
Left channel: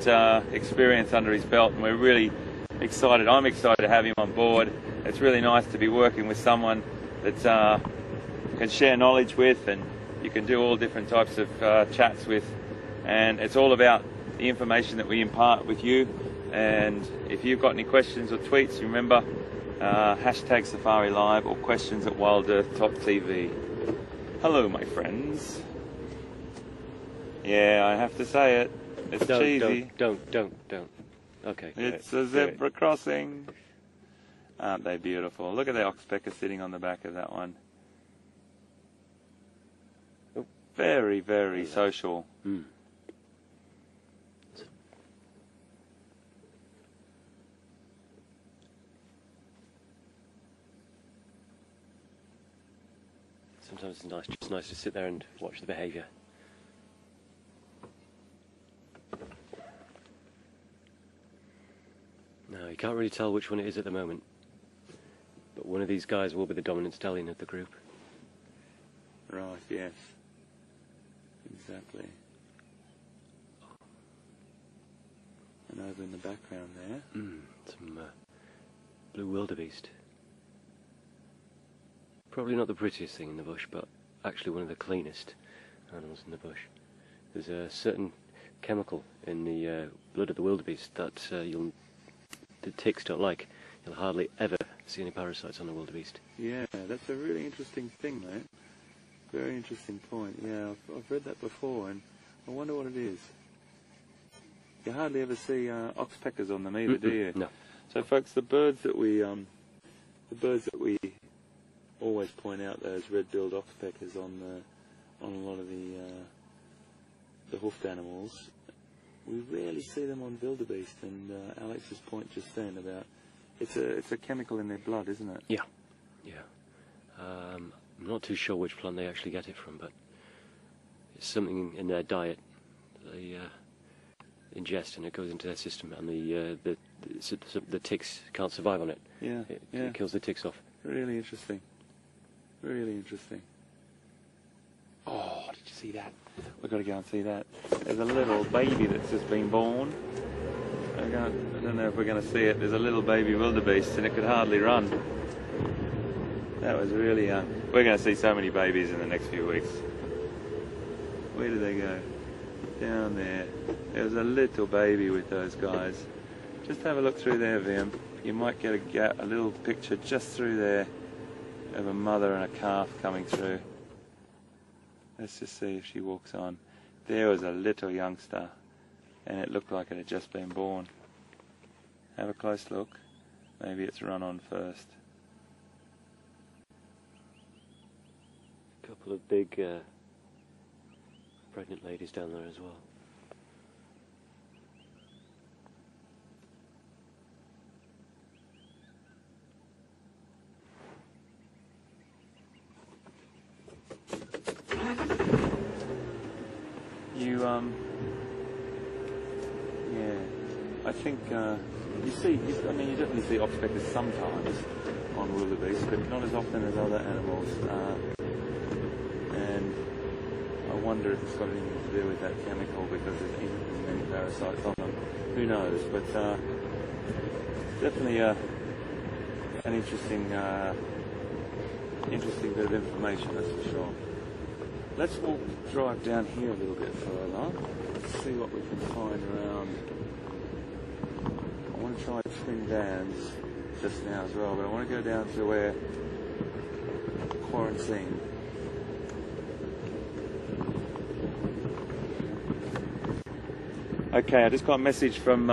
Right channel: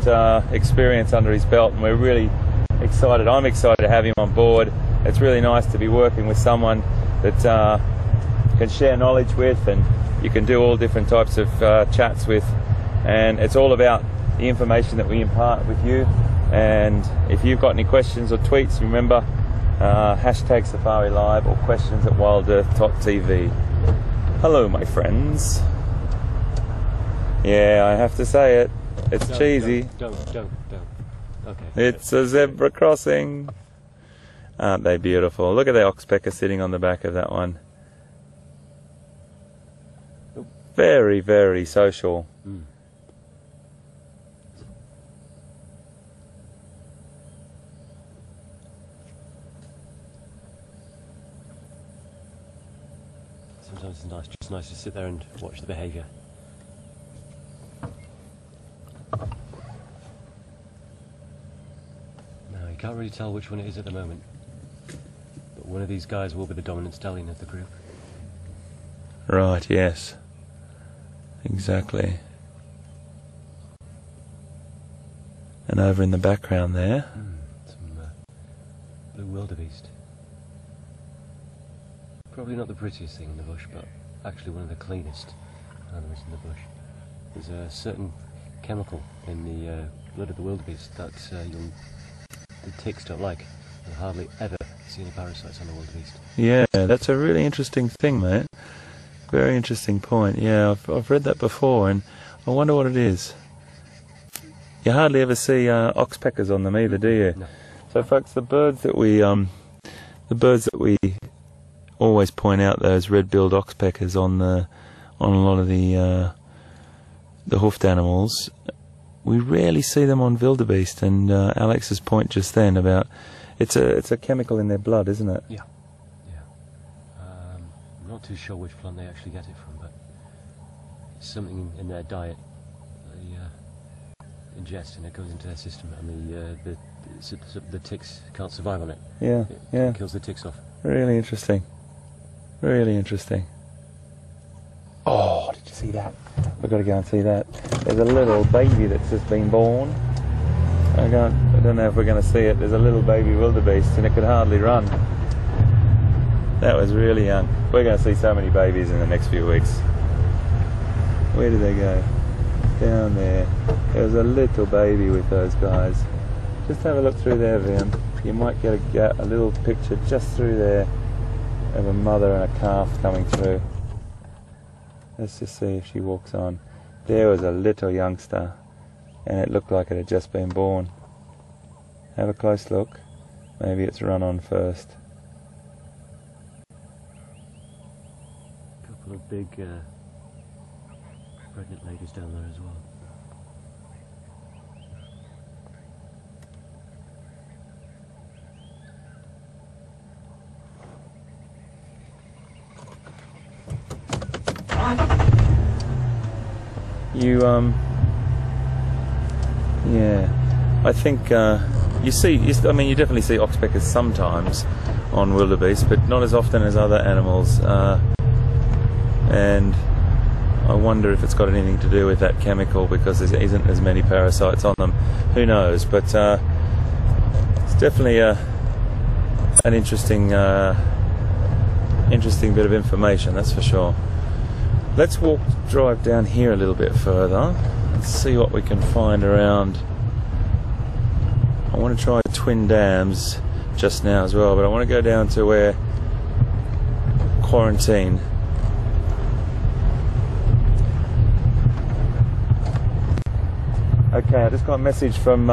experience under his belt, and we're really excited. I'm excited to have him on board. It's really nice to be working with someone that can share knowledge with, and you can do all different types of chats with, and it's all about the information that we impart with you. And if you've got any questions or tweets, remember hashtag Safari Live or questions at wildearth.tv. Hello my friends. Yeah, I have to say it. It's cheesy. Don't. Okay. It's a zebra crossing. Aren't they beautiful? Look at the oxpecker sitting on the back of that one. Very social. Sometimes it's just nice to sit there and watch the behaviour. No, you can't really tell which one it is at the moment, but one of these guys will be the dominant stallion of the group. Right, yes. Exactly. And over in the background there, some blue wildebeest. Probably not the prettiest thing in the bush, but actually one of the cleanest animals in the bush. There's a certain chemical in the blood of the wildebeest that the ticks don't like. You'll hardly ever see any parasites on the wildebeest. yeah, that's a really interesting thing, mate. Very interesting point. Yeah, I've read that before, and I wonder what it is. You hardly ever see oxpeckers on them either, do you? No. So, folks, the birds that we always point out, those red-billed oxpeckers on a lot of the hoofed animals, we rarely see them on wildebeest. And Alex's point just then about it's a chemical in their blood, isn't it? Yeah. I'm not too sure which plant they actually get it from, but it's something in their diet they ingest, and it goes into their system, and the ticks can't survive on it. Yeah, It kills the ticks off. Really interesting. Really interesting. Oh, did you see that? We've got to go and see that. There's a little baby that's just been born. I don't know if we're going to see it. There's a little baby wildebeest, and it could hardly run. That was really young. We're going to see so many babies in the next few weeks. Where did they go? Down there. There's a little baby with those guys. Just have a look through there, Vian. You might get a little picture just through there of a mother and a calf coming through. Let's just see if she walks on. There was a little youngster, and it looked like it had just been born. Have a close look. Maybe it's run on first. Couple couple of big pregnant ladies down there as well. Yeah, I think I mean, you definitely see oxpeckers sometimes on wildebeest, but not as often as other animals, and I wonder if it's got anything to do with that chemical, because there isn't as many parasites on them. Who knows? But it's definitely an interesting bit of information, that's for sure. Let's drive down here a little bit further and see what we can find around. I want to try Twin Dams just now as well, but I want to go down to where quarantine. Okay, I just got a message from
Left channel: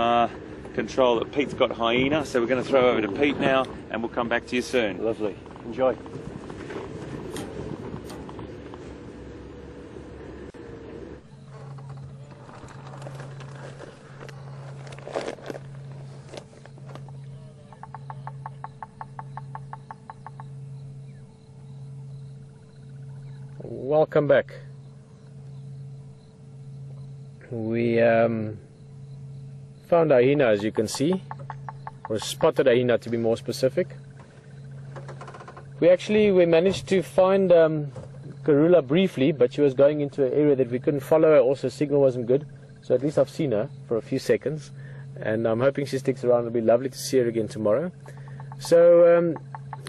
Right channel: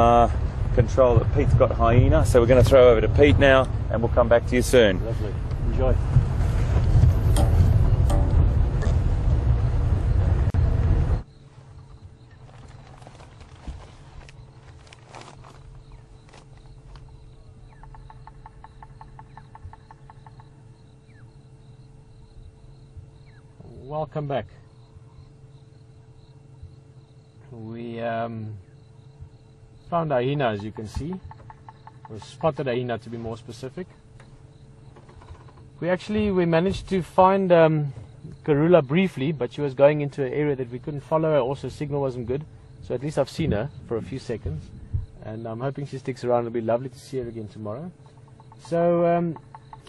control that Pete's got hyena, so we're going to throw over to Pete now and we'll come back to you soon. Lovely. Enjoy. Welcome back. We found a hyena, as you can see, or spotted a hyena to be more specific. We managed to find Karula briefly, but she was going into an area that we couldn't follow her. Also, signal wasn't good, so at least I've seen her for a few seconds, and I'm hoping she sticks around. It'll be lovely to see her again tomorrow. So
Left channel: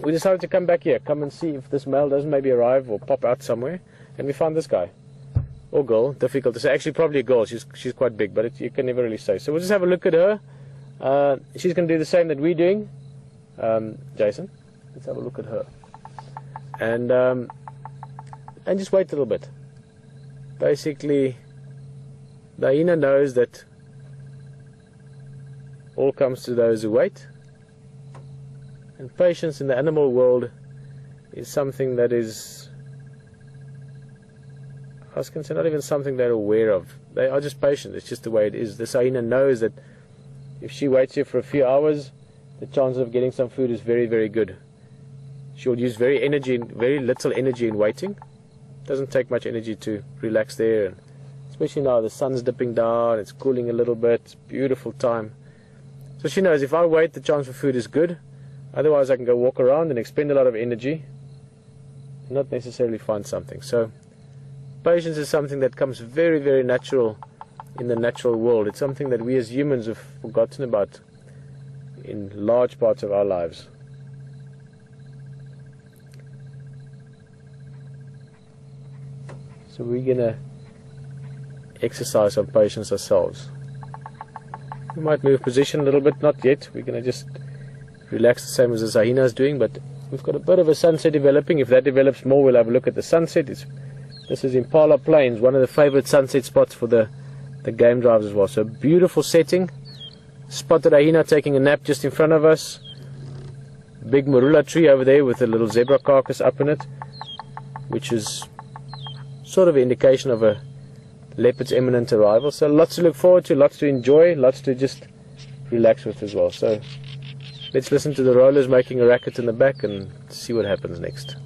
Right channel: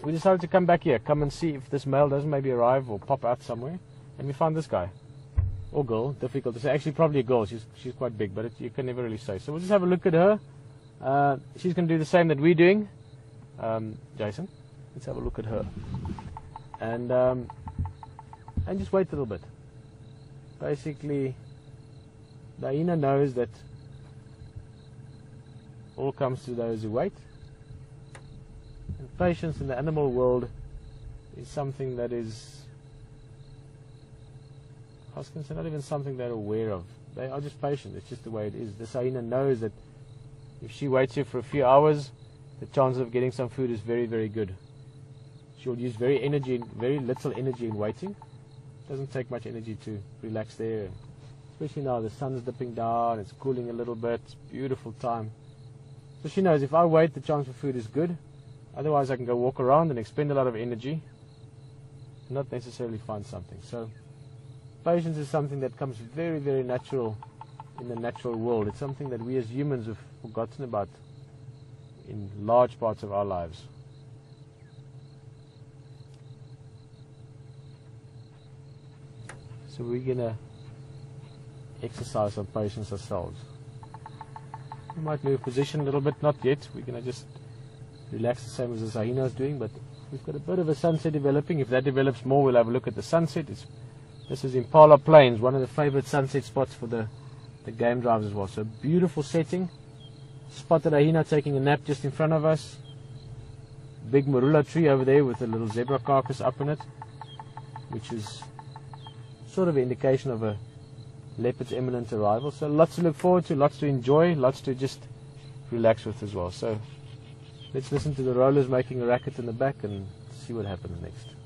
we decided to come back here, come and see if this male doesn't maybe arrive or pop out somewhere. And we found this guy, or girl, difficult to say. Actually, probably a girl. She's quite big, but you can never really say. So we'll just have a look at her. She's going to do the same that we're doing. Jason, let's have a look at her, and just wait a little bit. Basically, the hyena knows that all comes to those who wait, and patience in the animal world is something that is, I was going to say, not even something they're aware of. They are just patient. It's just the way it is. The hyena knows that if she waits here for a few hours, the chances of getting some food is very, very good. She'll use very little energy in waiting. Doesn't take much energy to relax there. Especially now the sun's dipping down, it's cooling a little bit, it's a beautiful time. So she knows if I wait, the chance for food is good. Otherwise I can go walk around and expend a lot of energy and not necessarily find something. So patience is something that comes very, very natural in the natural world. It's something that we as humans have forgotten about in large parts of our lives. So we're going to exercise some patience ourselves. We might move position a little bit, not yet. We're going to just relax the same as the hyena is doing, but we've got a bit of a sunset developing. If that develops more, we'll have a look at the sunset. This is Impala Plains, one of the favorite sunset spots for the game drivers as well. So beautiful setting. Spotted a hyena taking a nap just in front of us. Big marula tree over there with a little zebra carcass up in it, which is sort of an indication of a leopard's imminent arrival. So lots to look forward to, lots to enjoy, lots to just relax with as well. So let's listen to the rollers making a racket in the back and see what happens next.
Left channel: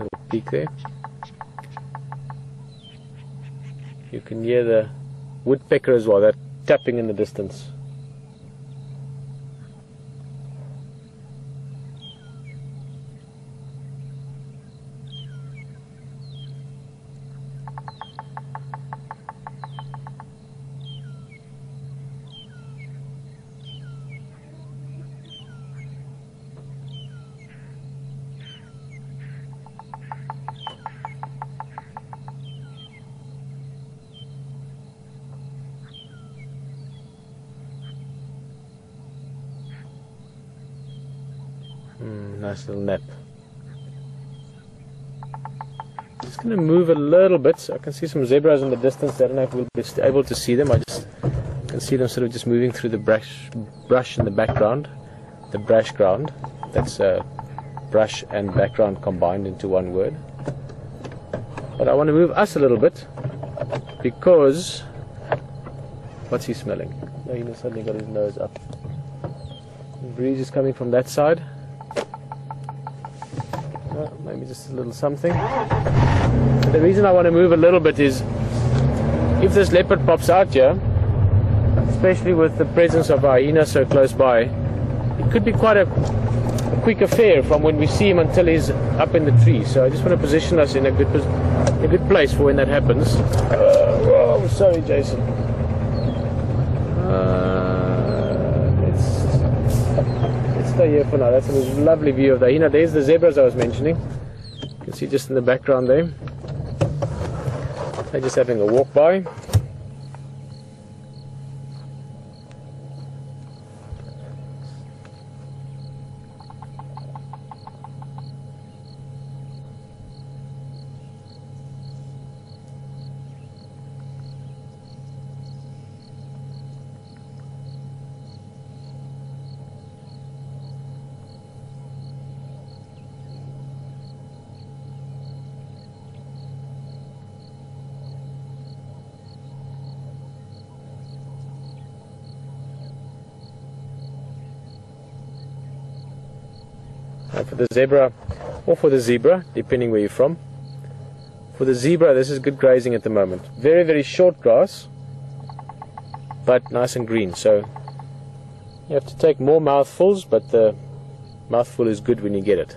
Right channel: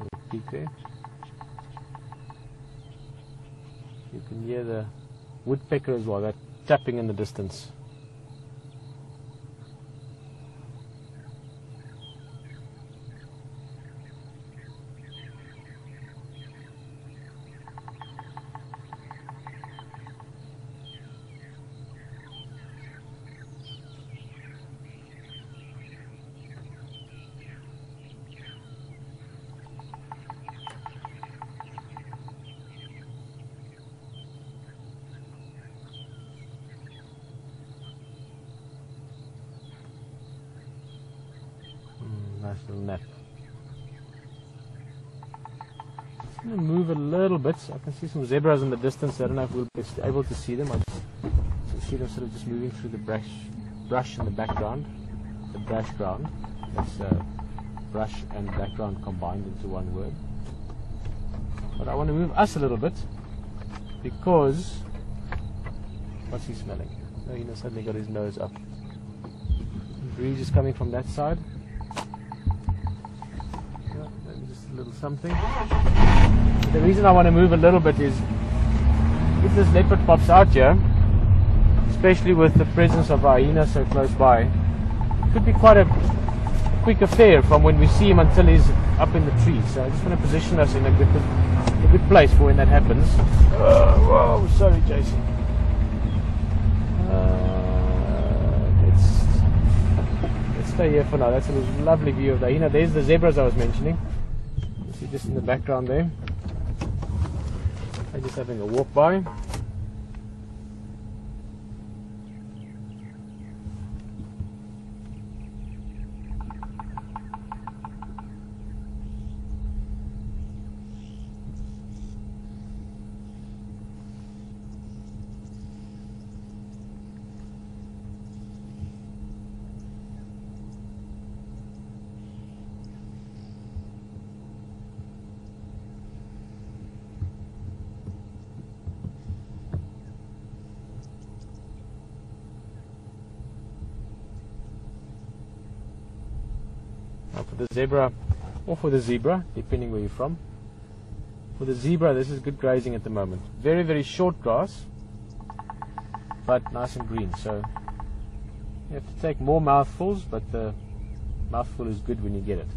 Little peak there. You can hear the woodpecker as well, that tapping in the distance. Nice little nap. Just going to move a little bit. I can see some zebras in the distance. I don't know if we'll be able to see them. I just can see them sort of just moving through the brush in the background. The brush ground. That's brush and background combined into one word. But I want to move us a little bit because what's he smelling? Oh, he suddenly got his nose up. The breeze is coming from that side. Well, maybe just a little something. But the reason I want to move a little bit is if this leopard pops out here, especially with the presence of our hyena so close by, it could be quite a quick affair from when we see him until he's up in the tree. So I just want to position us in a good place for when that happens. Oh, sorry, Jason. Let's stay here for now. That's a lovely view of the hyena. There's the zebras I was mentioning. You can see just in the background there. They're just having a walk by. For the zebra, or for the zebra, depending where you're from. For the zebra, this is good grazing at the moment. Very, very short grass, but nice and green. So you have to take more mouthfuls, but the mouthful is good when you get it.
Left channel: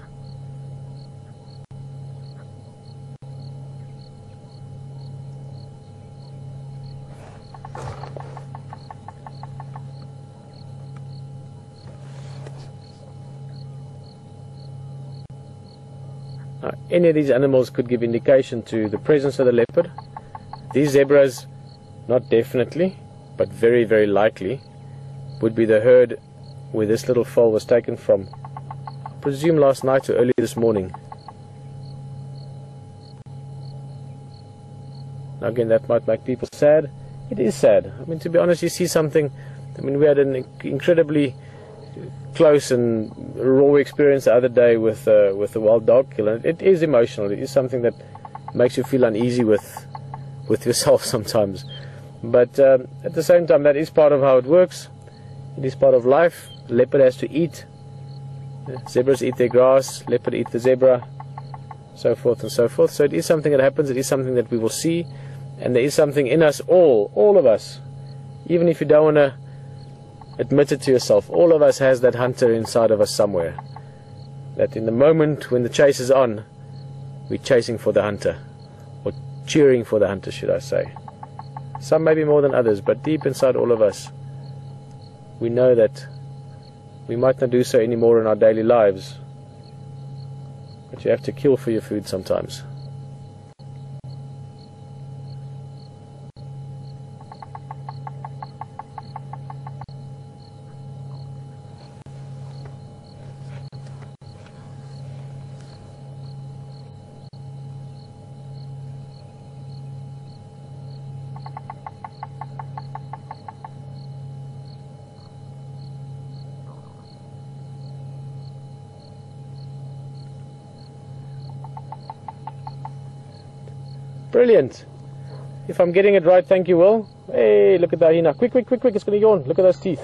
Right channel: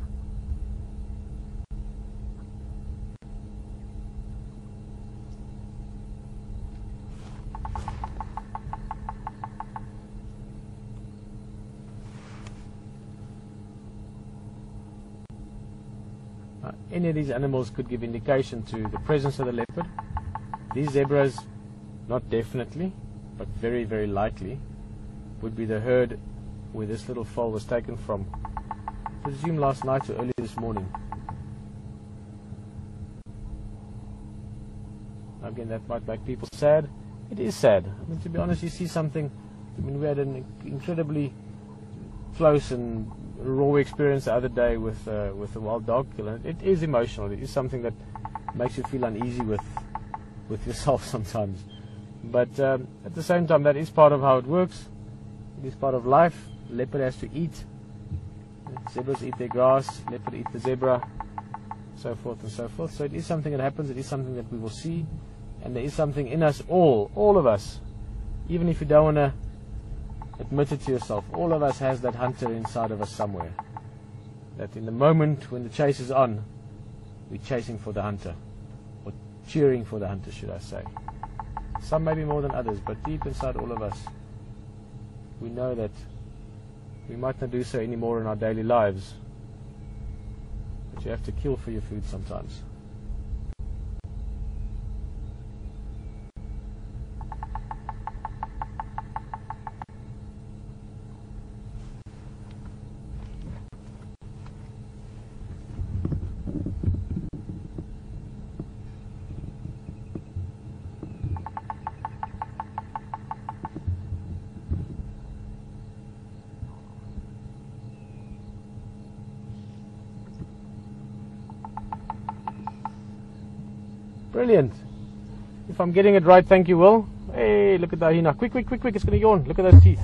Any of these animals could give indication to the presence of the leopard. These zebras, not definitely, but very, very likely, would be the herd where this little foal was taken from. I presume last night or early this morning. Now again, that might make people sad. It is sad. I mean, to be honest, you see something. I mean, we had an incredibly close and raw experience the other day with the wild dog kill, and it is emotional. It is something that makes you feel uneasy with yourself sometimes. But at the same time, that is part of how it works. It is part of life. The leopard has to eat. Zebras eat their grass. Leopard eat the zebra, so forth and so forth. So it is something that happens. It is something that we will see, and there is something in us, all of us, even if you don't want to admit it to yourself. All of us has that hunter inside of us somewhere. That in the moment when the chase is on, we're chasing for the hunter, or cheering for the hunter, should I say. Some maybe more than others, but deep inside all of us, we know that we might not do so anymore in our daily lives, but you have to kill for your food sometimes. Brilliant. If I'm getting it right, thank you, Will. Hey, look at that hyena. Quick, quick, quick, quick. It's going to yawn. Look at those teeth.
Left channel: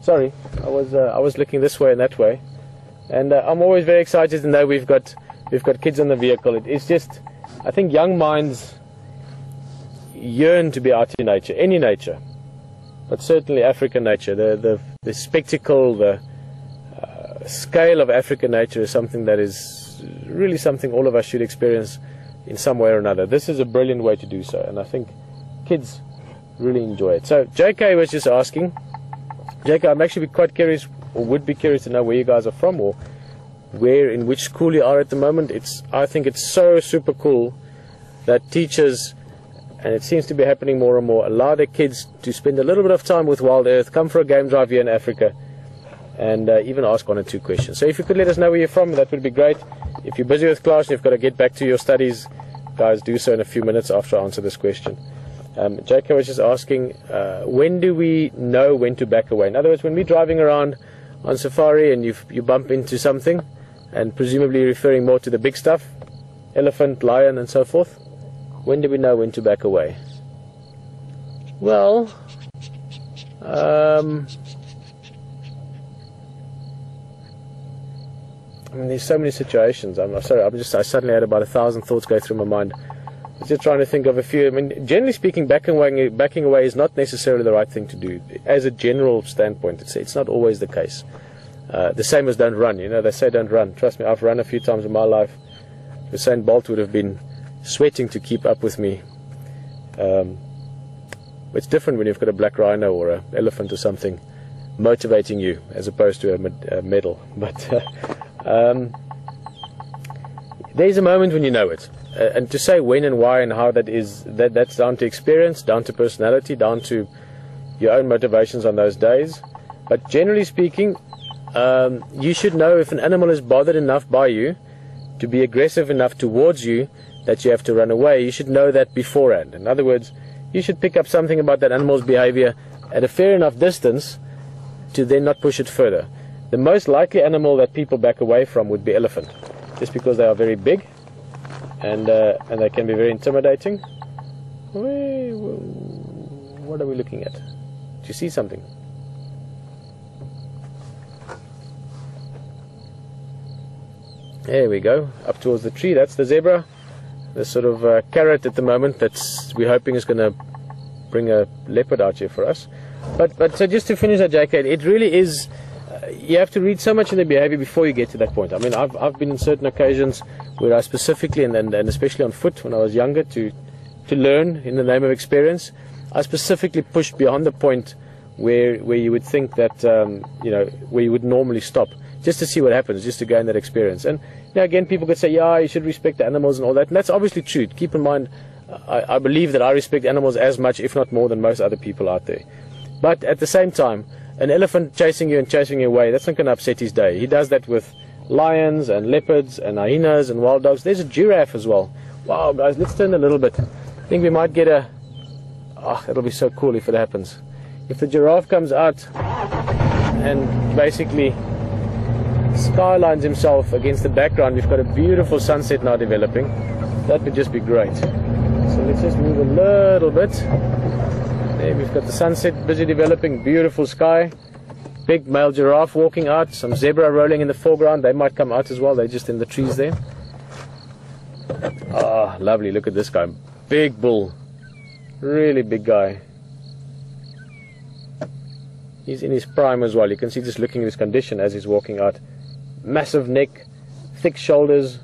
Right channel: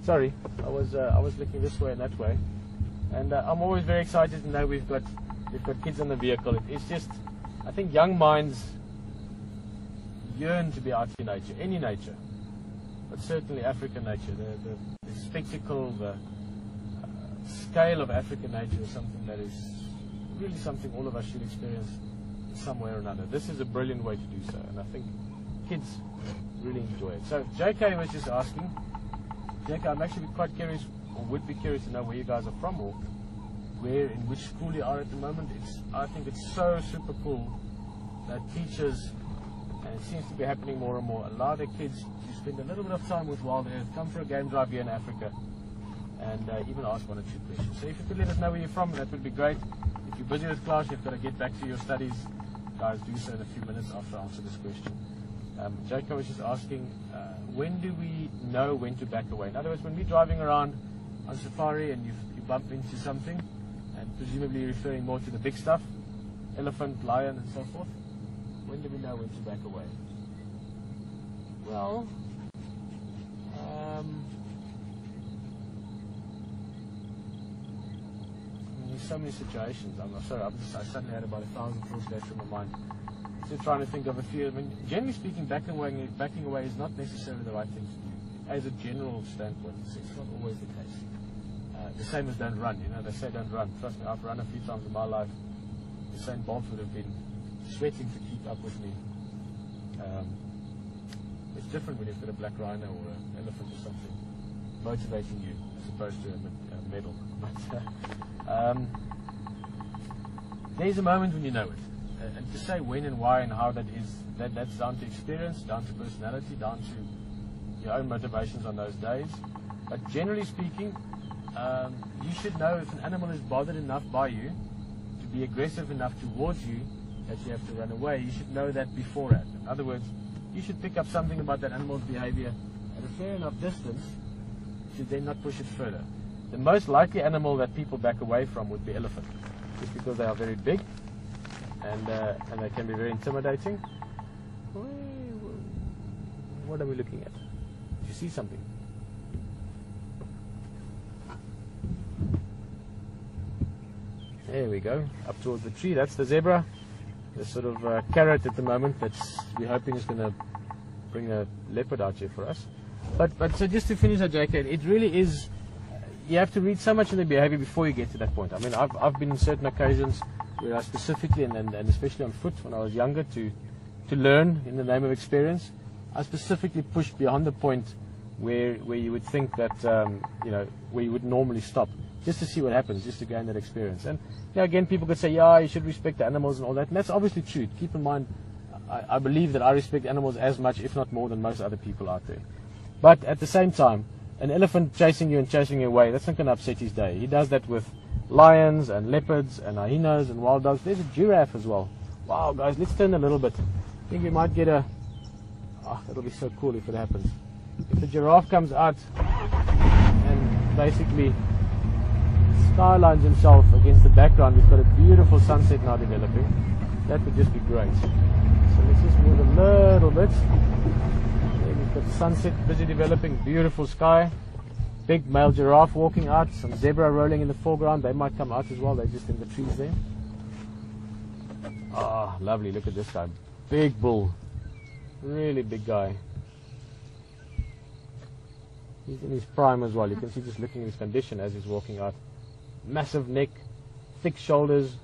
Sorry, I was looking this way and that way. And I'm always very excited to know we've got kids in the vehicle. It's just, I think young minds yearn to be out in nature, any nature. But certainly African nature. The spectacle, the scale of African nature is something that is really something all of us should experience in some way or another. This is a brilliant way to do so, and I think kids really enjoy it. So JK was just asking, JK, I'm actually quite curious, or would be curious to know where you guys are from, or in which school you are at the moment. I think it's so super cool that teachers, and it seems to be happening more and more, allow their kids to spend a little bit of time with Wild Earth, come for a game drive here in Africa, and even ask 1 or 2 questions. So if you could let us know where you're from, that would be great. If you're busy with class and you've got to get back to your studies, guys, do so in a few minutes after I answer this question. JK was just asking, when do we know when to back away? In other words, when we're driving around on safari and you bump into something, and presumably referring more to the big stuff, elephant, lion and so forth, when do we know when to back away? Well, I mean, there's so many situations. I'm sorry, I suddenly had about 1,000 thoughts go through my mind. I was just trying to think of a few. I mean, generally speaking, backing away is not necessarily the right thing to do. As a general standpoint, it's not always the case. The same as don't run. You know, they say don't run. Trust me, I've run a few times in my life. Usain Bolt would have been sweating to keep up with me. It's different when you've got a black rhino or an elephant or something motivating you, as opposed to a medal. But there's a moment when you know it. And to say when and why and how that is, that's down to experience, down to personality, down to your own motivations on those days. But generally speaking, you should know if an animal is bothered enough by you to be aggressive enough towards you that you have to run away. You should know that beforehand. In other words, you should pick up something about that animal's behavior at a fair enough distance to then not push it further. The most likely animal that people back away from would be elephant, just because they are very big and they can be very intimidating. What are we looking at? Do you see something? There we go, up towards the tree. That's the zebra. The sort of carrot at the moment that's we're hoping is going to bring a leopard out here for us. But so just to finish that, JK, it really is. You have to read so much in the behavior before you get to that point. I mean, I've been in certain occasions where I specifically, and especially on foot when I was younger, to learn in the name of experience, I specifically pushed beyond the point where you would think that you know, where you would normally stop, just to see what happens, just to gain that experience. And you know, again, people could say, yeah, you should respect the animals and all that, and that's obviously true. Keep in mind, I believe that I respect animals as much, if not more, than most other people out there. But at the same time, an elephant chasing you and chasing you away, that's not going to upset his day. He does that with lions and leopards and hyenas and wild dogs. There's a giraffe as well. Wow, guys, let's turn a little bit. I think we might get a... Oh, it'll be so cool if it happens. If the giraffe comes out and basically skylines himself against the background, we've got a beautiful sunset now developing. That would just be great. So let's just move a little bit. There we've got the sunset busy developing, beautiful sky. Big male giraffe walking out, some zebra rolling in the foreground. They might come out as well, they're just in the trees there. Ah, oh, lovely, look at this guy. Big bull, really big guy. He's in his prime as well. You can see just looking at his condition as he's walking out. Massive neck, thick shoulders.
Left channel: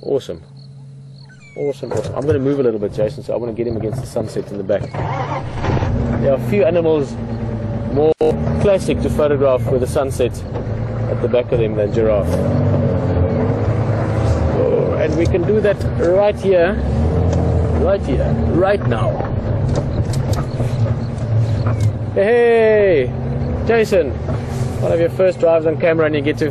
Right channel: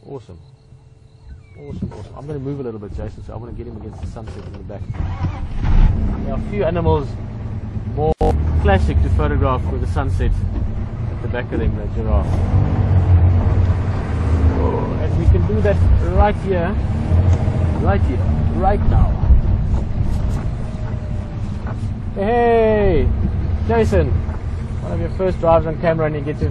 Awesome. Awesome, awesome. I'm going to move a little bit, Jason, so I want to get him against the sunset in the back. There are a few animals more classic to photograph with the sunset at the back of them than giraffe. Oh, and we can do that right here, right now. Hey, Jason, one of your first drives on camera and you get to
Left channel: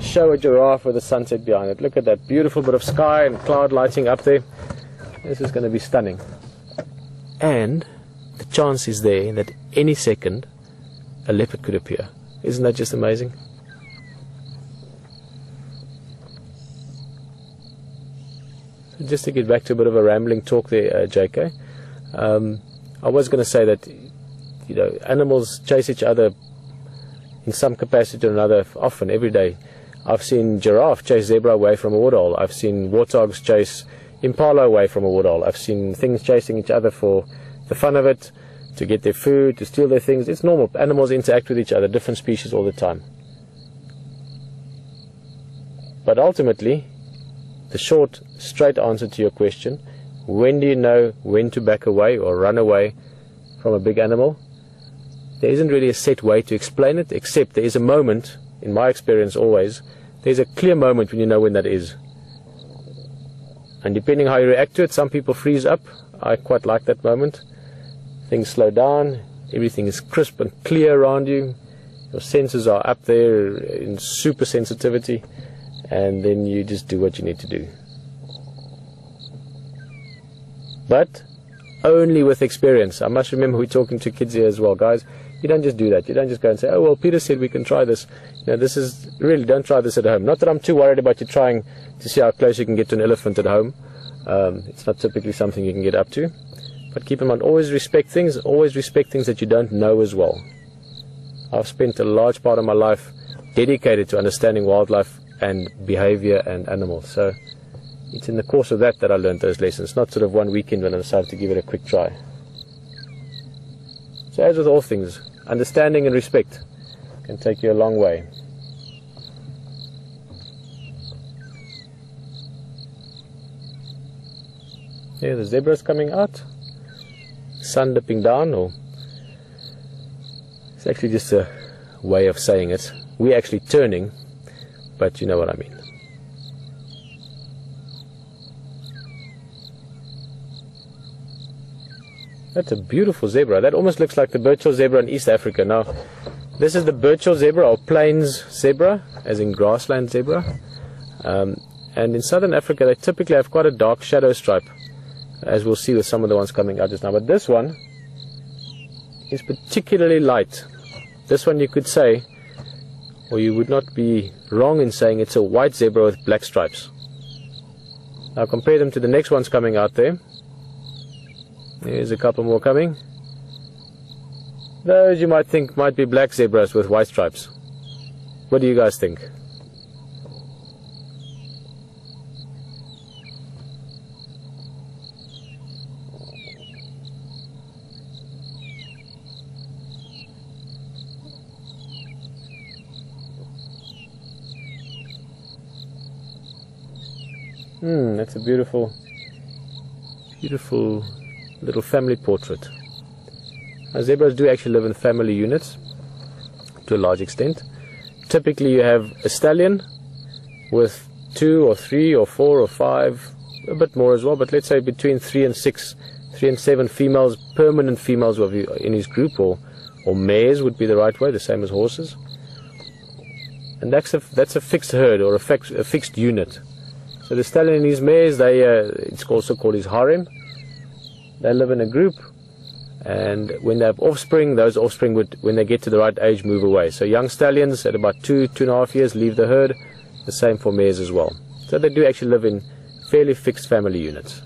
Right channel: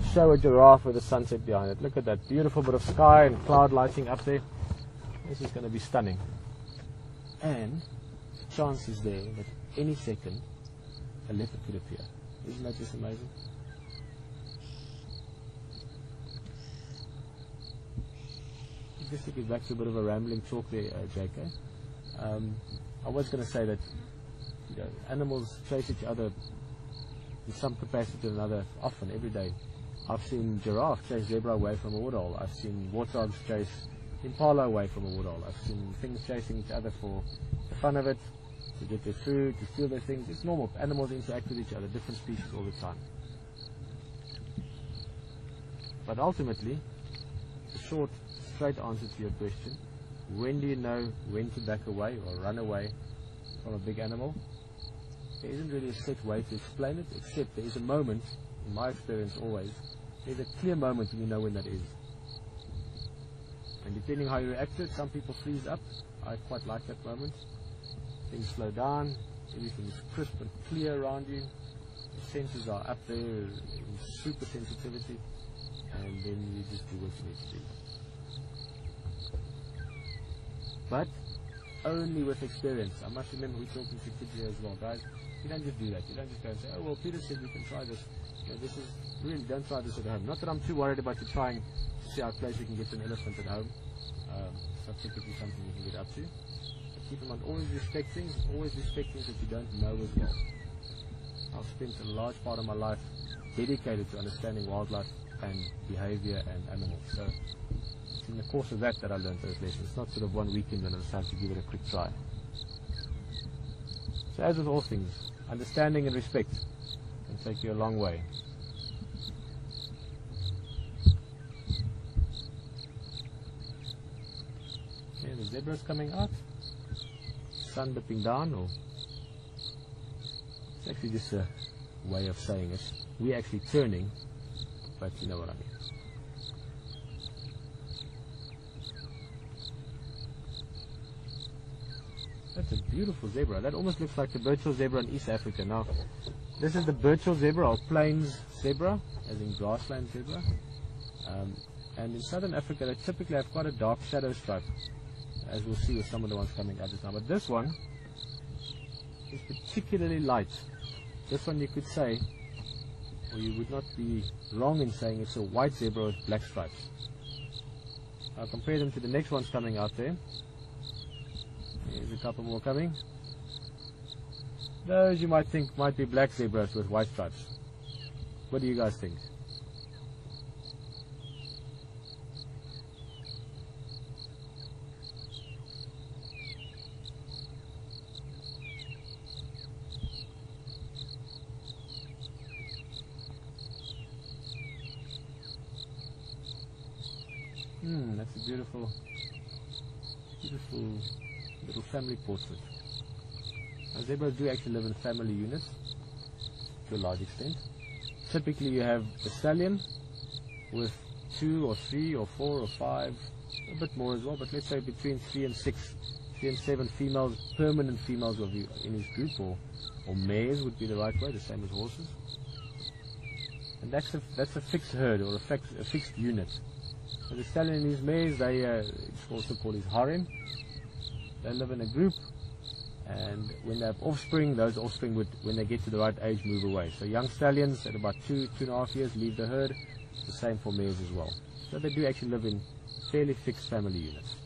show a giraffe with the sunset behind it. Look at that beautiful bit of sky and cloud lighting up there. This is going to be stunning. And the chance is there that any second a leopard could appear. Isn't that just amazing? Just to get back to a bit of a rambling talk there, JK, I was going to say that, you know, animals chase each other in some capacity or another, often, every day. I've seen giraffe chase zebra away from a woodhole. I've seen warthogs chase impala away from a woodhole. I've seen things chasing each other for the fun of it, to get their food, to steal their things. It's normal. Animals interact with each other, different species all the time. But ultimately, the short, straight answer to your question, when do you know when to back away or run away from a big animal? There isn't really a set way to explain it, except there is a moment, in my experience always, there's a clear moment when you know when that is. And depending how you react to it, some people freeze up. I quite like that moment. Things slow down, Everything is crisp and clear around you. Your senses are up there in super sensitivity, and then you just do what you need to do. But only with experience. I must remember we're talking to kids here as well, guys. You don't just do that. You don't just go and say, oh, well, Peter said we can try this. You know, this is really, don't try this at home. Not that I'm too worried about you trying to see how close you can get to an elephant at home. It's not typically something you can get up to. But keep in mind, always respect things that you don't know as well. I've spent a large part of my life dedicated to understanding wildlife and behavior and animals. So it's in the course of that I learned those lessons, not sort of one weekend when I decided to give it a quick try. So as with all things, understanding and respect can take you a long way. Here the zebra's coming out, sun dipping down, or it's actually just a way of saying it. We're actually turning, but you know what I mean. That's a beautiful zebra. That almost looks like the Birchill zebra in East Africa. Now, this is the Birchill zebra, or plains zebra, as in grassland zebra. And in southern Africa, they typically have quite a dark shadow stripe, as we'll see with some of the ones coming out just now. But this one is particularly light. This one you could say, or you would not be wrong in saying, it's a white zebra with black stripes. Now compare them to the next ones coming out there. There's a couple more coming. Those you might think might be black zebras with white stripes. What do you guys think? That's a beautiful, beautiful little family portrait. Now, zebras do actually live in family units to a large extent. Typically you have a stallion with 2 or 3 or 4 or 5, a bit more as well, but let's say between 3 and 6, 3 and 7 females, permanent females in his group, or mares would be the right way, the same as horses. And that's a fixed herd, or a fixed unit. So the stallion and his mares, it's also called his harem. They live in a group, and when they have offspring, those offspring would, when they get to the right age, move away. So young stallions at about 2.5 years leave the herd, the same for mares as well. So they do actually live in fairly fixed family units.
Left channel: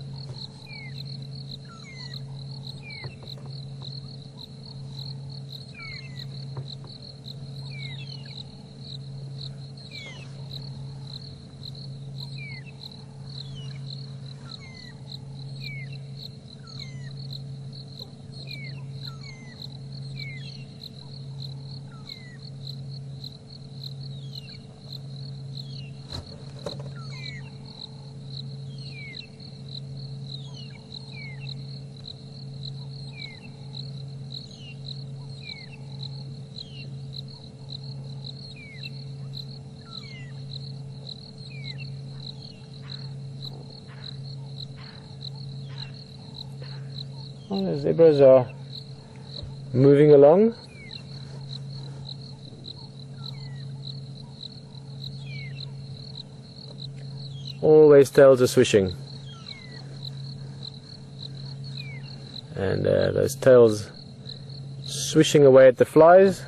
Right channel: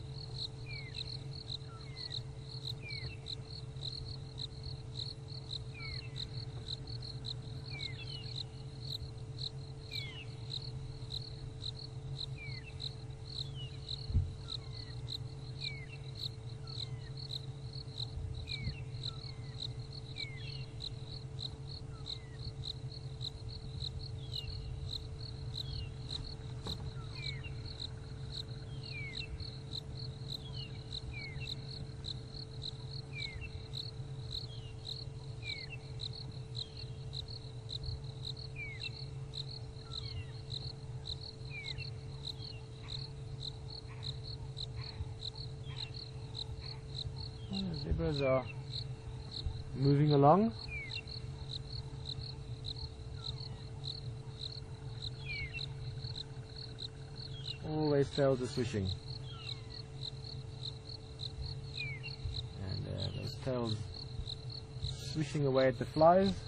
Well, the zebras are moving along. Always tails are swishing. And those tails swishing away at the flies.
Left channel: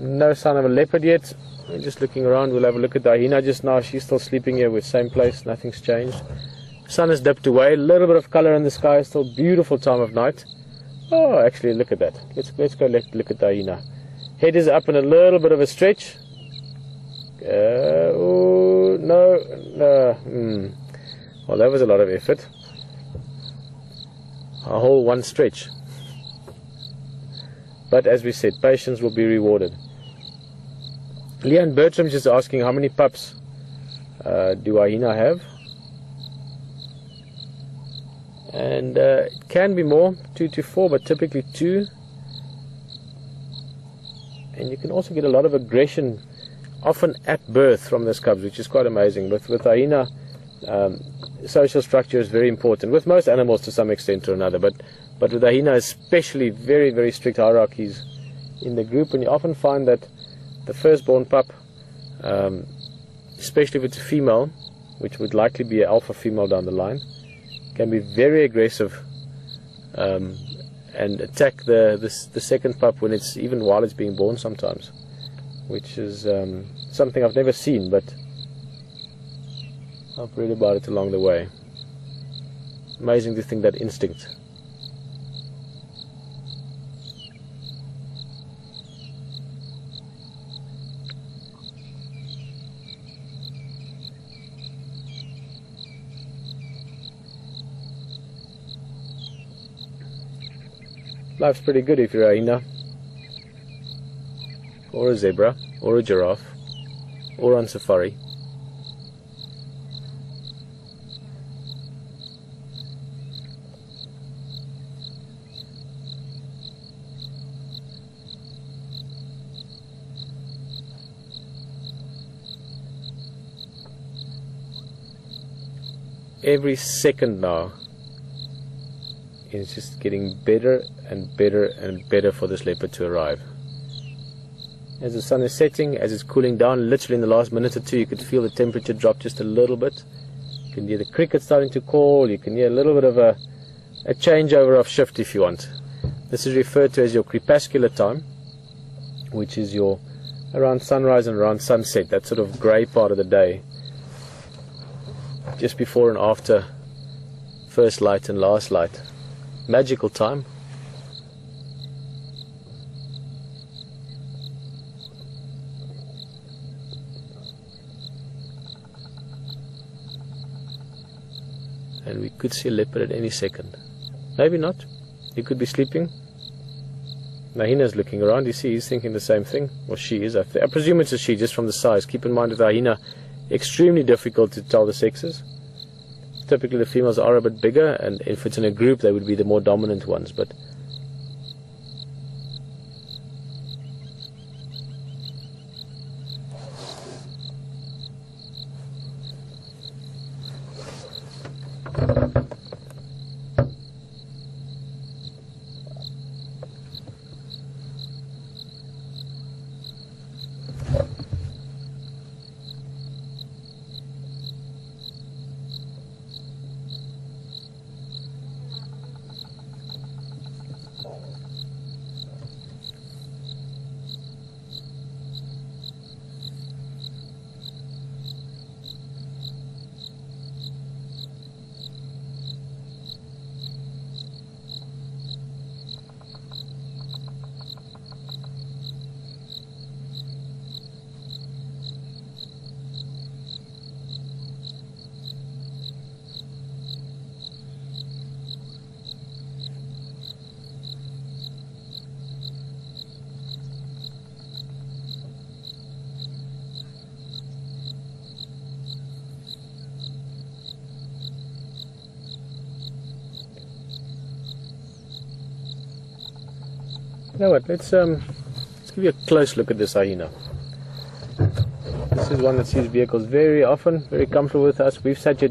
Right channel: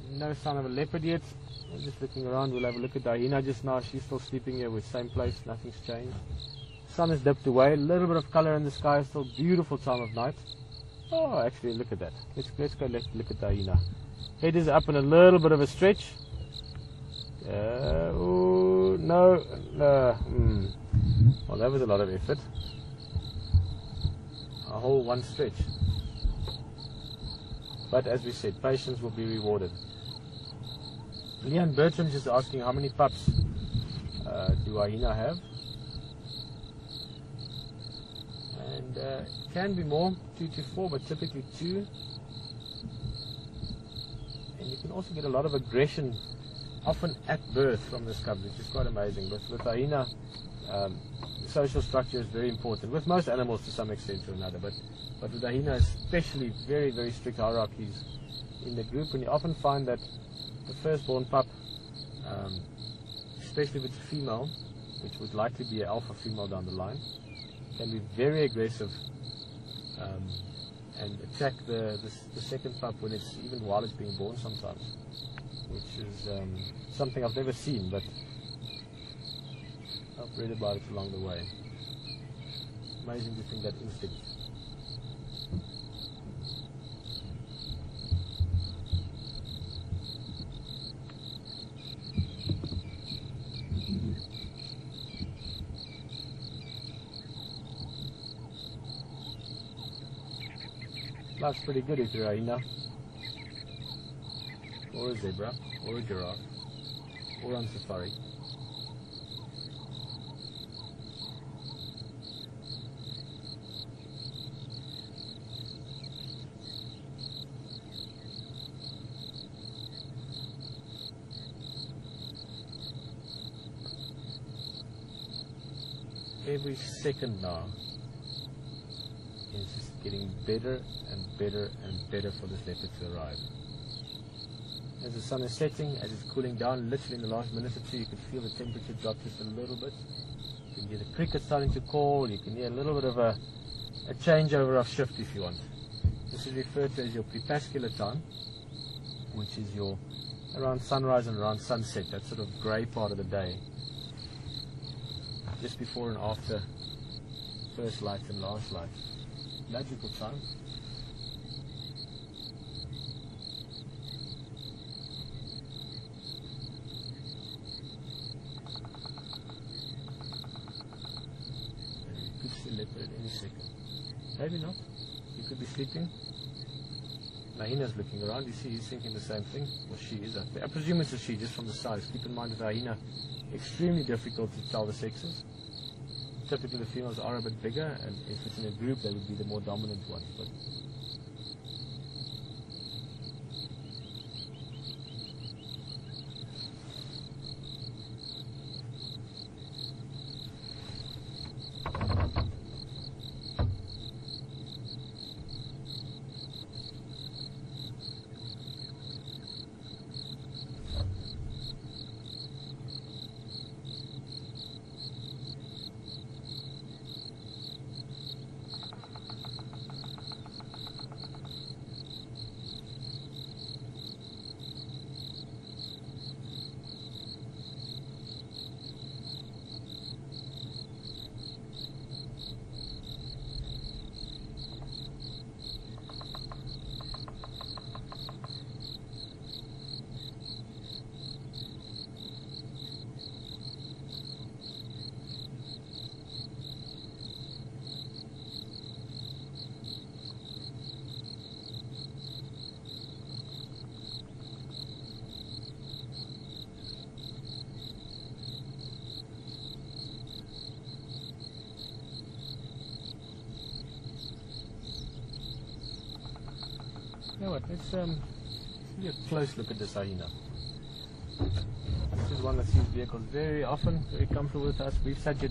No sign of a leopard yet. We're just looking around. We'll have a look at the hyena just now. She's still sleeping here with same place. Nothing's changed. Sun has dipped away. A little bit of color in the sky. Still beautiful time of night. Oh, actually, look at that. Let's go look at the hyena. Head is up in a little bit of a stretch. Oh, no. Well, that was a lot of effort. A whole one stretch. But as we said, patience will be rewarded. Leanne Bertram's just asking how many pups do hyena have, and it can be more, 2 to 4, but typically 2. And you can also get a lot of aggression often at birth from these cubs, which is quite amazing. But with hyena, Social structure is very important, with most animals to some extent or another, but with the hyena especially, very, very strict hierarchies in the group, and you often find that the firstborn pup, especially if it's a female, which would likely be an alpha female down the line, can be very aggressive and attack the second pup when it's, even while it's being born sometimes, which is something I've never seen, but I've read about it along the way. Amazing to think that instinct. Life's pretty good if you're a hyena, or a zebra, or a giraffe, or on safari. Every second now is just getting better and better and better for this leopard to arrive. As the sun is setting, as it's cooling down, literally in the last minute or two, you could feel the temperature drop just a little bit. You can hear the crickets starting to call, you can hear a little bit of a changeover of shift if you want. This is referred to as your crepuscular time, which is your around sunrise and around sunset, that sort of grey part of the day, just before and after first light and last light. Magical time. And we could see a leopard at any second. Maybe not. He could be sleeping. Hyena's looking around. You see, he's thinking the same thing. Or she is. I presume it's a she, just from the size. Keep in mind with the hyena, extremely difficult to tell the sexes. Typically the females are a bit bigger, and if it's in a group they would be the more dominant ones, but you know what, let's give you a close look at this hyena. This is one that sees vehicles very often, very comfortable with us. We've sat here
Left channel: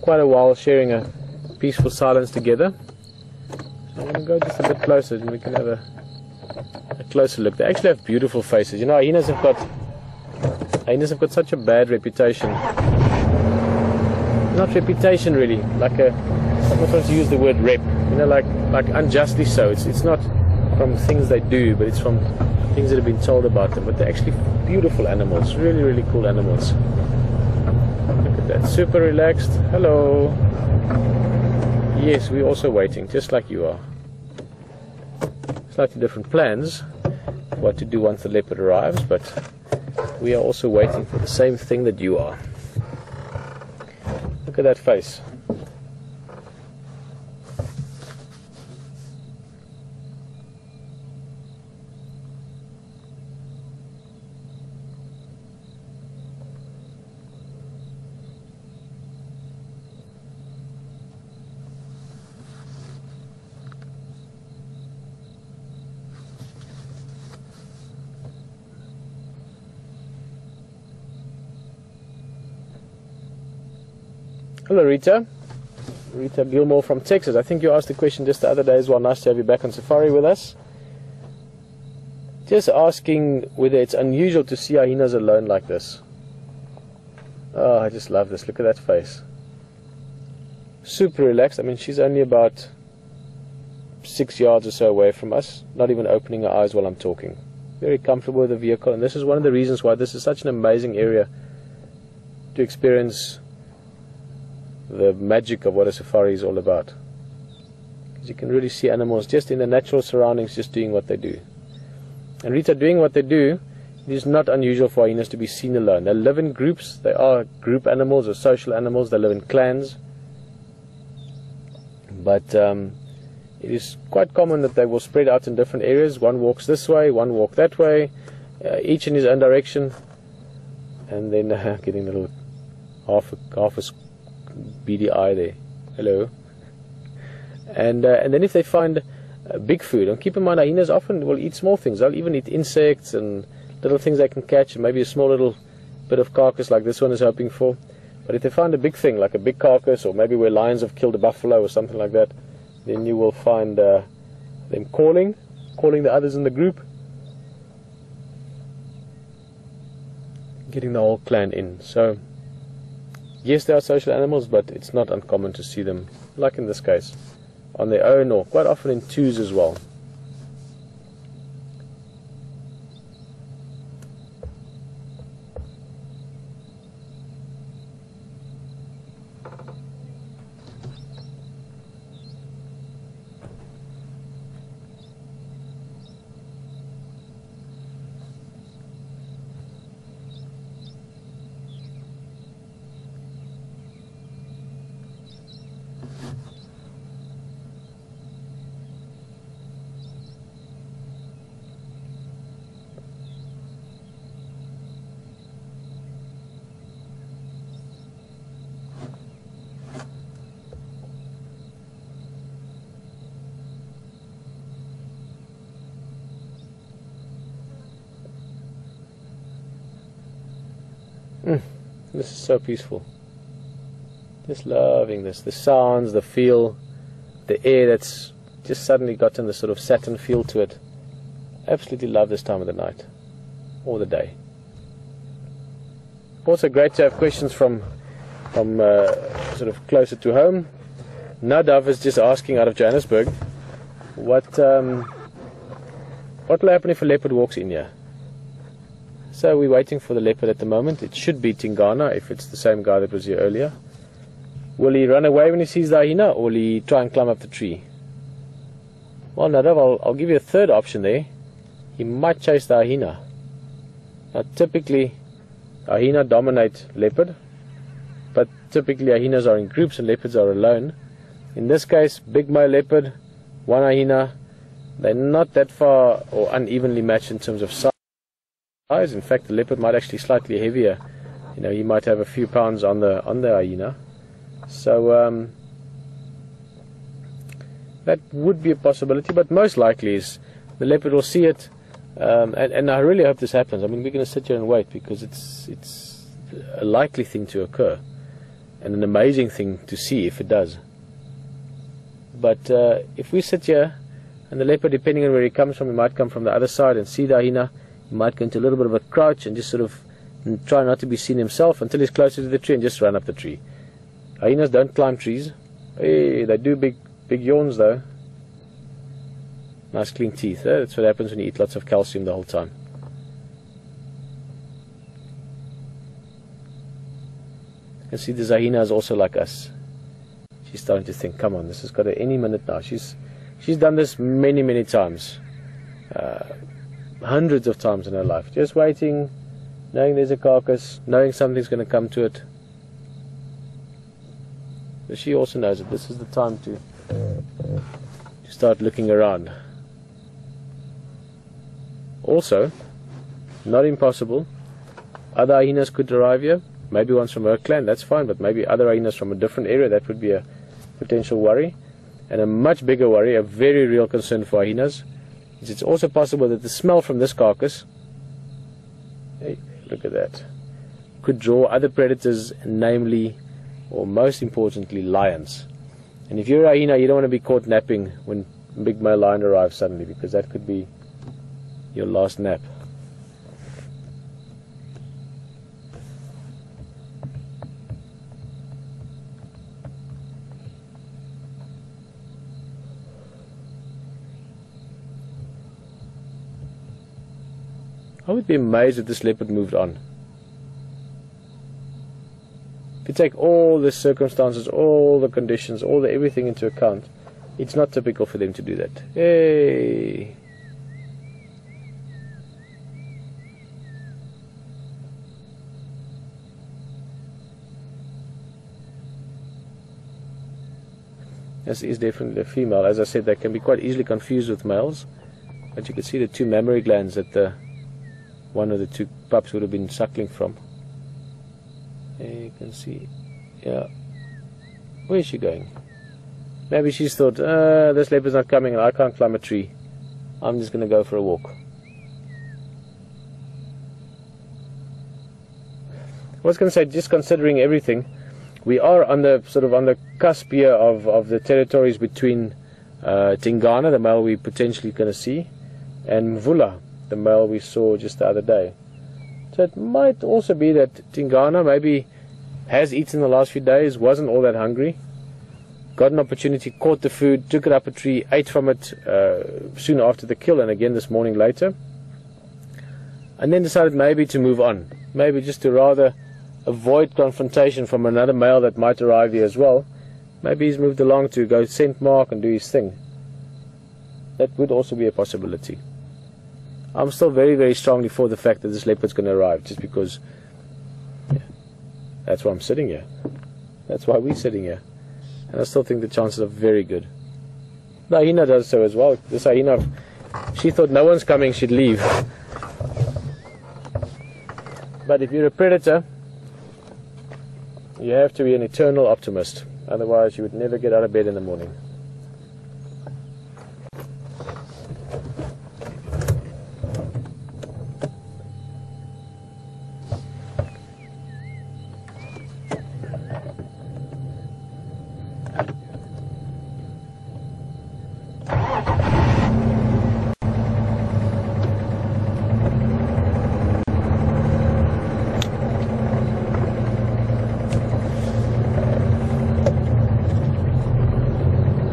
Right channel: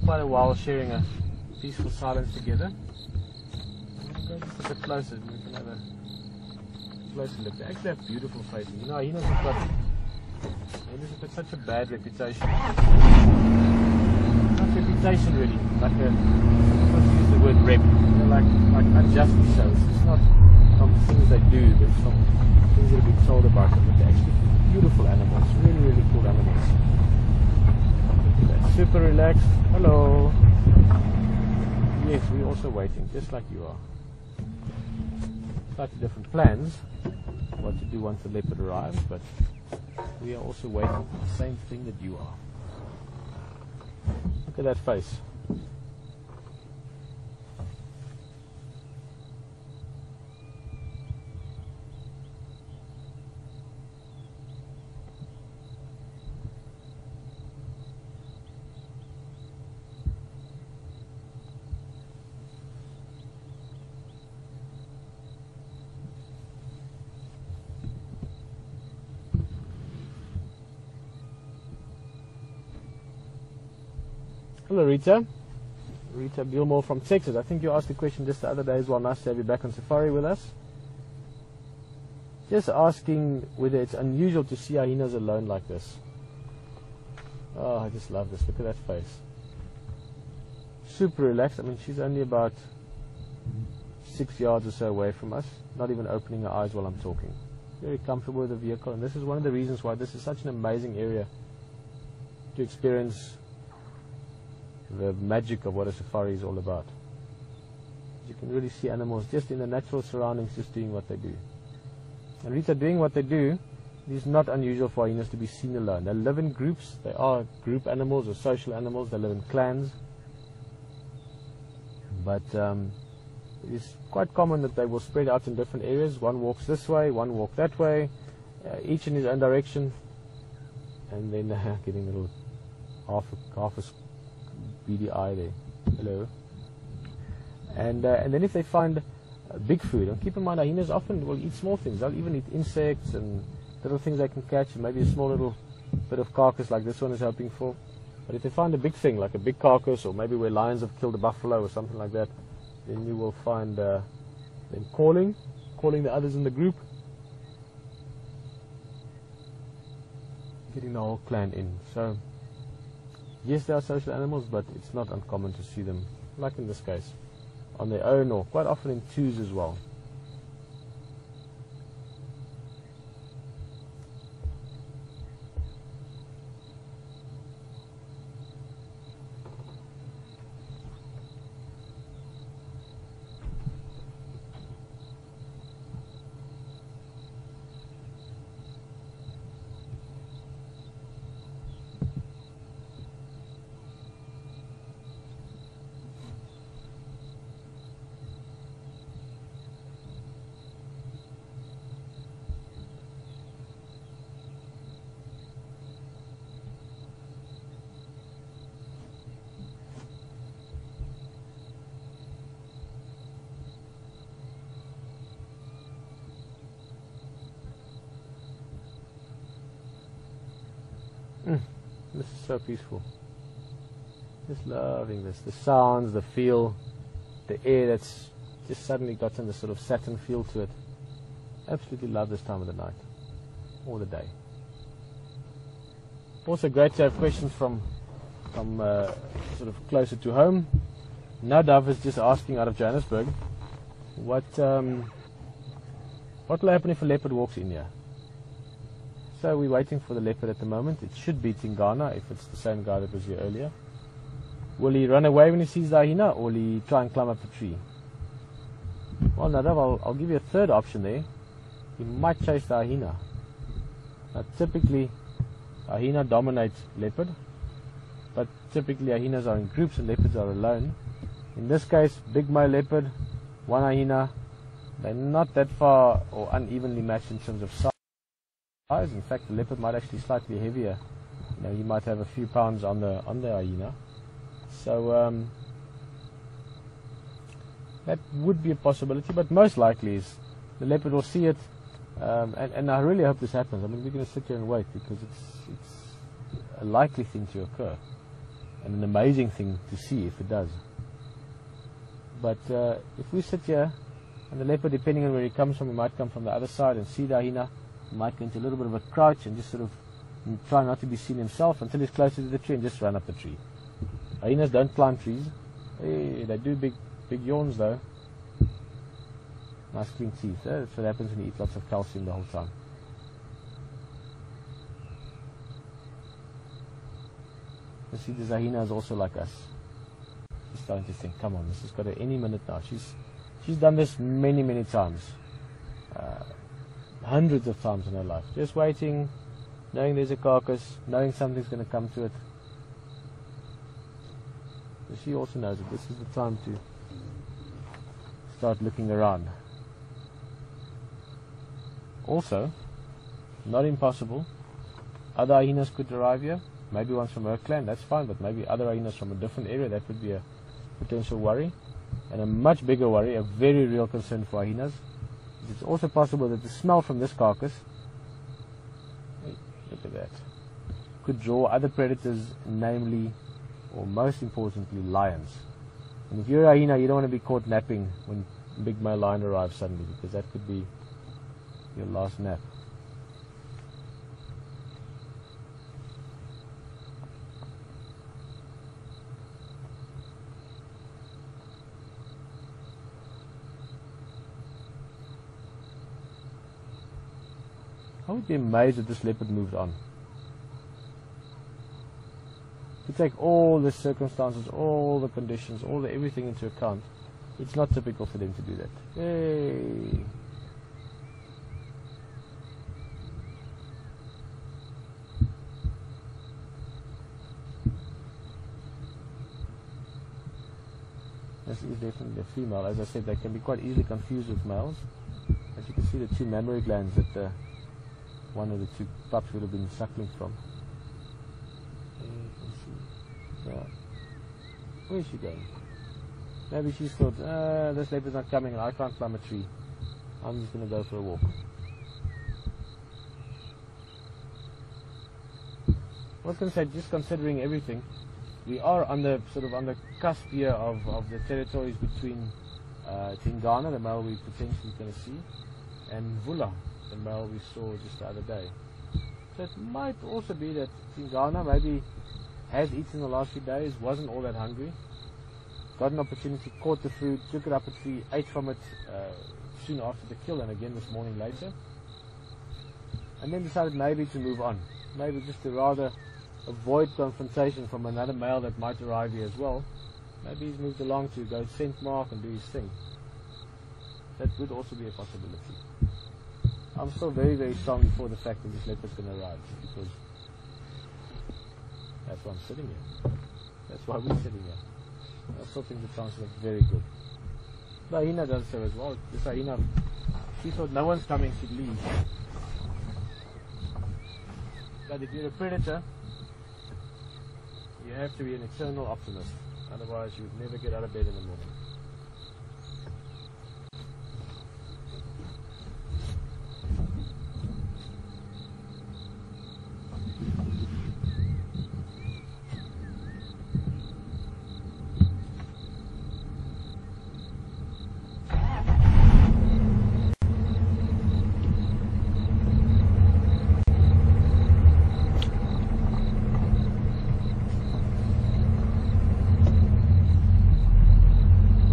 quite a while sharing a peaceful silence together. So I'm going to go just a bit closer and we can have a closer look. They actually have beautiful faces. You know, hyenas have got such a bad reputation. Not reputation really, like someone tries to use the word rep, you know, like unjustly so. It's not from things they do, but it's from things that have been told about them. But they're actually beautiful animals, really, really cool animals. Look at that, super relaxed. Hello. Yes, we're also waiting, just like you are. Slightly different plans, what to do once the leopard arrives, but we are also waiting for the same thing that you are. Look at that face. Hello, Rita. Rita Gilmore from Texas. I think you asked the question just the other day as well. Nice to have you back on safari with us. Just asking whether it's unusual to see hyenas alone like this. Oh, I just love this. Look at that face. Super relaxed. I mean, she's only about 6 yards or so away from us, not even opening her eyes while I'm talking. Very comfortable with the vehicle, and this is one of the reasons why this is such an amazing area to experience the magic of what a safari is all about. Because you can really see animals just in the natural surroundings, just doing what they do. And Rita, doing what they do, it is not unusual for hyenas to be seen alone. They live in groups. They are group animals or social animals. They live in clans. But it is quite common that they will spread out in different areas. One walks this way, one walk that way, each in his own direction. And then getting a little half a beady eye there. Hello. And then if they find big food, and keep in mind hyenas often will eat small things. They'll even eat insects and little things they can catch, and maybe a small little bit of carcass like this one is hoping for. But if they find a big thing, like a big carcass, or maybe where lions have killed a buffalo or something like that, then you will find them calling the others in the group, getting the whole clan in. So yes, they are social animals, but it's not uncommon to see them, like in this case, on their own, or quite often in twos as well. This is so peaceful. Just loving this. The sounds, the feel, the air that's just suddenly gotten this sort of satin feel to it. Absolutely love this time of the night or the day. Also great to have questions from sort of closer to home. Nadav is just asking out of Johannesburg, what will happen if a leopard walks in here? So we're waiting for the leopard at the moment. It should be Tingana, if it's the same guy that was here earlier. Will he run away when he sees the hyena, or will he try and climb up the tree? Well, Nadav, I'll give you a third option there. He might chase the hyena. Now, typically, hyena dominate leopard, but typically hyenas are in groups and leopards are alone. In this case, big male leopard, one hyena. They're not that far or unevenly matched in terms of size. In fact, the leopard might actually be slightly heavier. You know, he might have a few pounds on the hyena. So that would be a possibility, but most likely is the leopard will see it. And I really hope this happens. I mean, we're going to sit here and wait, because it's a likely thing to occur, and an amazing thing to see if it does. But if we sit here, and the leopard, depending on where he comes from, he might come from the other side and see the hyena. He might go into a little bit of a crouch and just sort of try not to be seen himself until he's closer to the tree and just run up the tree. Hyenas don't climb trees. Hey, they do big yawns though. Nice clean teeth. That's what happens when you eat lots of calcium the whole time. You see, the hyena is also like us. She's starting to think, come on, this has got to any minute now. She's done this many times. Hundreds of times in her life, just waiting, knowing there's a carcass, knowing something's going to come to it. But she also knows that this is the time to start looking around. Also, not impossible, other hyenas could arrive here, maybe ones from her clan, that's fine, but maybe other hyenas from a different area, that would be a potential worry. And a much bigger worry, a very real concern for hyenas, it's also possible that the smell from this carcass, hey, look at that, could draw other predators, namely or most importantly, lions. And if you're a hyena, you don't want to be caught napping when a big male lion arrives suddenly, because that could be your last nap. I would be amazed if this leopard moved on. If you take all the circumstances, all the conditions, everything into account, it's not typical for them to do that. Hey! This is definitely a female. As I said, they can be quite easily confused with males. But you can see the two mammary glands that one of the two pups would have been suckling from. There you can see. Yeah. Where is she going? Maybe she's thought, this leopard's not coming and I can't climb a tree. I'm just going to go for a walk. I was going to say, just considering everything, we are on the cusp here of the territories between Tingana, the male we potentially going to see, and Mvula, the male we saw just the other day. So it might also be that Tingana maybe has eaten the last few days, wasn't all that hungry, got an opportunity, caught the food, took it up a tree, ate from it soon after the kill, and again this morning later, and then decided maybe to move on, maybe just to rather avoid confrontation from another male that might arrive here as well. Maybe he's moved along to go scent mark and do his thing. That would also be a possibility. I'm still very, very strongly for the fact that this leopard's going to arrive, just because that's why I'm sitting here. That's why we're sitting here. And I still think the chances are very good. The hyena does so as well. This hyena, she thought no one's coming, she'd leave. But if you're a predator, you have to be an eternal optimist. Otherwise you would never get out of bed in the morning.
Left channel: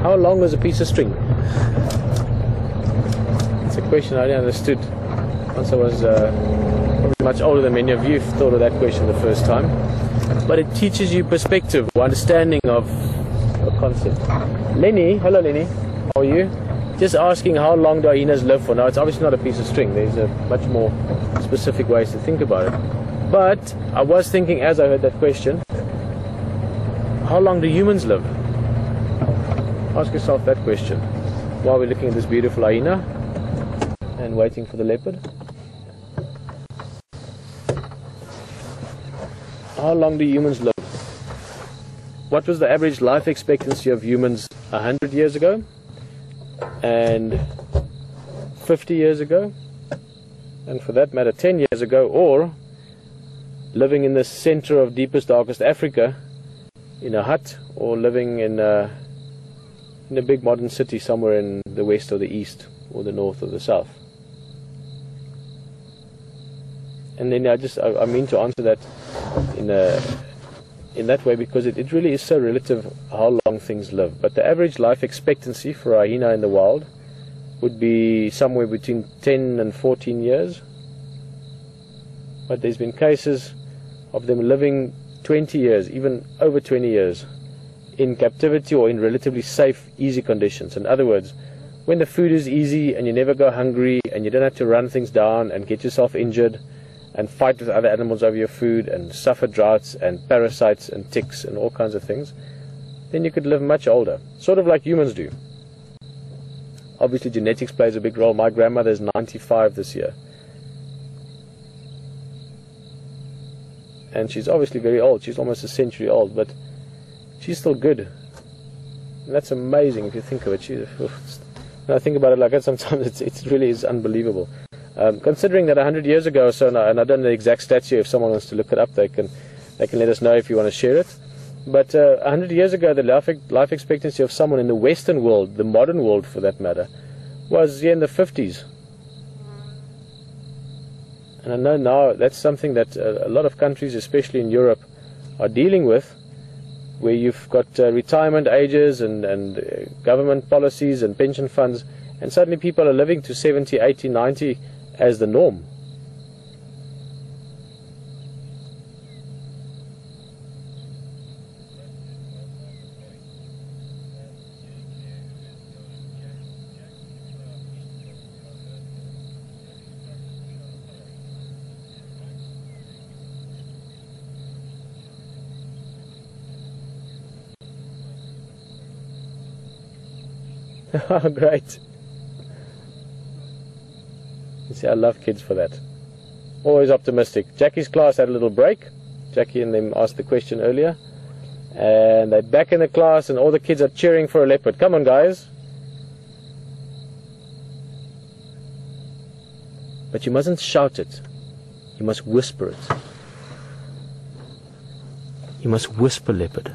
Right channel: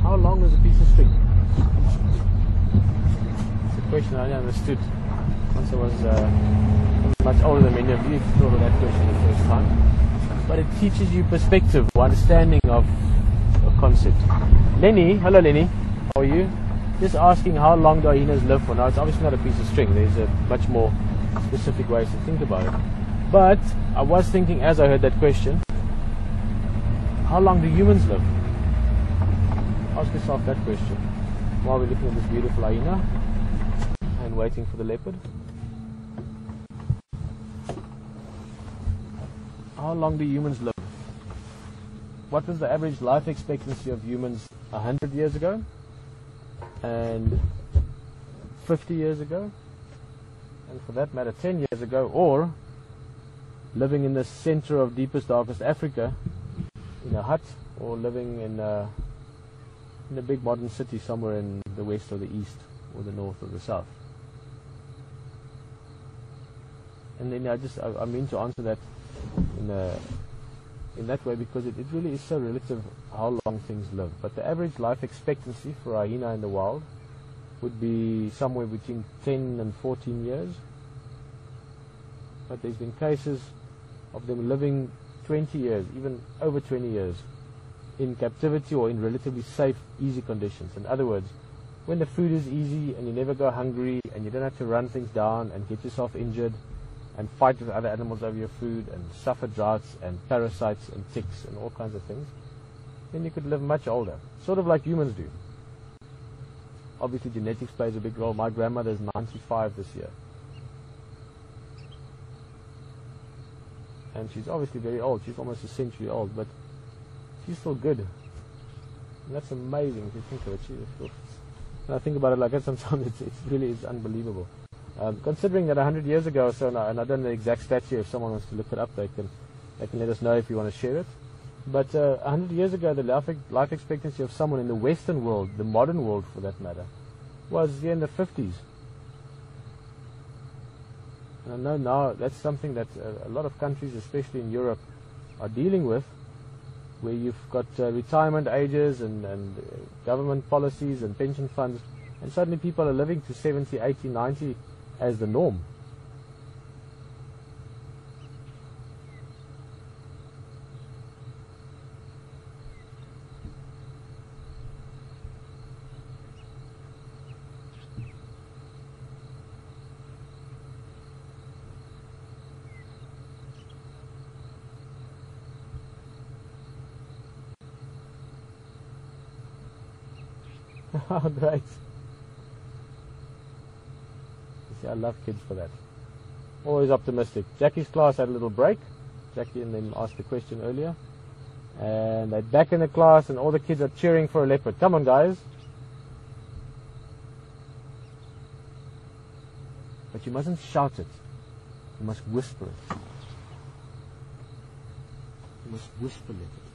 How long was a piece of string? It's a question I didn't understood once I was probably much older than many of you thought of that question the first time. But it teaches you perspective, understanding of a concept. Lenny, hello Lenny, how are you? Just asking how long do hyenas live for? Now it's obviously not a piece of string, there's a much more specific ways to think about it. But I was thinking as I heard that question, how long do humans live? Ask yourself that question while we're looking at this beautiful hyena and waiting for the leopard. How long do humans live? What was the average life expectancy of humans 100 years ago and 50 years ago, and for that matter 10 years ago, or living in the center of deepest, darkest Africa in a hut, or living in a big modern city somewhere in the west or the east or the north or the south? And then I mean to answer that in that way, because it really is so relative how long things live. But the average life expectancy for a hyena in the wild would be somewhere between 10 and 14 years. But there's been cases of them living 20 years, even over 20 years, in captivity or in relatively safe, easy conditions. In other words, when the food is easy and you never go hungry and you don't have to run things down and get yourself injured and fight with other animals over your food and suffer droughts and parasites and ticks and all kinds of things, then you could live much older, sort of like humans do. Obviously genetics plays a big role. My grandmother's 95 this year, and she's obviously very old. She's almost a century old, but she's still good. And that's amazing if you think of it. When I think about it like that, sometimes it really is unbelievable. Considering that 100 years ago or so, and I don't know the exact stats here, if someone wants to look it up, they can let us know if you want to share it. But 100 years ago, the life expectancy of someone in the Western world, the modern world for that matter, was in the 50s. And I know now that's something that a lot of countries, especially in Europe, are dealing with, where you've got retirement ages and government policies and pension funds, and suddenly people are living to 70, 80, 90 as the norm. Oh, great. You see, I love kids for that. Always optimistic. Jackie's class had a little break. Jackie and them asked the question earlier. And they're back in the class and all the kids are cheering for a leopard. Come on, guys. But you mustn't shout it. You must whisper it. You must whisper leopard.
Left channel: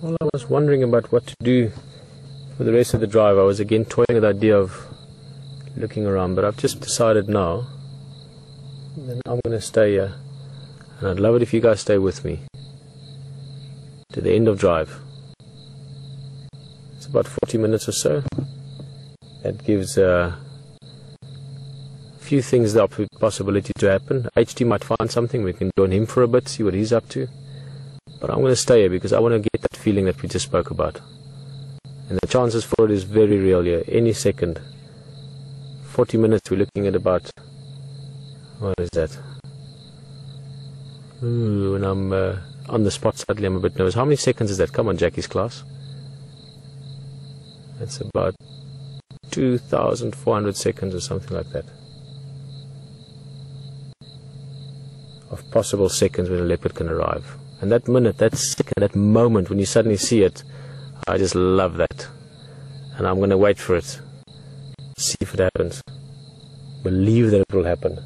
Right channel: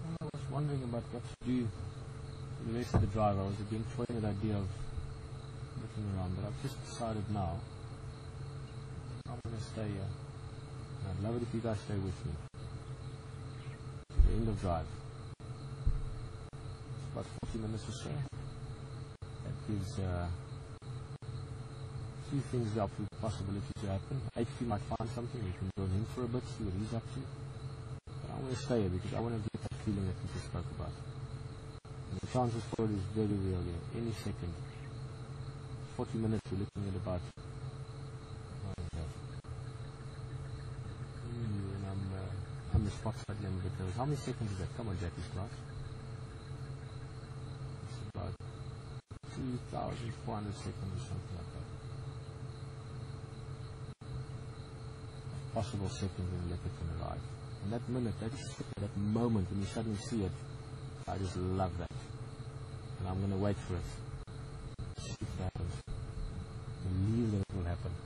Well, I was wondering about what to do for the rest of the drive. I was again toying with the idea of looking around, but I've just decided now And then I'm going to stay here, and I'd love it if you guys stay with me to the end of drive. It's about 40 minutes or so. That gives a few things the possibility to happen. HT might find something, we can join him for a bit, see what he's up to. But I'm going to stay here because I want to get that feeling that we just spoke about. And the chances for it is very real here, any second. 40 minutes, we're looking at about, what is that? Ooh, when I'm on the spot suddenly I'm a bit nervous. How many seconds is that? Come on, Jackie's class. That's about 2,400 seconds or something like that. Of possible seconds when a leopard can arrive. And that minute, that second, that moment when you suddenly see it, I just love that. And I'm going to wait for it. See if it happens. Believe that it will happen.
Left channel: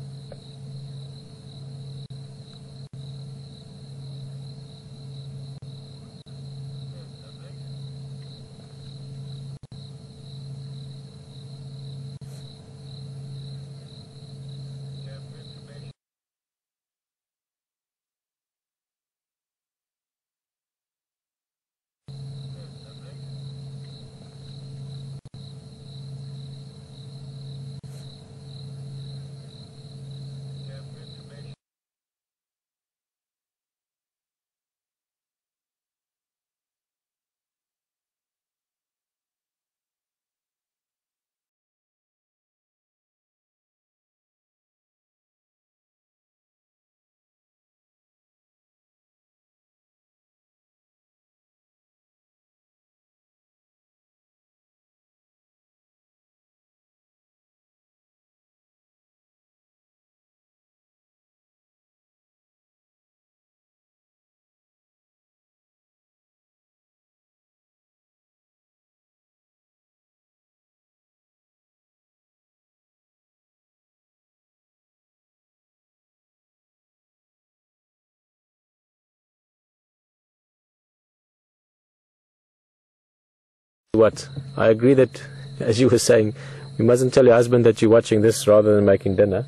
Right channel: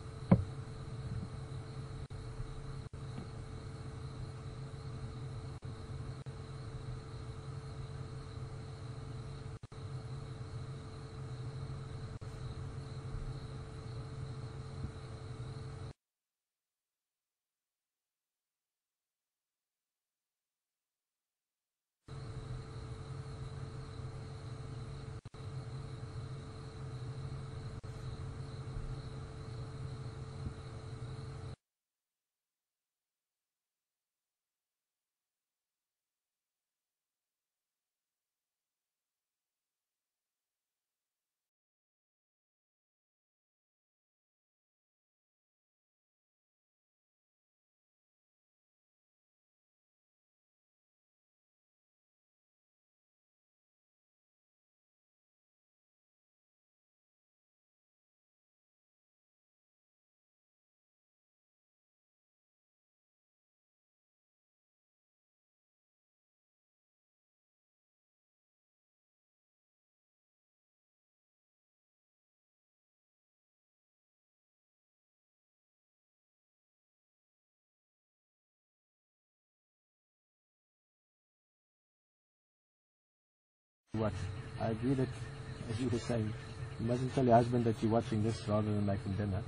What? I agree that, as you were saying, you mustn't tell your husband that you're watching this rather than making dinner.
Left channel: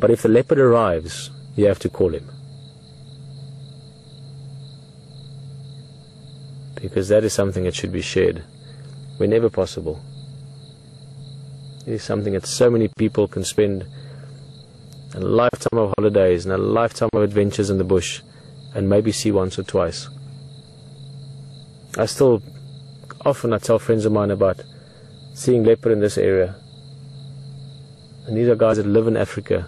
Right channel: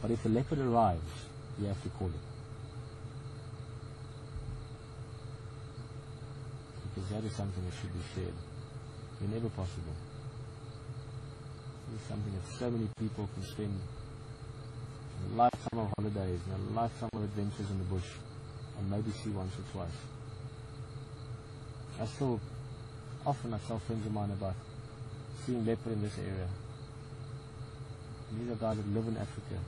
But if the leopard arrives, you have to call him. Because that is something that should be shared whenever possible. It is something that so many people can spend a lifetime of holidays and a lifetime of adventures in the bush and maybe see once or twice. Often I tell friends of mine about seeing leopard in this area. And these are guys that live in Africa,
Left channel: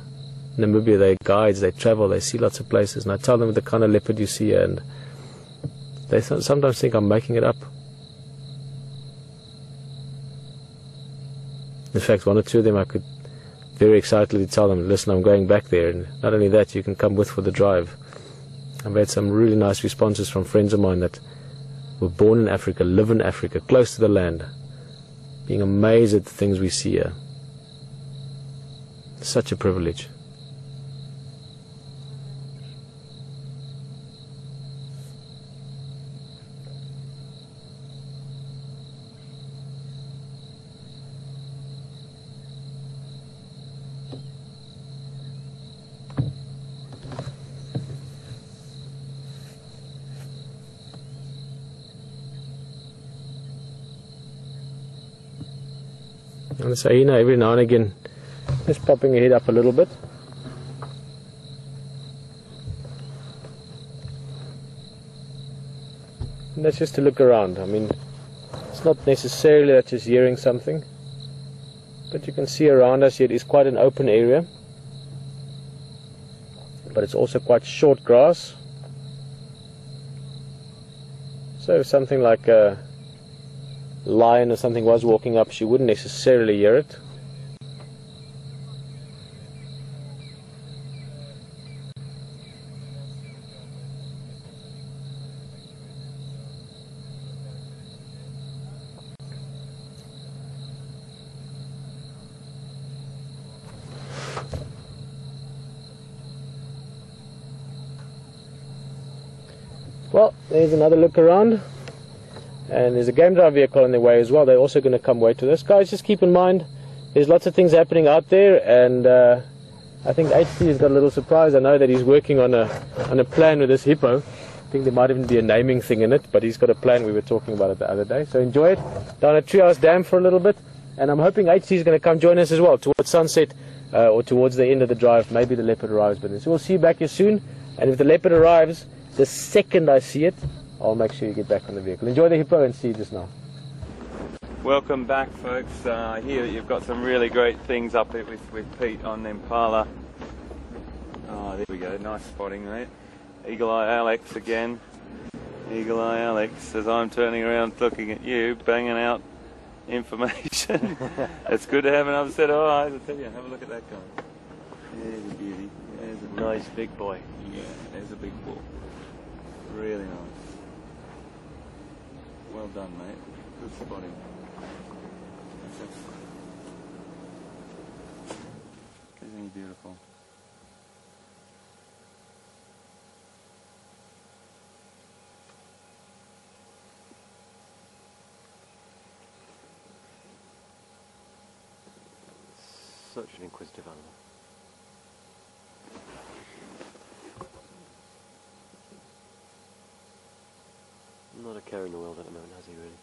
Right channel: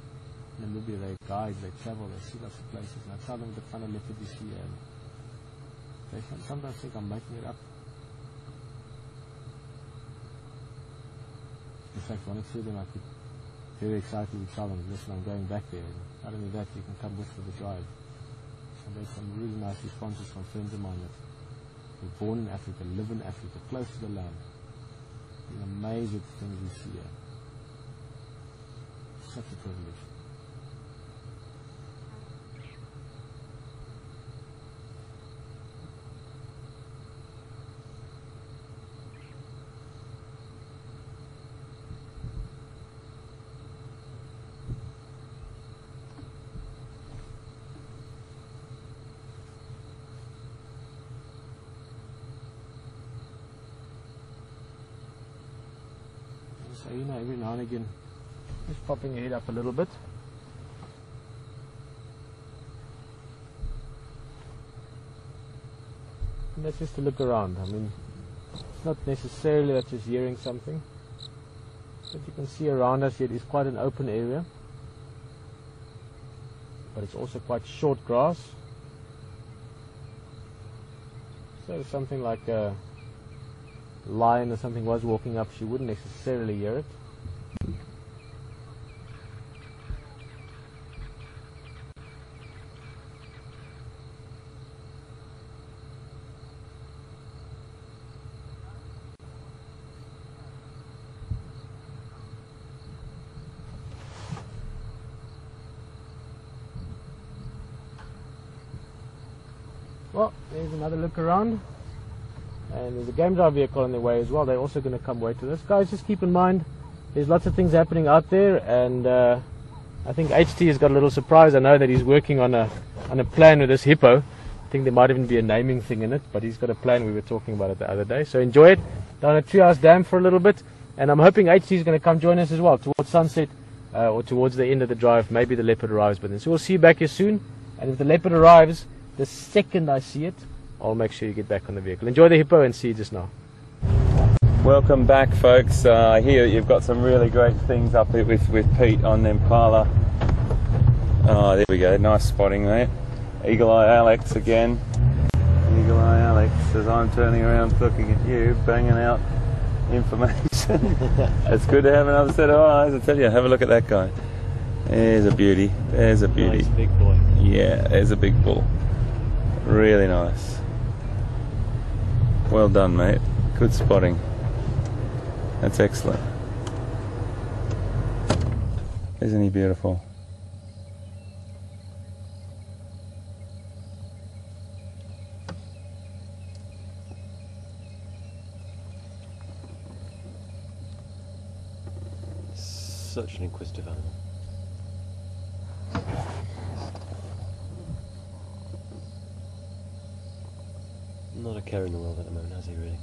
Namibia. They're guides, they travel, they see lots of places. And I tell them the kind of leopard you see here, and they sometimes think I'm making it up. In fact, one or two of them I could very excitedly tell them, listen, I'm going back there. And not only that, you can come with for the drive. I've had some really nice responses from friends of mine that were born in Africa, live in Africa, close to the land, being amazed at the things we see here. Such a privilege. And the hyena every now and again just popping her head up a little bit. And that's just to look around. I mean, it's not necessarily that just hearing something, but you can see around us here it is quite an open area, but it's also quite short grass. So if something like a lion or something was walking up, she wouldn't necessarily hear it. Well, there's another look around. And there's a game drive vehicle in their way as well. They're also going to come wait with us. Guys, just keep in mind, there's lots of things happening out there, and I think HT has got a little surprise. I know that he's working on a plan with this hippo. I think there might even be a naming thing in it, but he's got a plan. We were talking about it the other day. So enjoy it down at Treehouse Dam for a little bit. And I'm hoping HT is going to come join us as well towards sunset or towards the end of the drive. Maybe the leopard arrives by then. So we'll see you back here soon. And if the leopard arrives, the second I see it, I'll make sure you get back on the vehicle. Enjoy the hippo and see you just now. Welcome back, folks. I hear that you've got some really great things up with Pete on the Impala. Oh, there we go. Nice spotting there. Eagle Eye Alex again. Eagle Eye Alex, as I'm turning around looking at you, banging out information. It's good to have another set of eyes. I tell you, have a look at that guy. There's a beauty. There's a beauty. Nice big boy. Yeah, there's a big bull. Really nice. Well done, mate. Good spotting. That's excellent. Isn't he beautiful? Such an inquisitive animal. Not a care in the world at the moment, has he really?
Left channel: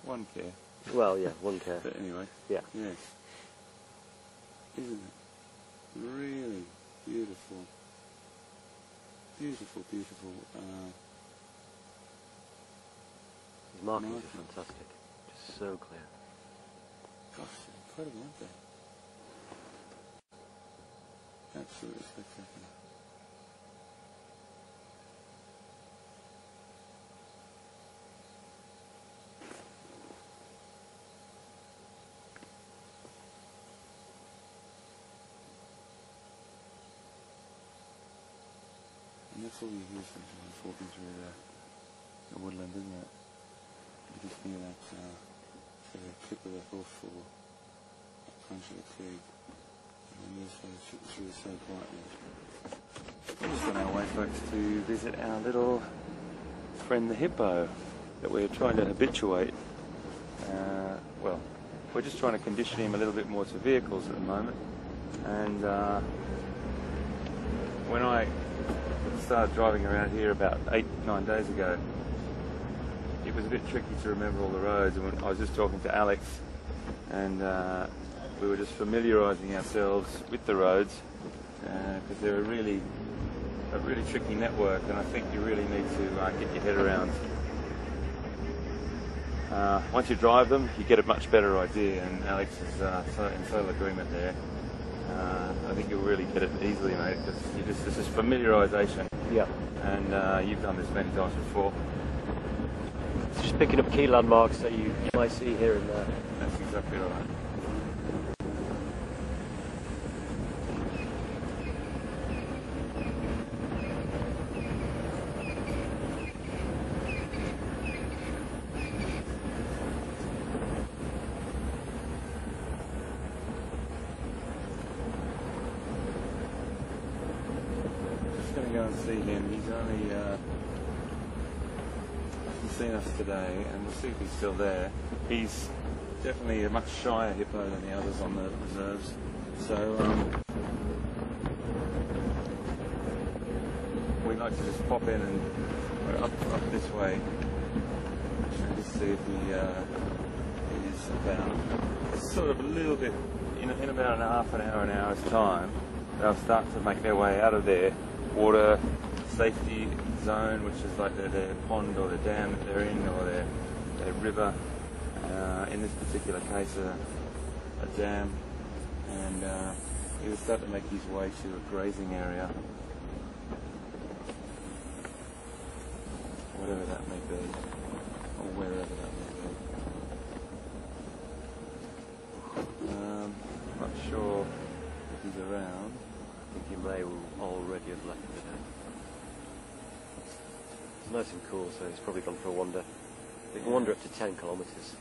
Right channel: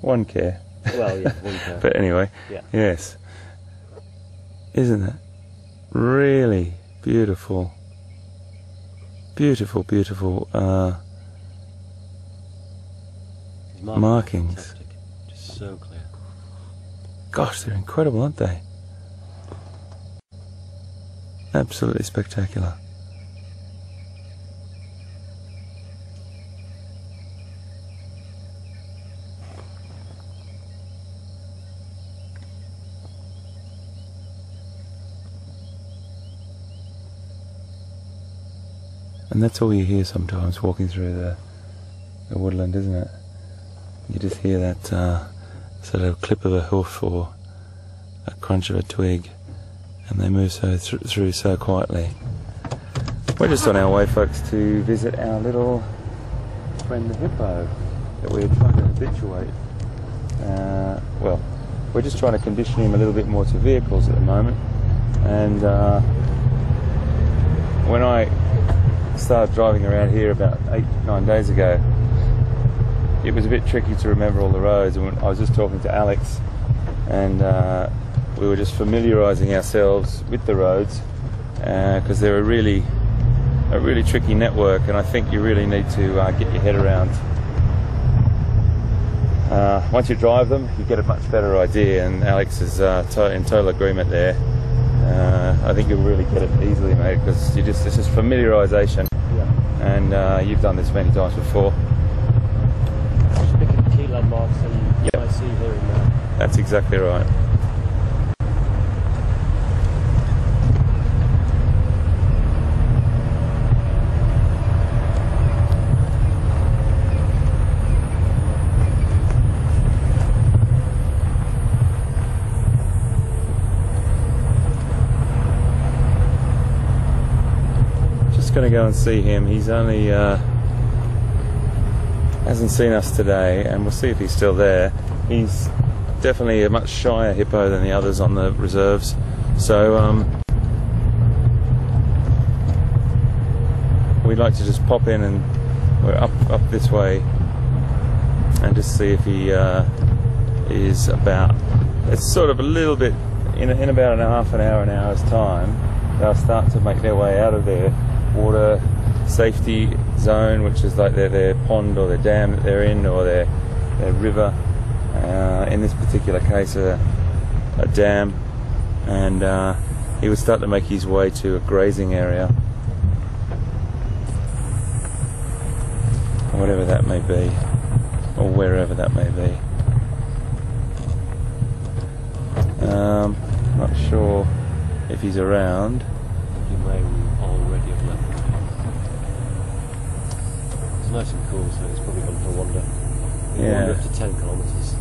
One care. Well, yeah, one care. But anyway, yeah. Yes. Isn't it? Really beautiful. Beautiful, beautiful markings. Fantastic. Just so clear. Gosh, they're incredible, aren't they? Absolutely spectacular. And that's all you hear sometimes walking through the woodland, isn't it? You just hear that sort of clip of a hoof or a crunch of a twig, and they move so through so quietly. We're just on our way, folks, to visit our little friend the hippo that we're trying to habituate. Well, we're just trying to condition him a little bit more to vehicles at the moment. And when I started driving around here about 8-9 days ago, it was a bit tricky to remember all the roads, and I was just talking to Alex, and we were just familiarising ourselves with the roads because they're a really tricky network, and I think you really need to get your head around. Once you drive them, you get a much better idea, and Alex is in total agreement there. I think you'll really get it easily, mate, because it's just familiarisation. Yeah. And you've done this many times before. Just picking up key landmarks that you might see here. That's exactly right. Going to go and see him. He's only hasn't seen us today, and we'll see if he's still there. He's definitely a much shyer hippo than the others on the reserves, so we'd like to just pop in, and we're up this way and just see if he is about. It's sort of a little bit in about an hour's time. They'll start to make their way out of there water safety zone, which is like their pond or their dam that they're in, or their river. In this particular case, a dam, and he would start to make his way to a grazing area, whatever that may be, or wherever that may be. Not sure if he's around. Nice and cool, so he's probably gone for a wander. Yeah. Wander up to 10 kilometres.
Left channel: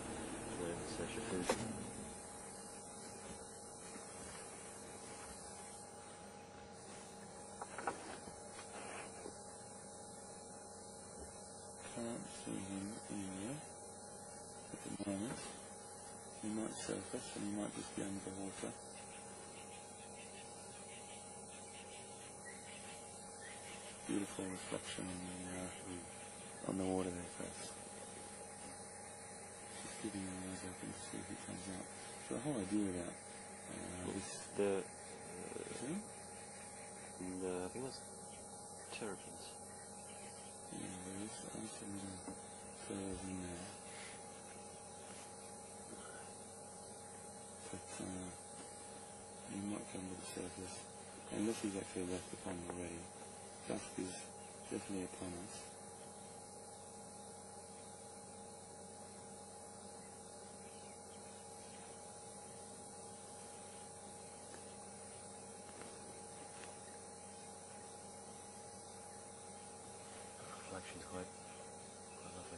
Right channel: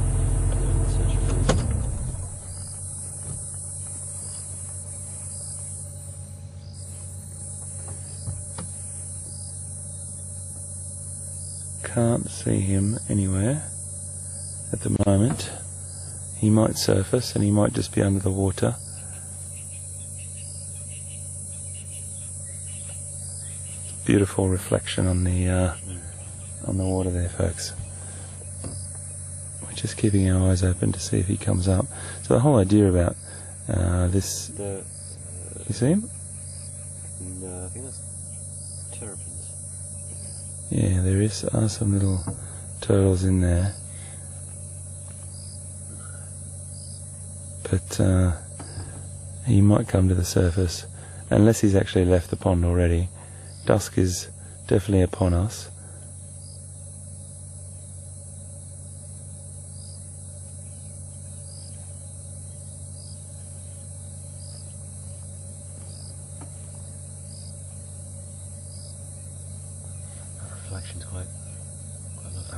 Can't see him anywhere at the moment. He might surface, and he might just be under the water. beautiful reflection on the water there, folks. We're just keeping our eyes open to see if he comes up. So the whole idea about this... you see him? No, I think that's terrapins. Yeah, there are some little turtles in there. But he might come to the surface, unless he's actually left the pond already. Dusk is definitely upon us. Reflection's quite lovely.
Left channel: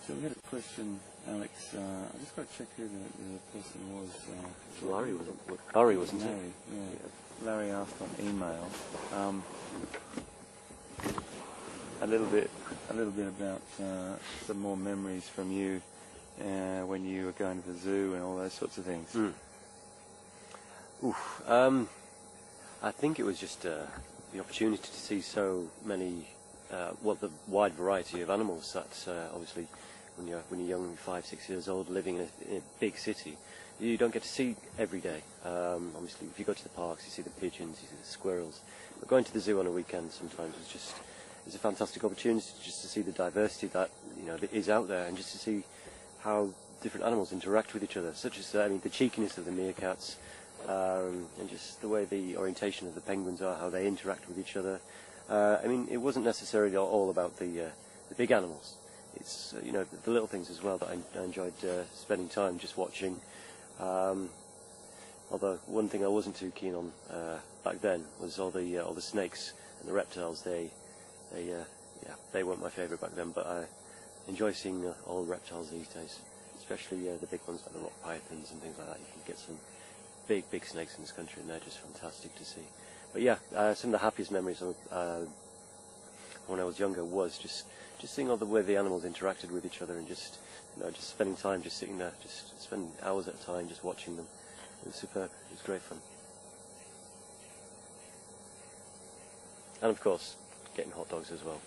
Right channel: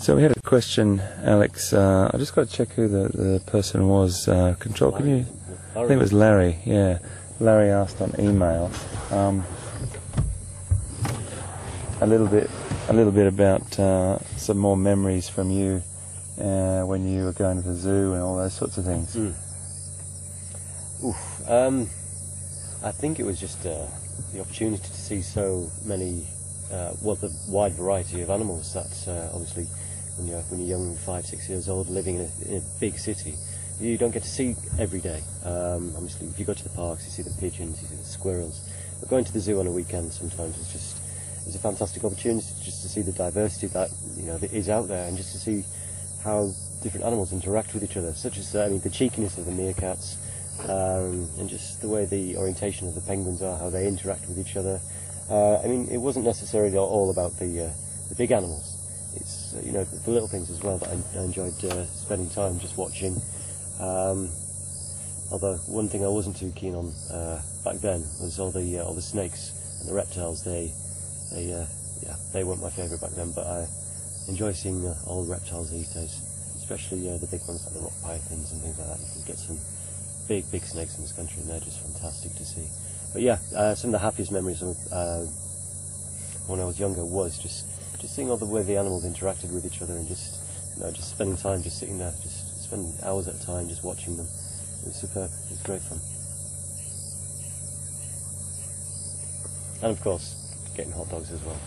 So we had a question, Alex. I just got to check who the person was. Control, can you? I think it was Larry. Yeah, Larry asked on email a little bit about some more memories from you when you were going to the zoo and all those sorts of things. I think it was just the opportunity to see so many, the wide variety of animals that obviously when you're young, 5, 6 years old, living in a big city, you don't get to see every day. Obviously, if you go to the parks, you see the pigeons, you see the squirrels. But going to the zoo on a weekend sometimes it's a fantastic opportunity just to see the diversity that that is out there, and just to see how different animals interact with each other, such as the cheekiness of the meerkats, and just the way the orientation of the penguins are, how they interact with each other. It wasn't necessarily all about the big animals. It's the little things as well that I enjoyed spending time just watching. Although one thing I wasn't too keen on back then was all the snakes and the reptiles. They weren't my favourite back then, but I enjoy seeing all the reptiles these days, especially the big ones like the rock pythons and things like that. You can get some big snakes in this country, and they're just fantastic to see. But yeah, some of the happiest memories of when I was younger was just seeing all the way the animals interacted with each other, and just spending time just sitting there, just spending hours at a time just watching them. It was superb. It was great fun. And of course, getting hot dogs as well.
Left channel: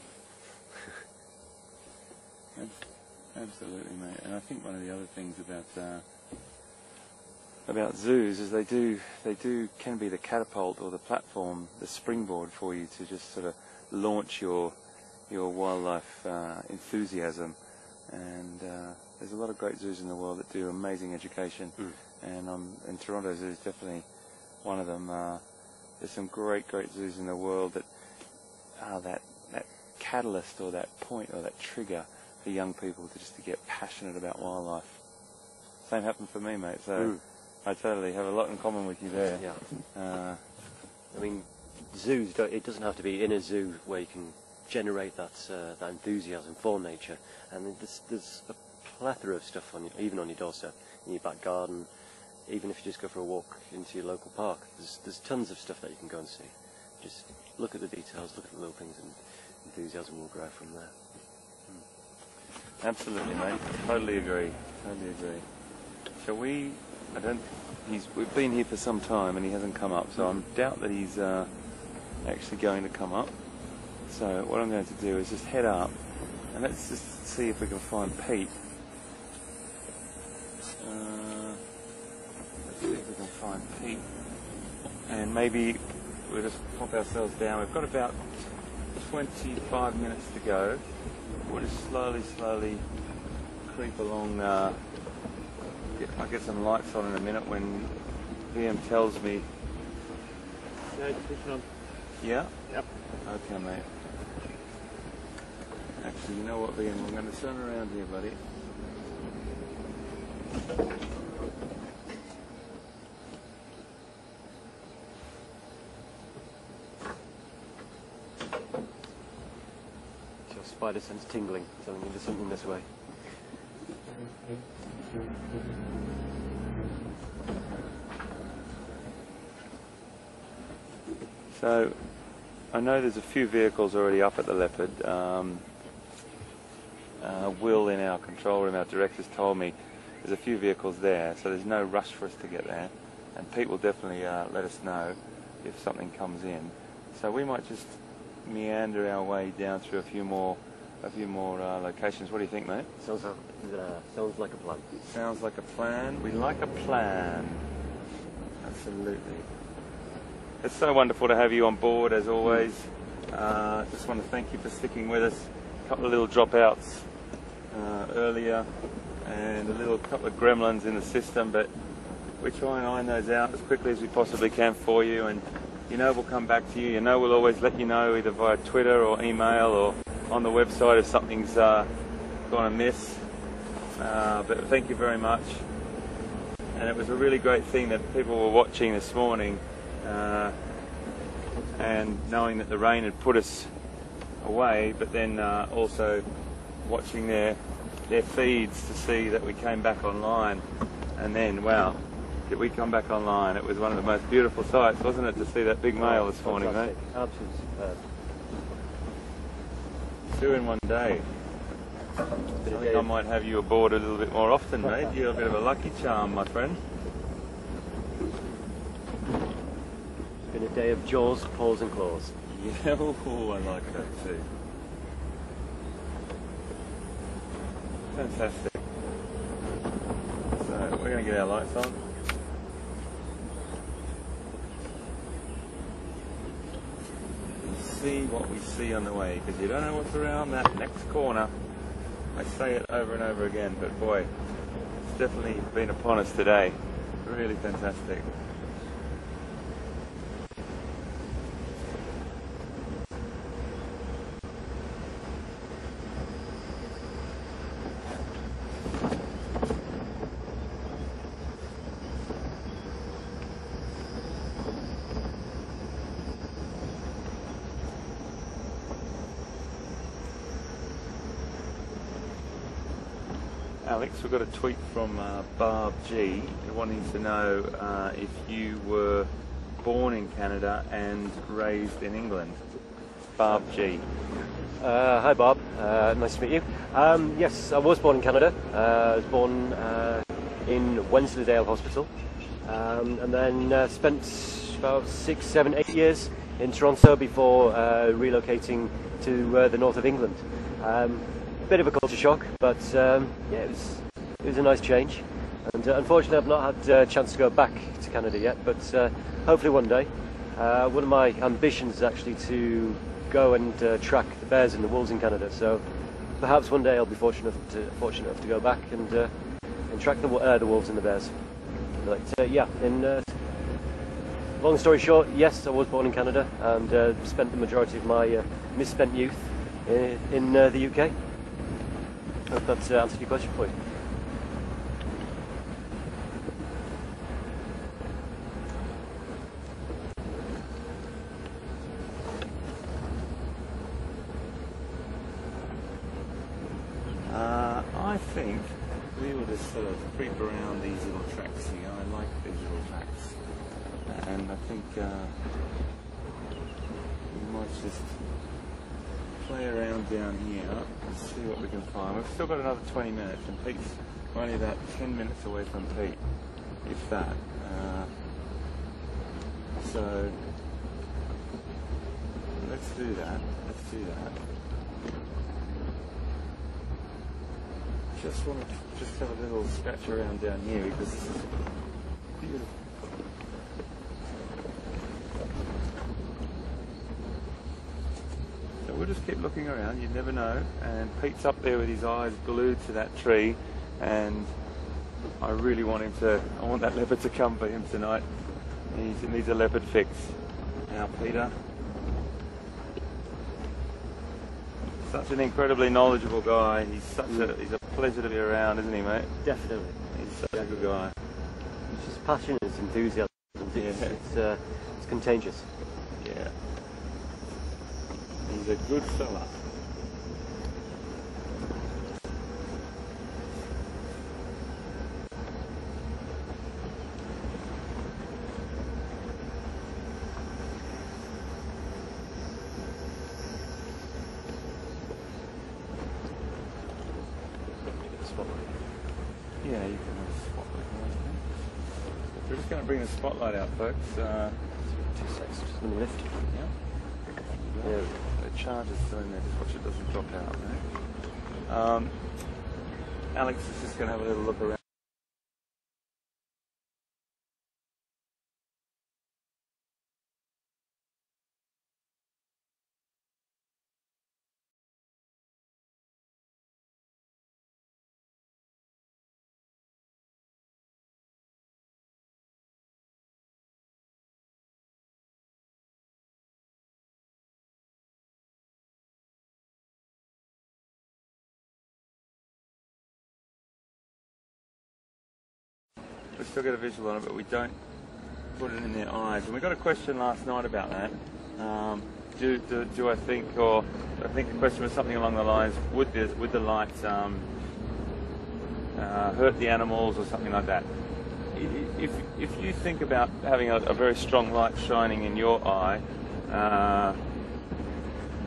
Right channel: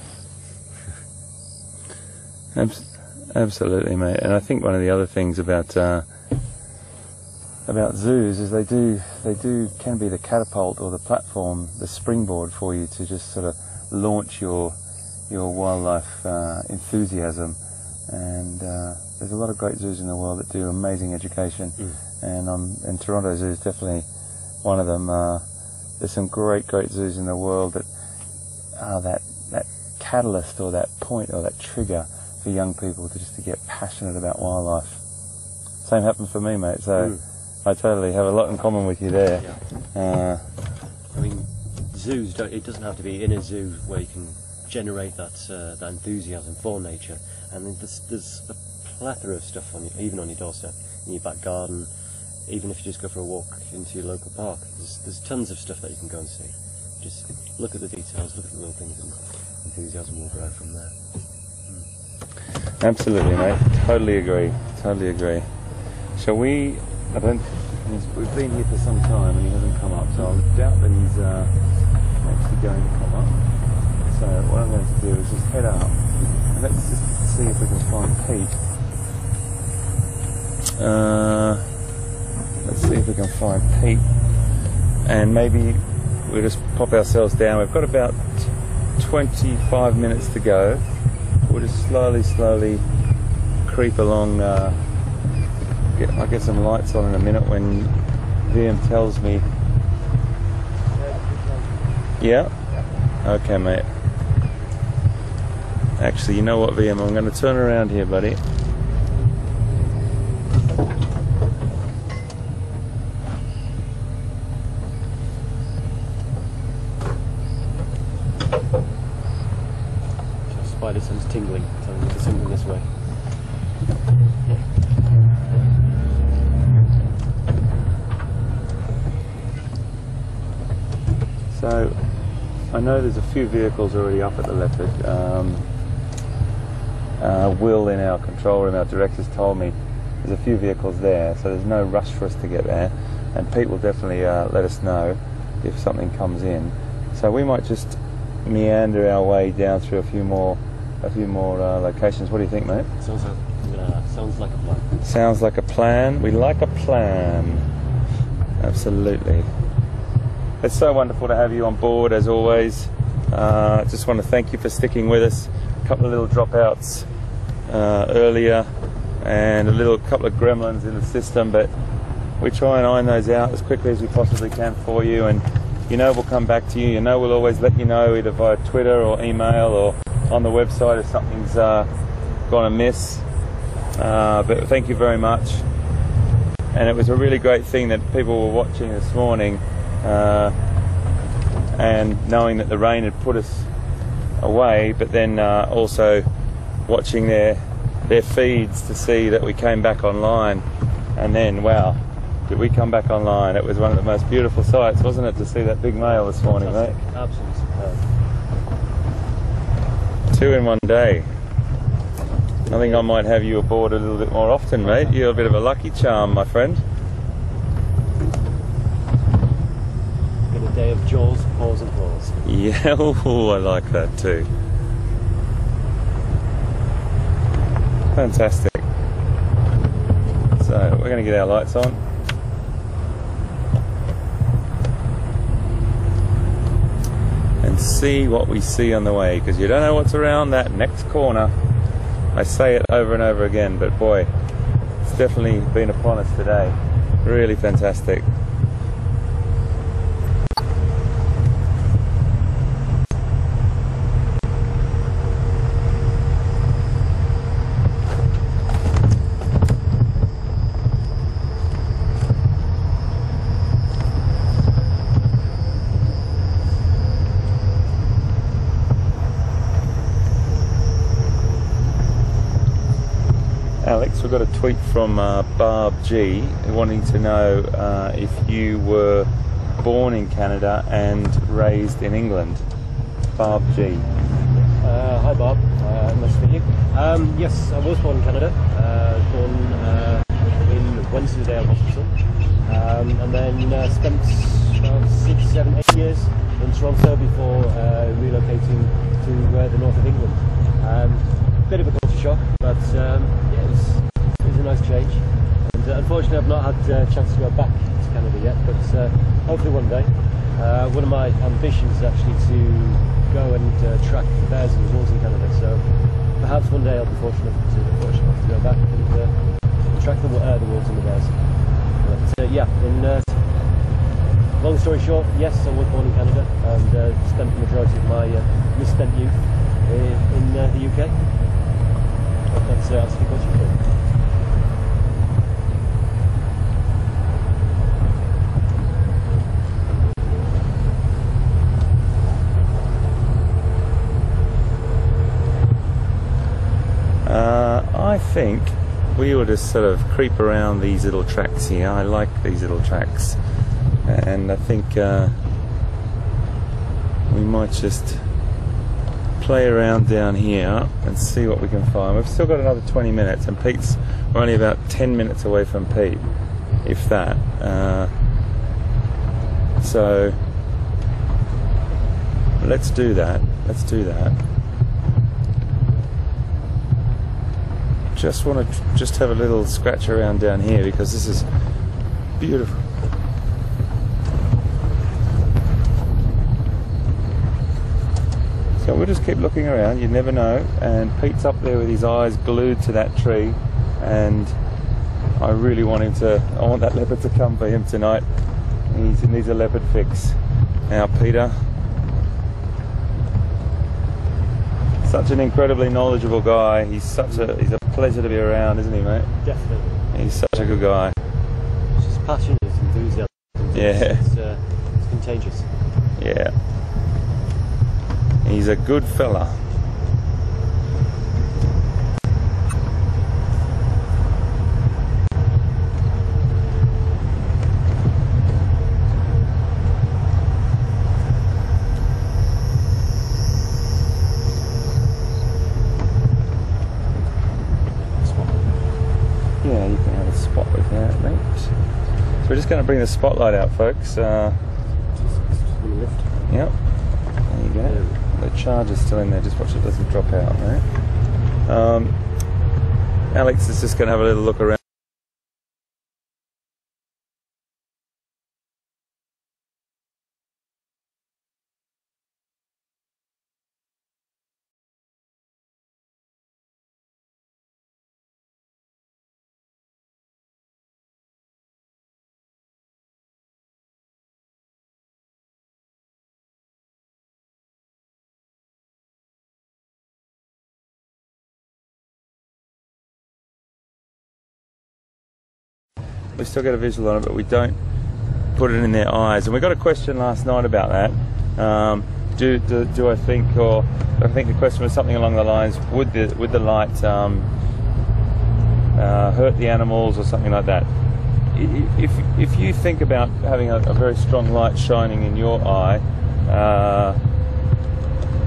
Absolutely, mate. And I think one of the other things about zoos is they can be the catapult or the platform, the springboard for you to just sort of launch your wildlife enthusiasm. And there's a lot of great zoos in the world that do amazing education, and Toronto Zoo is definitely one of them. There's some great zoos in the world that are that catalyst or that point or that trigger for young people to get passionate about wildlife. Same happened for me, mate. So I totally have a lot in common with you there. Yeah. Zoos it doesn't have to be in a zoo where you can generate that enthusiasm for nature. And there's a plethora of stuff even on your doorstep, in your back garden, even if you just go for a walk into your local park. There's tons of stuff that you can go and see. Just look at the details, look at the little things, and enthusiasm will grow from there. Absolutely, mate. Totally agree. Shall we? We've been here for some time and he hasn't come up, so I doubt that he's actually going to come up. So what I'm going to do is just head up and let's just see if we can find Pete. Let's see if we can find Pete, and maybe we'll just pop ourselves down. We've got about 25 minutes to go. We'll just slowly creep along. I'll get some lights on in a minute when VM tells me. Yeah? Okay, mate. Actually, you know what, VM? I'm going to turn around here, buddy. Spider sense tingling, so there's something this way. So, I know there's a few vehicles already up at the Leopard. Will, in our control room, our directors told me there's a few vehicles there, so there's no rush for us to get there. and Pete will definitely let us know if something comes in. So we might just meander our way down through a few more locations. What do you think, mate? Sounds like a plan. Sounds like a plan. We like a plan. Absolutely. It's so wonderful to have you on board as always. Just want to thank you for sticking with us. A couple of little dropouts earlier and a couple of gremlins in the system, but we try and iron those out as quickly as we possibly can for you, and you know we'll come back to you. You know we'll always let you know either via Twitter or email or on the website if something's gone amiss. But thank you very much. And it was a really great thing that people were watching this morning, and knowing that the rain had put us away, but then also watching their feeds to see that we came back online. And then, wow, did we come back online. It was one of the most beautiful sights, wasn't it, to see that big male this morning, mate? Absolutely. 2 in 1 day. I think I might have you aboard a little bit more often, mate. You're a bit of a lucky charm, my friend. A day of jaws, paws and claws. Yeah, oh, I like that too. Fantastic. So we're going to get our lights on. And see what we see on the way, because you don't know what's around that next corner. I say it over and over again, but boy, it's definitely been upon us today. Really fantastic. Alex, we've got a tweet from Barb G wanting to know if you were born in Canada and raised in England. Barb G. Hi Bob, nice to meet you. Yes, I was born in Canada, born in Wensleydale Hospital, and then spent about 6, 7, 8 years in Toronto before relocating to the north of England. Bit of a culture shock, but yeah, it was a nice change. And unfortunately, I've not had a chance to go back to Canada yet, but hopefully one day. One of my ambitions is actually to go and track the bears and the wolves in Canada. So perhaps one day I'll be fortunate enough to go back and track the wolves and the bears. But yeah, long story short, yes, I was born in Canada and spent the majority of my misspent youth in the UK. Hope that's answered your question for you. I think we ought to sort of creep around these little tracks here. I like these little tracks, and I think we might just play around down here and see what we can find. We've still got another 20 minutes, and we're only about 10 minutes away from Pete, if that. So let's do that. Just want to have a little scratch around down here because this is beautiful. So we'll just keep looking around, you never know. And Pete's up there with his eyes glued to that tree, and I really want that leopard to come for him tonight. He needs a leopard fix. Now Peter, such an incredibly knowledgeable guy. He's a pleasure to be around, isn't he, mate? Definitely. He's such a good guy. It's just passion, it's enthusiasm. Yeah. It's contagious. Yeah. He's a good fella. Yeah, you can have a spot with that, mate. So We're just going to bring the spotlight out, folks. 2 seconds, just let me lift. Yep. There you go. The charger's still in there. Just watch it doesn't drop out, right? Alex is just going to have a little look around. We still get a visual on it, but we don't put it in their eyes. And we got a question last night about that. Do I think, or I think the question was something along the lines: would the light hurt the animals or something like that? If you think about having a very strong light shining in your eye,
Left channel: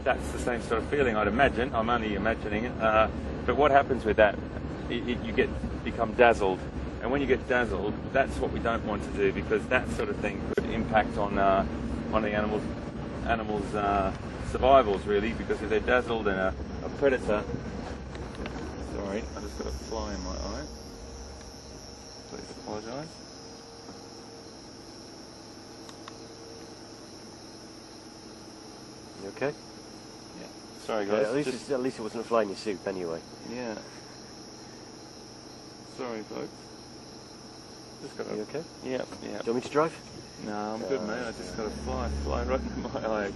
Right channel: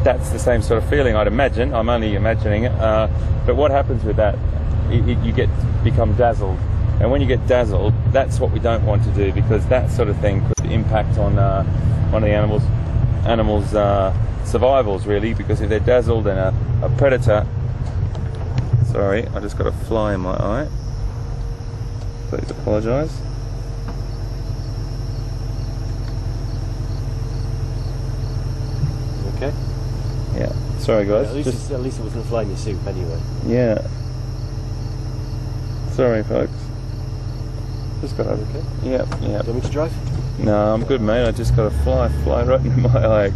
that's the same sort of feeling, I'd imagine. I'm only imagining it. But what happens with that? You become dazzled. And when you get dazzled, that's what we don't want to do, because that sort of thing could impact on one of the animals' survivals, really. Because if they're dazzled and a predator, sorry, I just got a fly in my eye. Please apologise. Okay. Yeah. Sorry, guys. Yeah, at least it wasn't a fly in your soup anyway. Yeah. Sorry, folks. Just got a. Okay. Yep. Do you want me to drive? No, I'm good, mate. I just got a fly right in my eye.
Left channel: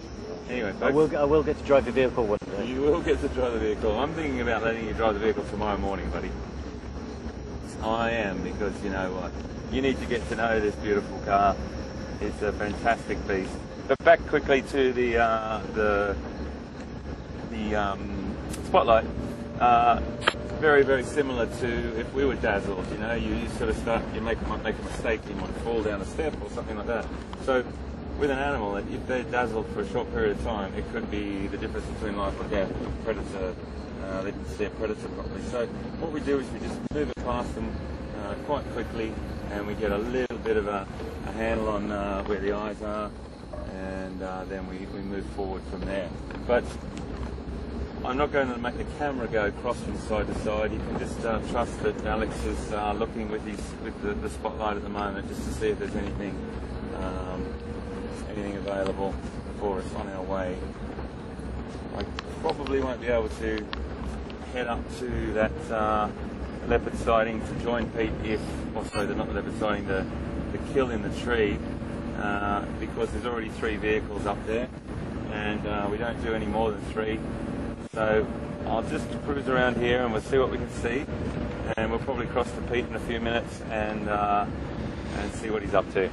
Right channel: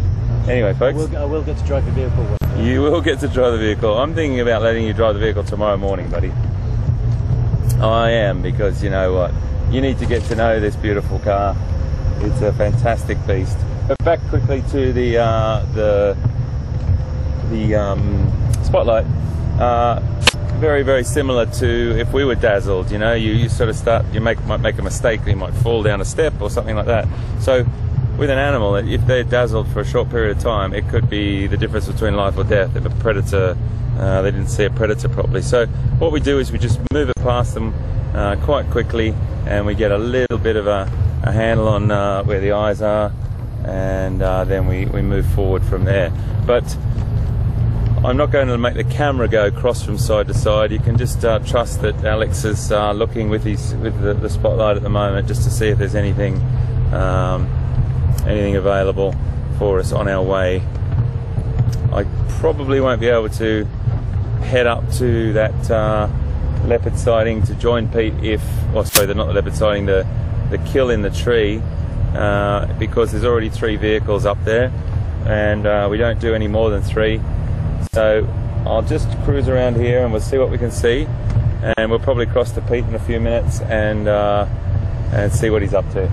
Anyway, folks. I will get to drive the vehicle. You will get to drive the vehicle. I'm thinking about letting you drive the vehicle tomorrow morning, buddy. I am, because you know what? You need to get to know this beautiful car. It's a fantastic beast. But back quickly to the spotlight. Very, very similar to if we were dazzled. You know, you sort of start, might make a mistake, you might fall down a step or something like that. So with an animal, if they're dazzled for a short period of time, it could be the difference between life or death. If a predator, they didn't see a predator properly. So what we do is we just move it past them quite quickly, and we get a little bit of a handle on where the eyes are, and then we move forward from there. But I'm not going to make the camera go cross from side to side. You can just trust that Alex is looking with the spotlight at the moment, just to see if there's anything available for us on our way. I probably won't be able to head up to that leopard sighting to join Pete not the leopard sighting, the kill in the tree, because there's already 3 vehicles up there, and we don't do any more than 3. So I'll just cruise around here and we'll see what we can see, and we'll probably cross to Pete in a few minutes and see what he's up to.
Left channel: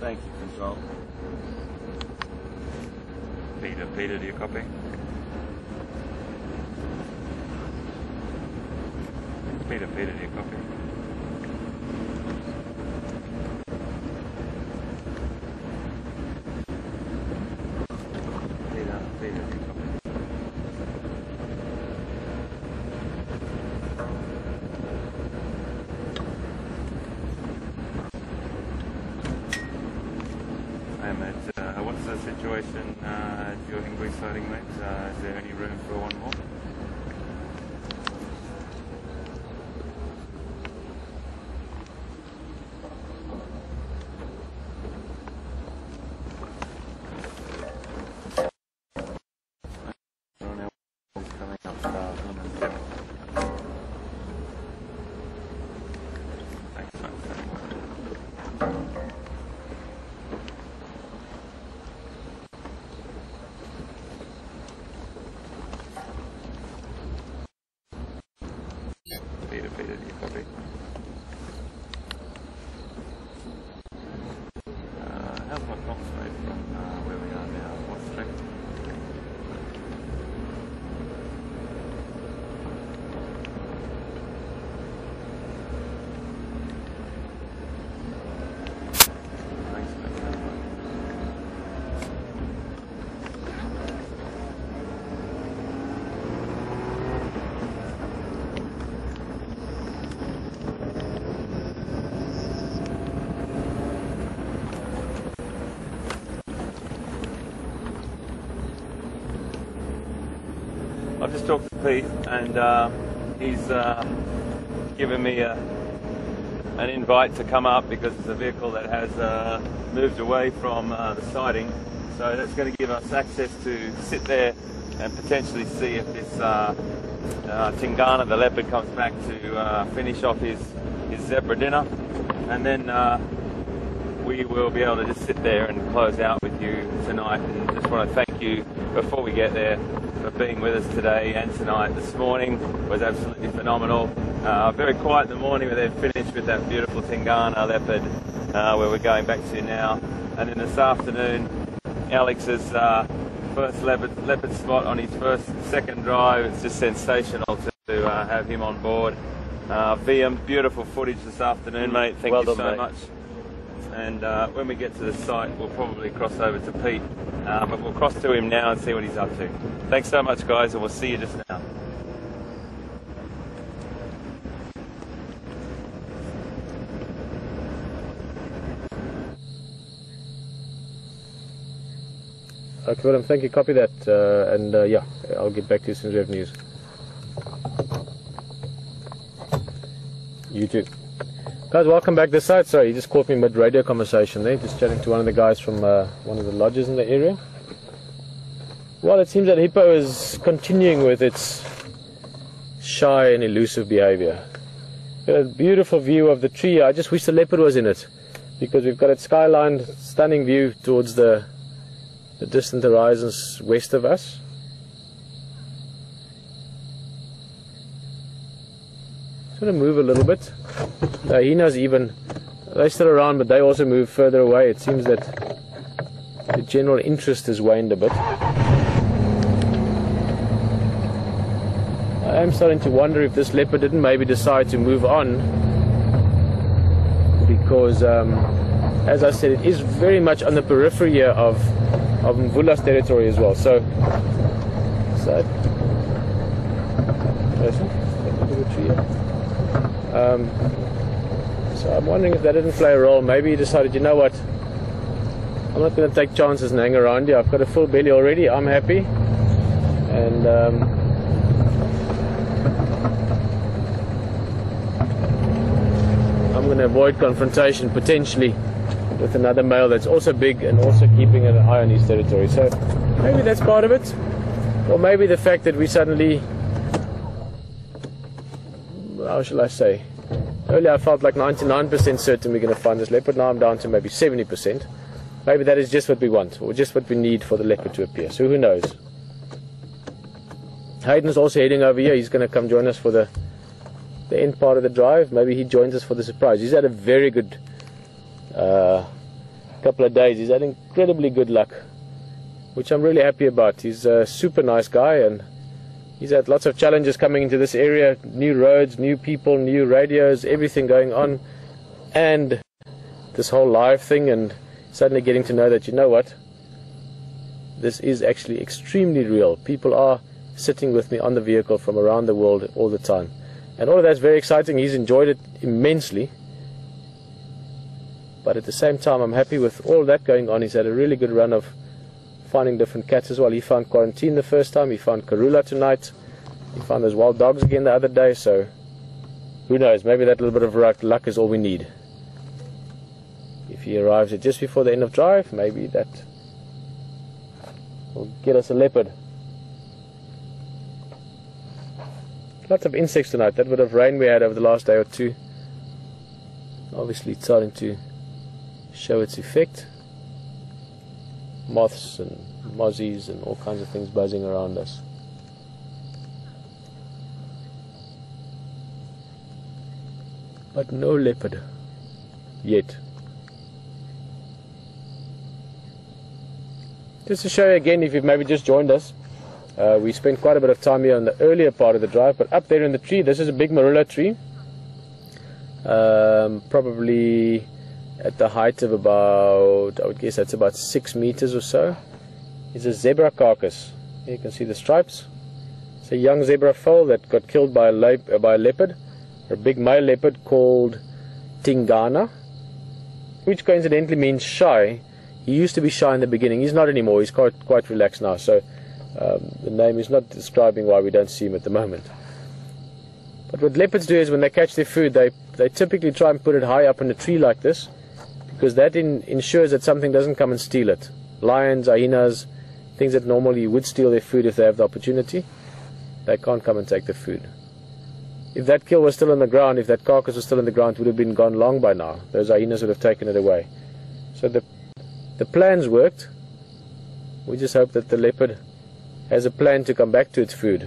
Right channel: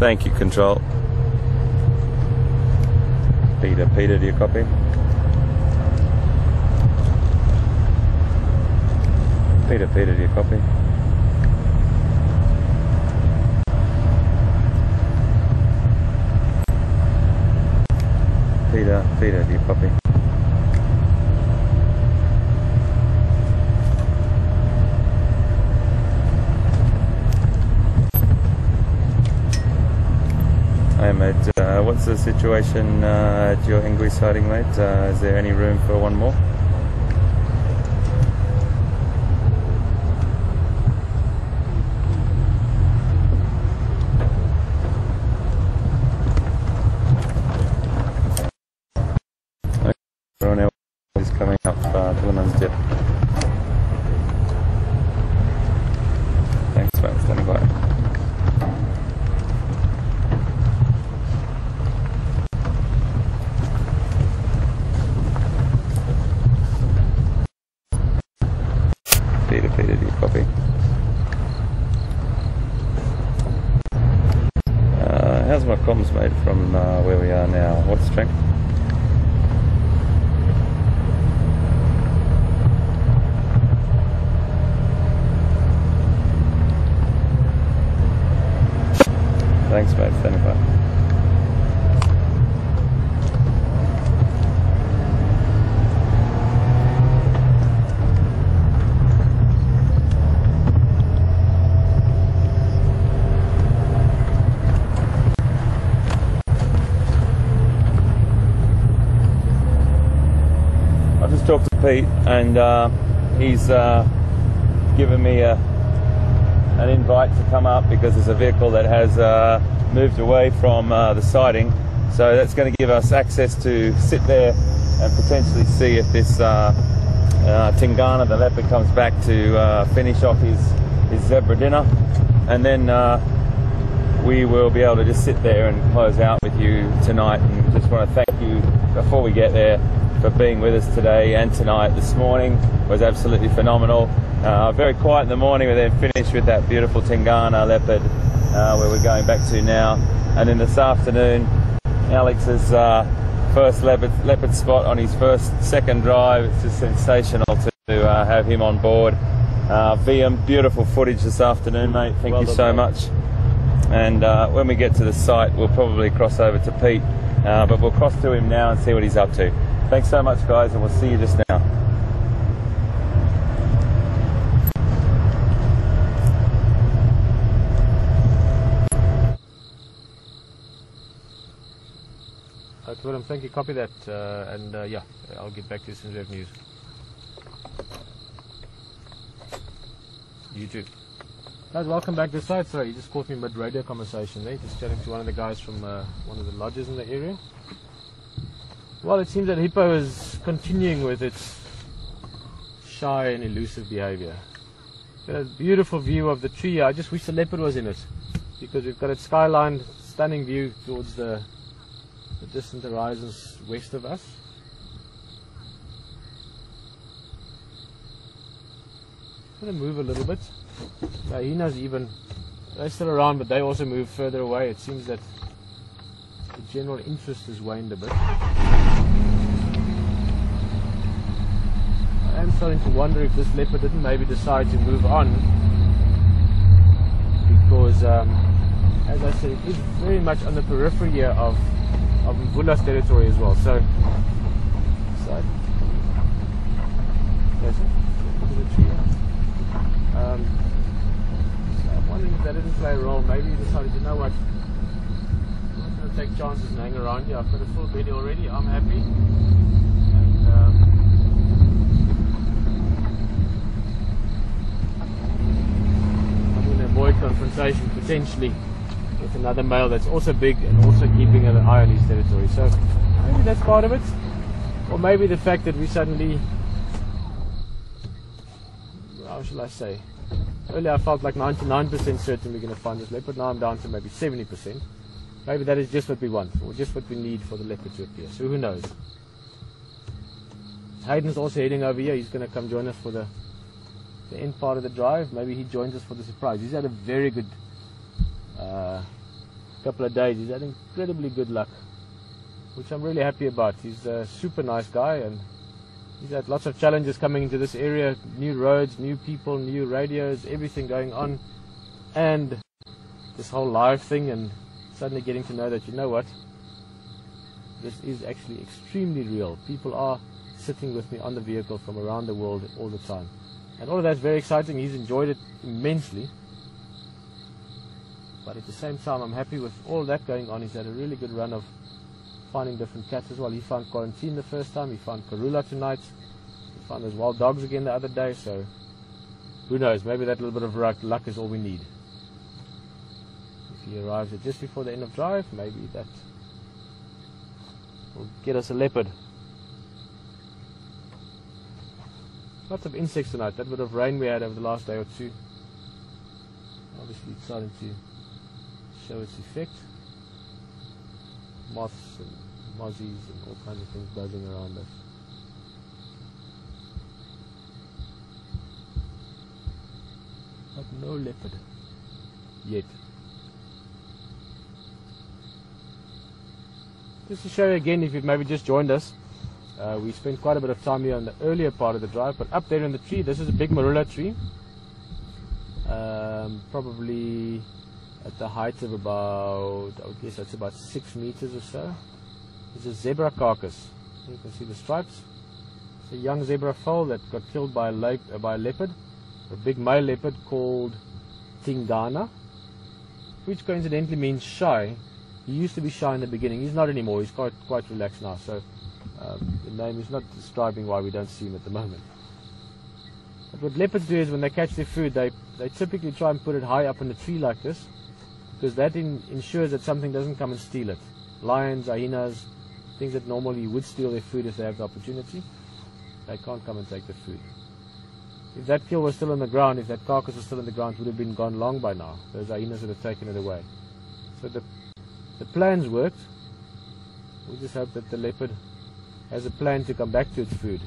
Thank you, Control. Peter, do you copy? Peter, do you copy? Peter, do you copy? Hey mate, what's the situation at your English sighting, mate? Is there any room for one more? Coming up Tillerman's Dip. Thanks, man. Standing by. Peter, do you copy? How's my comms, mate, from where we are now? What's strength? Thanks, mate. Standing by. I've just talked to Pete, and he's given me an invite to come up because there's a vehicle that has moved away from the sighting. So that's going to give us access to sit there and potentially see if this Tingana, the leopard, comes back to finish off his zebra dinner. And then we will be able to just sit there and close out with you tonight. And just want to thank you before we get there for being with us today and tonight. This morning was absolutely phenomenal. Very quiet in the morning, but then finished with that beautiful Tingana leopard where we're going back to now. And then this afternoon, Alex's first leopard spot on his second drive. It's just sensational to have him on board. VM, beautiful footage this afternoon, mate. Thank you so much. And when we get to the site, we'll probably cross over to Pete, but we'll cross to him now and see what he's up to. Thanks so much, guys, and we'll see you just now. Okay, Willem, thank you. Copy that, and yeah, I'll get back to you as soon as we have news. You too. Guys, welcome back this side. Sorry, you just caught me mid-radio conversation there, just chatting to one of the guys from one of the lodges in the area. Well, it seems that hippo is continuing with its shy and elusive behavior. A beautiful view of the tree. I just wish the leopard was in it, because we've got a skyline, stunning view towards the distant horizons west of us. Just going to move a little bit. The hyenas they're still around, but they also move further away. It seems that the general interest has waned a bit. I am starting to wonder if this leopard didn't maybe decide to move on, because as I said, it is very much on the periphery here of Mvula's territory as well. So I'm wondering if that didn't play a role. Maybe he decided, you know what, I'm not going to take chances and hang around here. I've got a full belly already. I'm happy, and I'm going to avoid confrontation potentially with another male that's also big and also keeping an eye on his territory. So maybe that's part of it, or maybe the fact that we suddenly, how shall I say, earlier I felt like 99% certain we're going to find this leopard. Now I'm down to maybe 70%. Maybe that is just what we want, or just what we need for the leopard to appear. So who knows? Hayden's also heading over here. He's going to come join us for the end part of the drive. Maybe he joins us for the surprise. He's had a very good couple of days. He's had incredibly good luck, which I'm really happy about. He's a super nice guy, and he's had lots of challenges coming into this area. New roads, new people, new radios, everything going on, and this whole live thing, and suddenly getting to know that, you know what, this is actually extremely real. People are sitting with me on the vehicle from around the world all the time, and all of that's very exciting. He's enjoyed it immensely, but at the same time I'm happy with all of that going on. He's had a really good run of finding different cats as well. He found Quarantine the first time, he found Karula tonight, he found those wild dogs again the other day. So who knows, maybe that little bit of luck is all we need. If he arrives at just before the end of drive, maybe that will get us a leopard. Lots of insects tonight. That bit of rain we had over the last day or two, obviously it's starting to show its effect. Moths and mozzies and all kinds of things buzzing around us. But no leopard yet. Just to show you again, if you've maybe just joined us, we spent quite a bit of time here on the earlier part of the drive, but up there in the tree, this is a big marula tree, probably at the height of about, I would guess that's about 6 meters or so. It's a zebra carcass. Here you can see the stripes. It's a young zebra foal that got killed by a leopard, a big male leopard called Tingana, which coincidentally means shy. He used to be shy in the beginning. He's not anymore. He's quite relaxed now. So The name is not describing why we don't see him at the moment. But what leopards do is when they catch their food, they typically try and put it high up in a tree like this, because that ensures that something doesn't come and steal it. Lions, hyenas, things that normally would steal their food if they have the opportunity, they can't come and take the food. If that kill was still on the ground, if that carcass was still on the ground, it would have been gone long by now. Those hyenas would have taken it away. So the plans worked. We just hope that the leopard has a plan to come back to its food.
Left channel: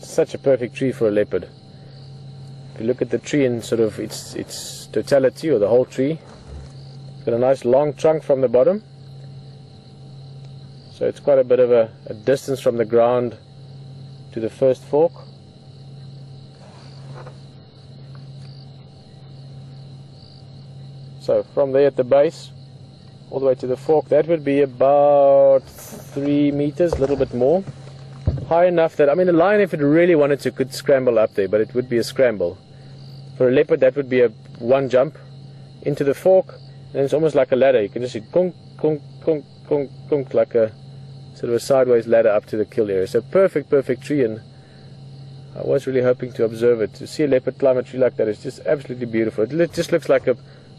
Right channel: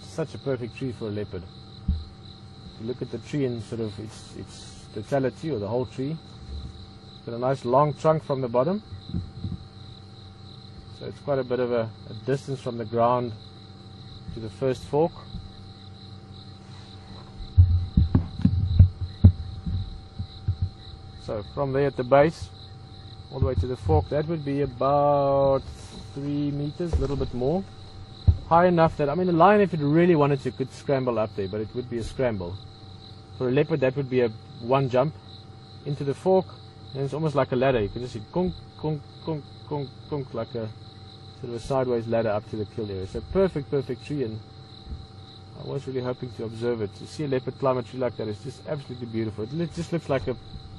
Such a perfect tree for a leopard. If you look at the tree in sort of its totality, or the whole tree, it's got a nice long trunk from the bottom, so it's quite a bit of a distance from the ground to the first fork. So from there at the base all the way to the fork, that would be about 3 meters, a little bit more. High enough that, I mean, a lion, if it really wanted to, could scramble up there, but it would be a scramble. For a leopard, that would be a one jump into the fork, and it's almost like a ladder. You can just see kunk, kunk, kunk, kunk, kunk, like a sort of a sideways ladder up to the kill area. So perfect tree, and I was really hoping to observe it. To see a leopard climb a tree like that is just absolutely beautiful. It just looks like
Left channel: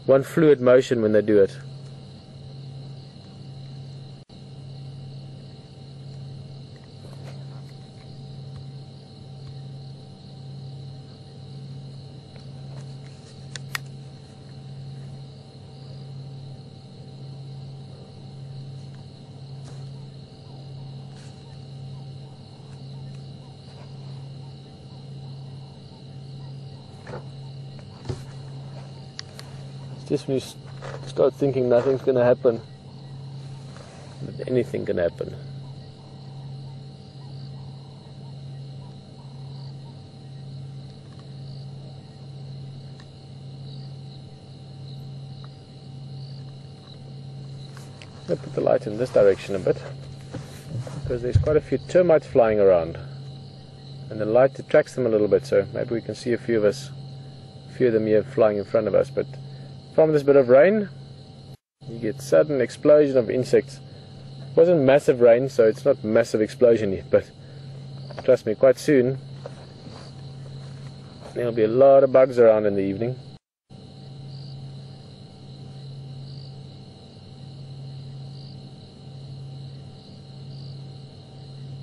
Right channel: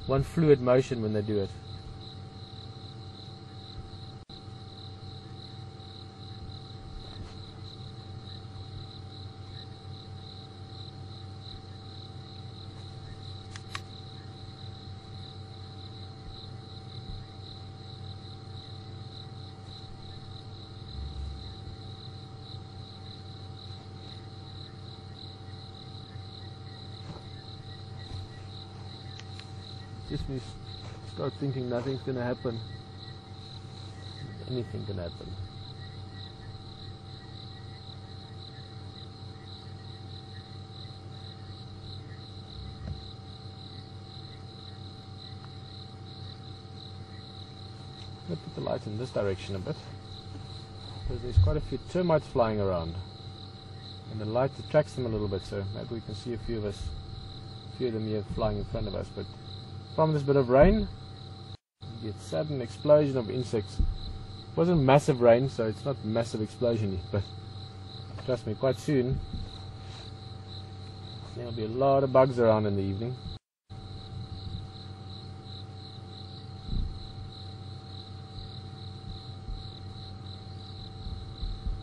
one fluid motion when they do it. Just when you start thinking nothing's going to happen, anything can happen. I'll put the light in this direction a bit, because there's quite a few termites flying around, and the light attracts them a little bit, so maybe we can see a few of them here flying in front of us. But from this bit of rain, you get sudden explosion of insects. It wasn't massive rain, so it's not massive explosion yet, but trust me, quite soon there'll be a lot of bugs around in the evening.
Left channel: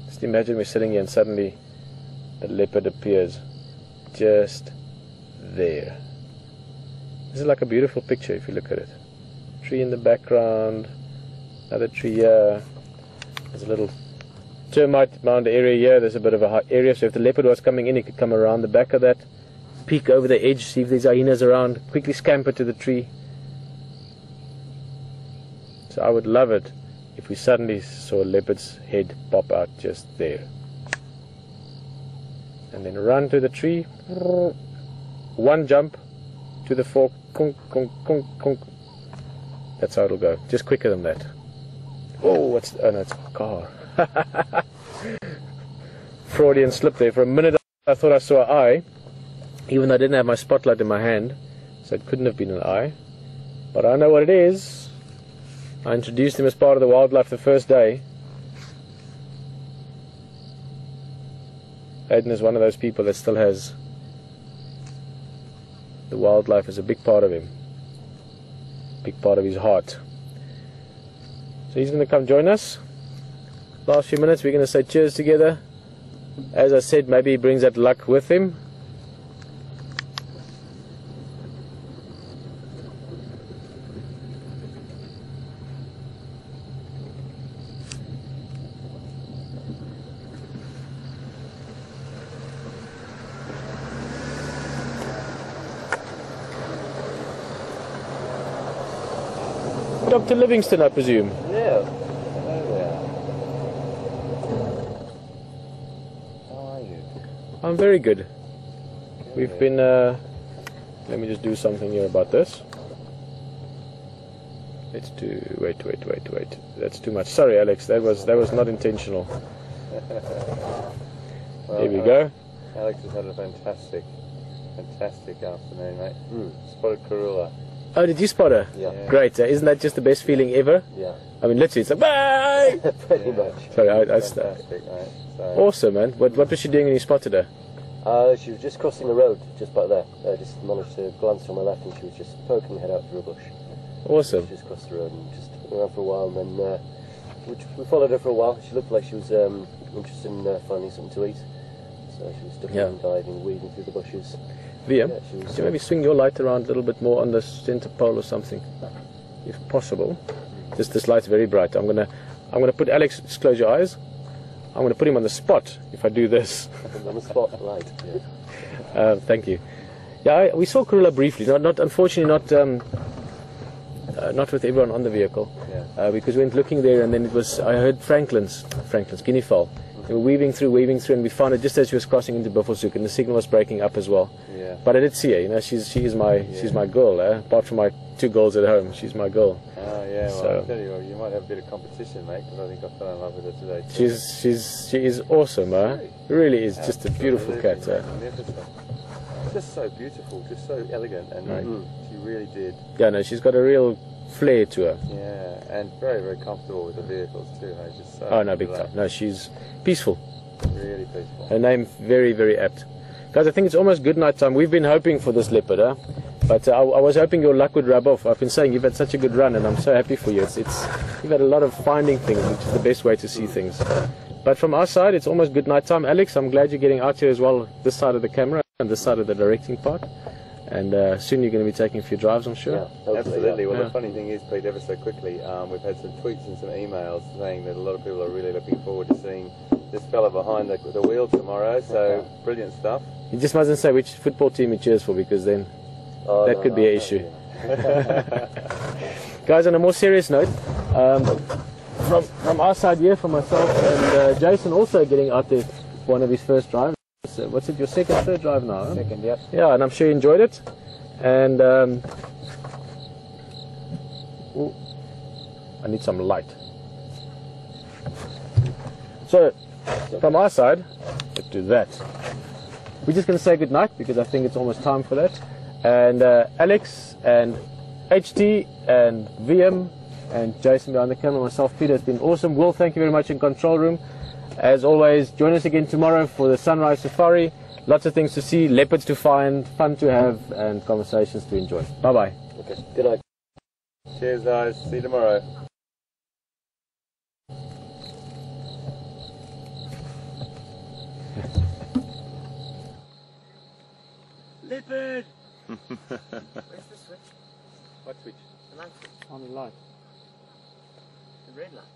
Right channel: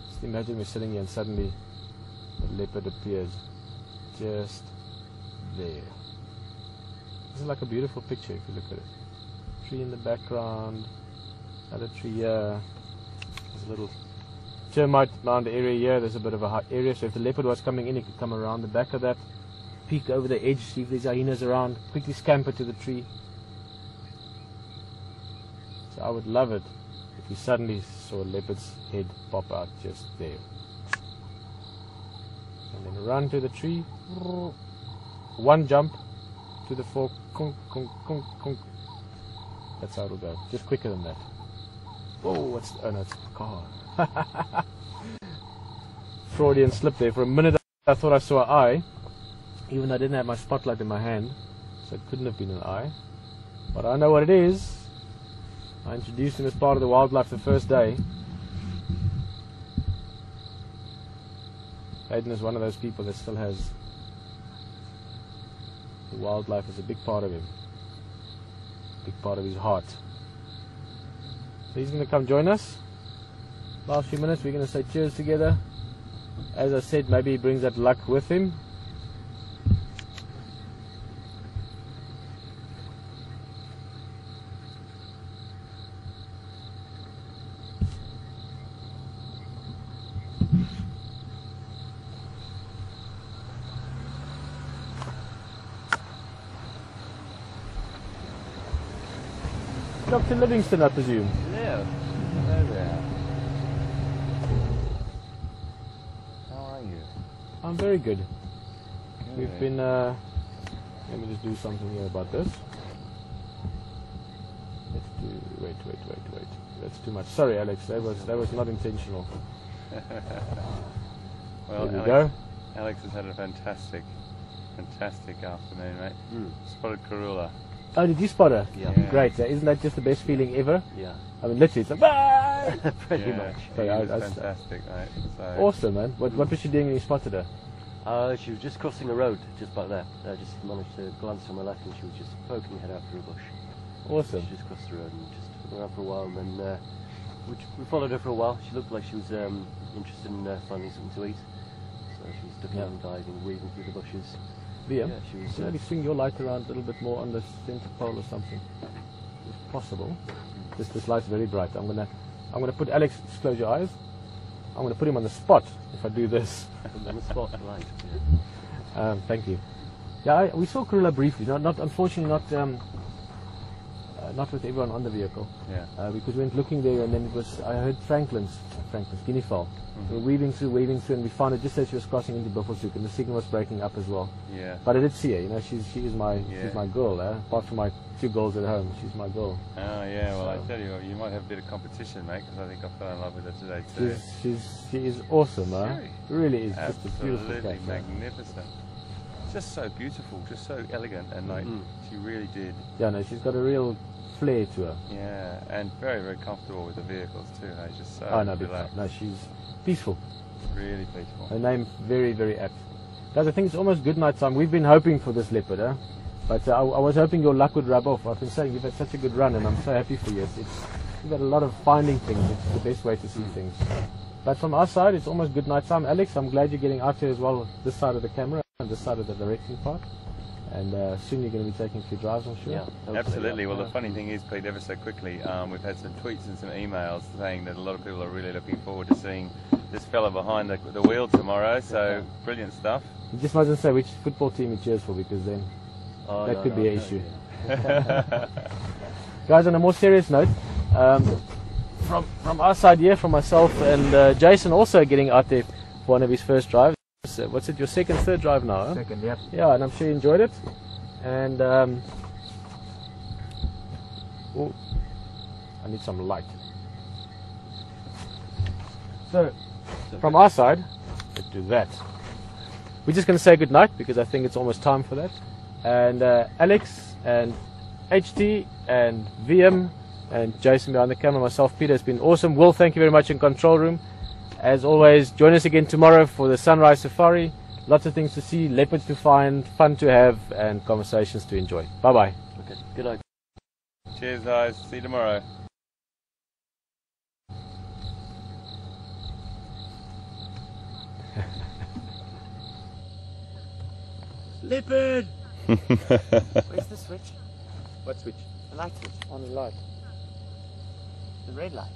Just imagine we're sitting here and suddenly a leopard appears just there. This is like a beautiful picture if you look at it. Tree in the background, another tree here. There's a little termite mound area here. There's a bit of a high area, so if the leopard was coming in, he could come around the back of that, peek over the edge, see if there's hyenas around, quickly scamper to the tree. So I would love it if we suddenly saw a leopard's head pop out just there. And then run to the tree, one jump to the fork, kunk, kunk, kunk, kunk. That's how it'll go, just quicker than that. Oh, oh no, it's a car. Freudian slip there. For a minute I thought I saw an eye, even though I didn't have my spotlight in my hand, so it couldn't have been an eye. But I know what it is. I introduced him as part of the wildlife the first day. Aiden is one of those people that still has the wildlife as a big part of him, big part of his heart. So he's going to come join us. Last few minutes we're going to say cheers together. As I said, maybe he brings that luck with him. Dr. Livingston, I presume. Yeah. There we are. How are you? I'm very good. We've been Let me just do something here about this. Let's do. Wait. That's too much. Sorry, Alex. That was not intentional. Well, Here we go. Alex has had a fantastic afternoon, mate. Spotted Karula. Oh, did you spot her? Yeah. Great. Isn't that just the best feeling ever? Yeah. I mean, literally, it's a bye. Pretty much. Sorry, Fantastic, mate. So, awesome, man. What was she doing when you spotted her? She was just crossing the road, just back there. I just managed to glance to my left and she was just poking her head out through a bush. Awesome. She just crossed the road and just hung around for a while, and then we followed her for a while. She looked like she was interested in finding something to eat. So she was ducking and diving, weaving through the bushes. Liam, Yeah, she was, could you maybe swing your light around a little bit more on the centre pole or something, if possible? This light's very bright. I'm gonna put Alex. Just close your eyes. I'm gonna put him on the spot if I do this. on the spot light. Thank you. Yeah, we saw Karula briefly. Unfortunately not with everyone on the vehicle. yeah. Because we went looking there, and then I heard Franklin's guinea fowl. We were weaving through, and we found it just as she was crossing into Buffelshoek, and the signal was breaking up as well. Yeah. But I did see her. You know, she's my girl. Apart from my 2 girls at home, she's my girl. Oh yeah. Well, So- I tell you what, you might have a bit of competition, mate, because I think I fell in love with her today too. She is awesome, really is just a beautiful cat. Absolutely magnificent. Just so beautiful, just so elegant, and like she really did. Yeah, no, she's got a real flair to her. Yeah, and very, very comfortable with the vehicles too. Hey, just so Oh no, big time. relaxed, No, she's peaceful. really peaceful. Her name very, very apt. Guys, I think it's almost good night time. We've been hoping for this leopard, but I was hoping your luck would rub off. I've been saying you've had such a good run, and I'm so happy for you. You've had a lot of finding things, which is the best way to see things. But from our side, it's almost good night time. Alex, I'm glad you're getting out here as well, this side of the camera and this side of the directing part. And soon you're going to be taking a few drives, I'm sure. Yeah, hopefully, Absolutely. yeah. Well, the funny thing is, Pete, ever so quickly, we've had some tweets and some emails saying that a lot of people are really looking forward to seeing this fella behind the wheel tomorrow. So brilliant stuff. You just mustn't say which football team he cheers for, because then that could be an issue. Guys, on a more serious note, from our side here, from myself and Jason also getting out there for one of his first drives. What's it, your second, third drive now? Huh? Second, yep. Yeah, and I'm sure you enjoyed it. And oh, I need some light. So, from our side, let's do that. We're just going to say goodnight because I think it's almost time for that. And Alex and HT and VM and Jason behind the camera, myself, Peter, it's been awesome. Will, thank you very much in control room. As always, join us again tomorrow for the sunrise safari. Lots of things to see, leopards to find, fun to have, and conversations to enjoy. Bye-bye. Okay, good night. Cheers, guys. See you tomorrow. Leopard! Where's the switch? What switch? The light switch. On the light. The red light.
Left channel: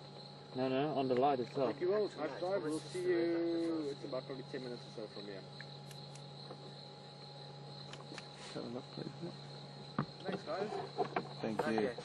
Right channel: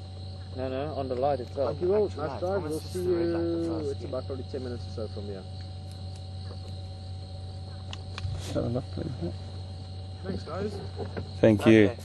No, on the light itself. Thank you, Will. Nice drive. We'll see you. It's about probably 10 minutes or so from here. Shut it up, please. Thanks, guys. Thank you. Okay.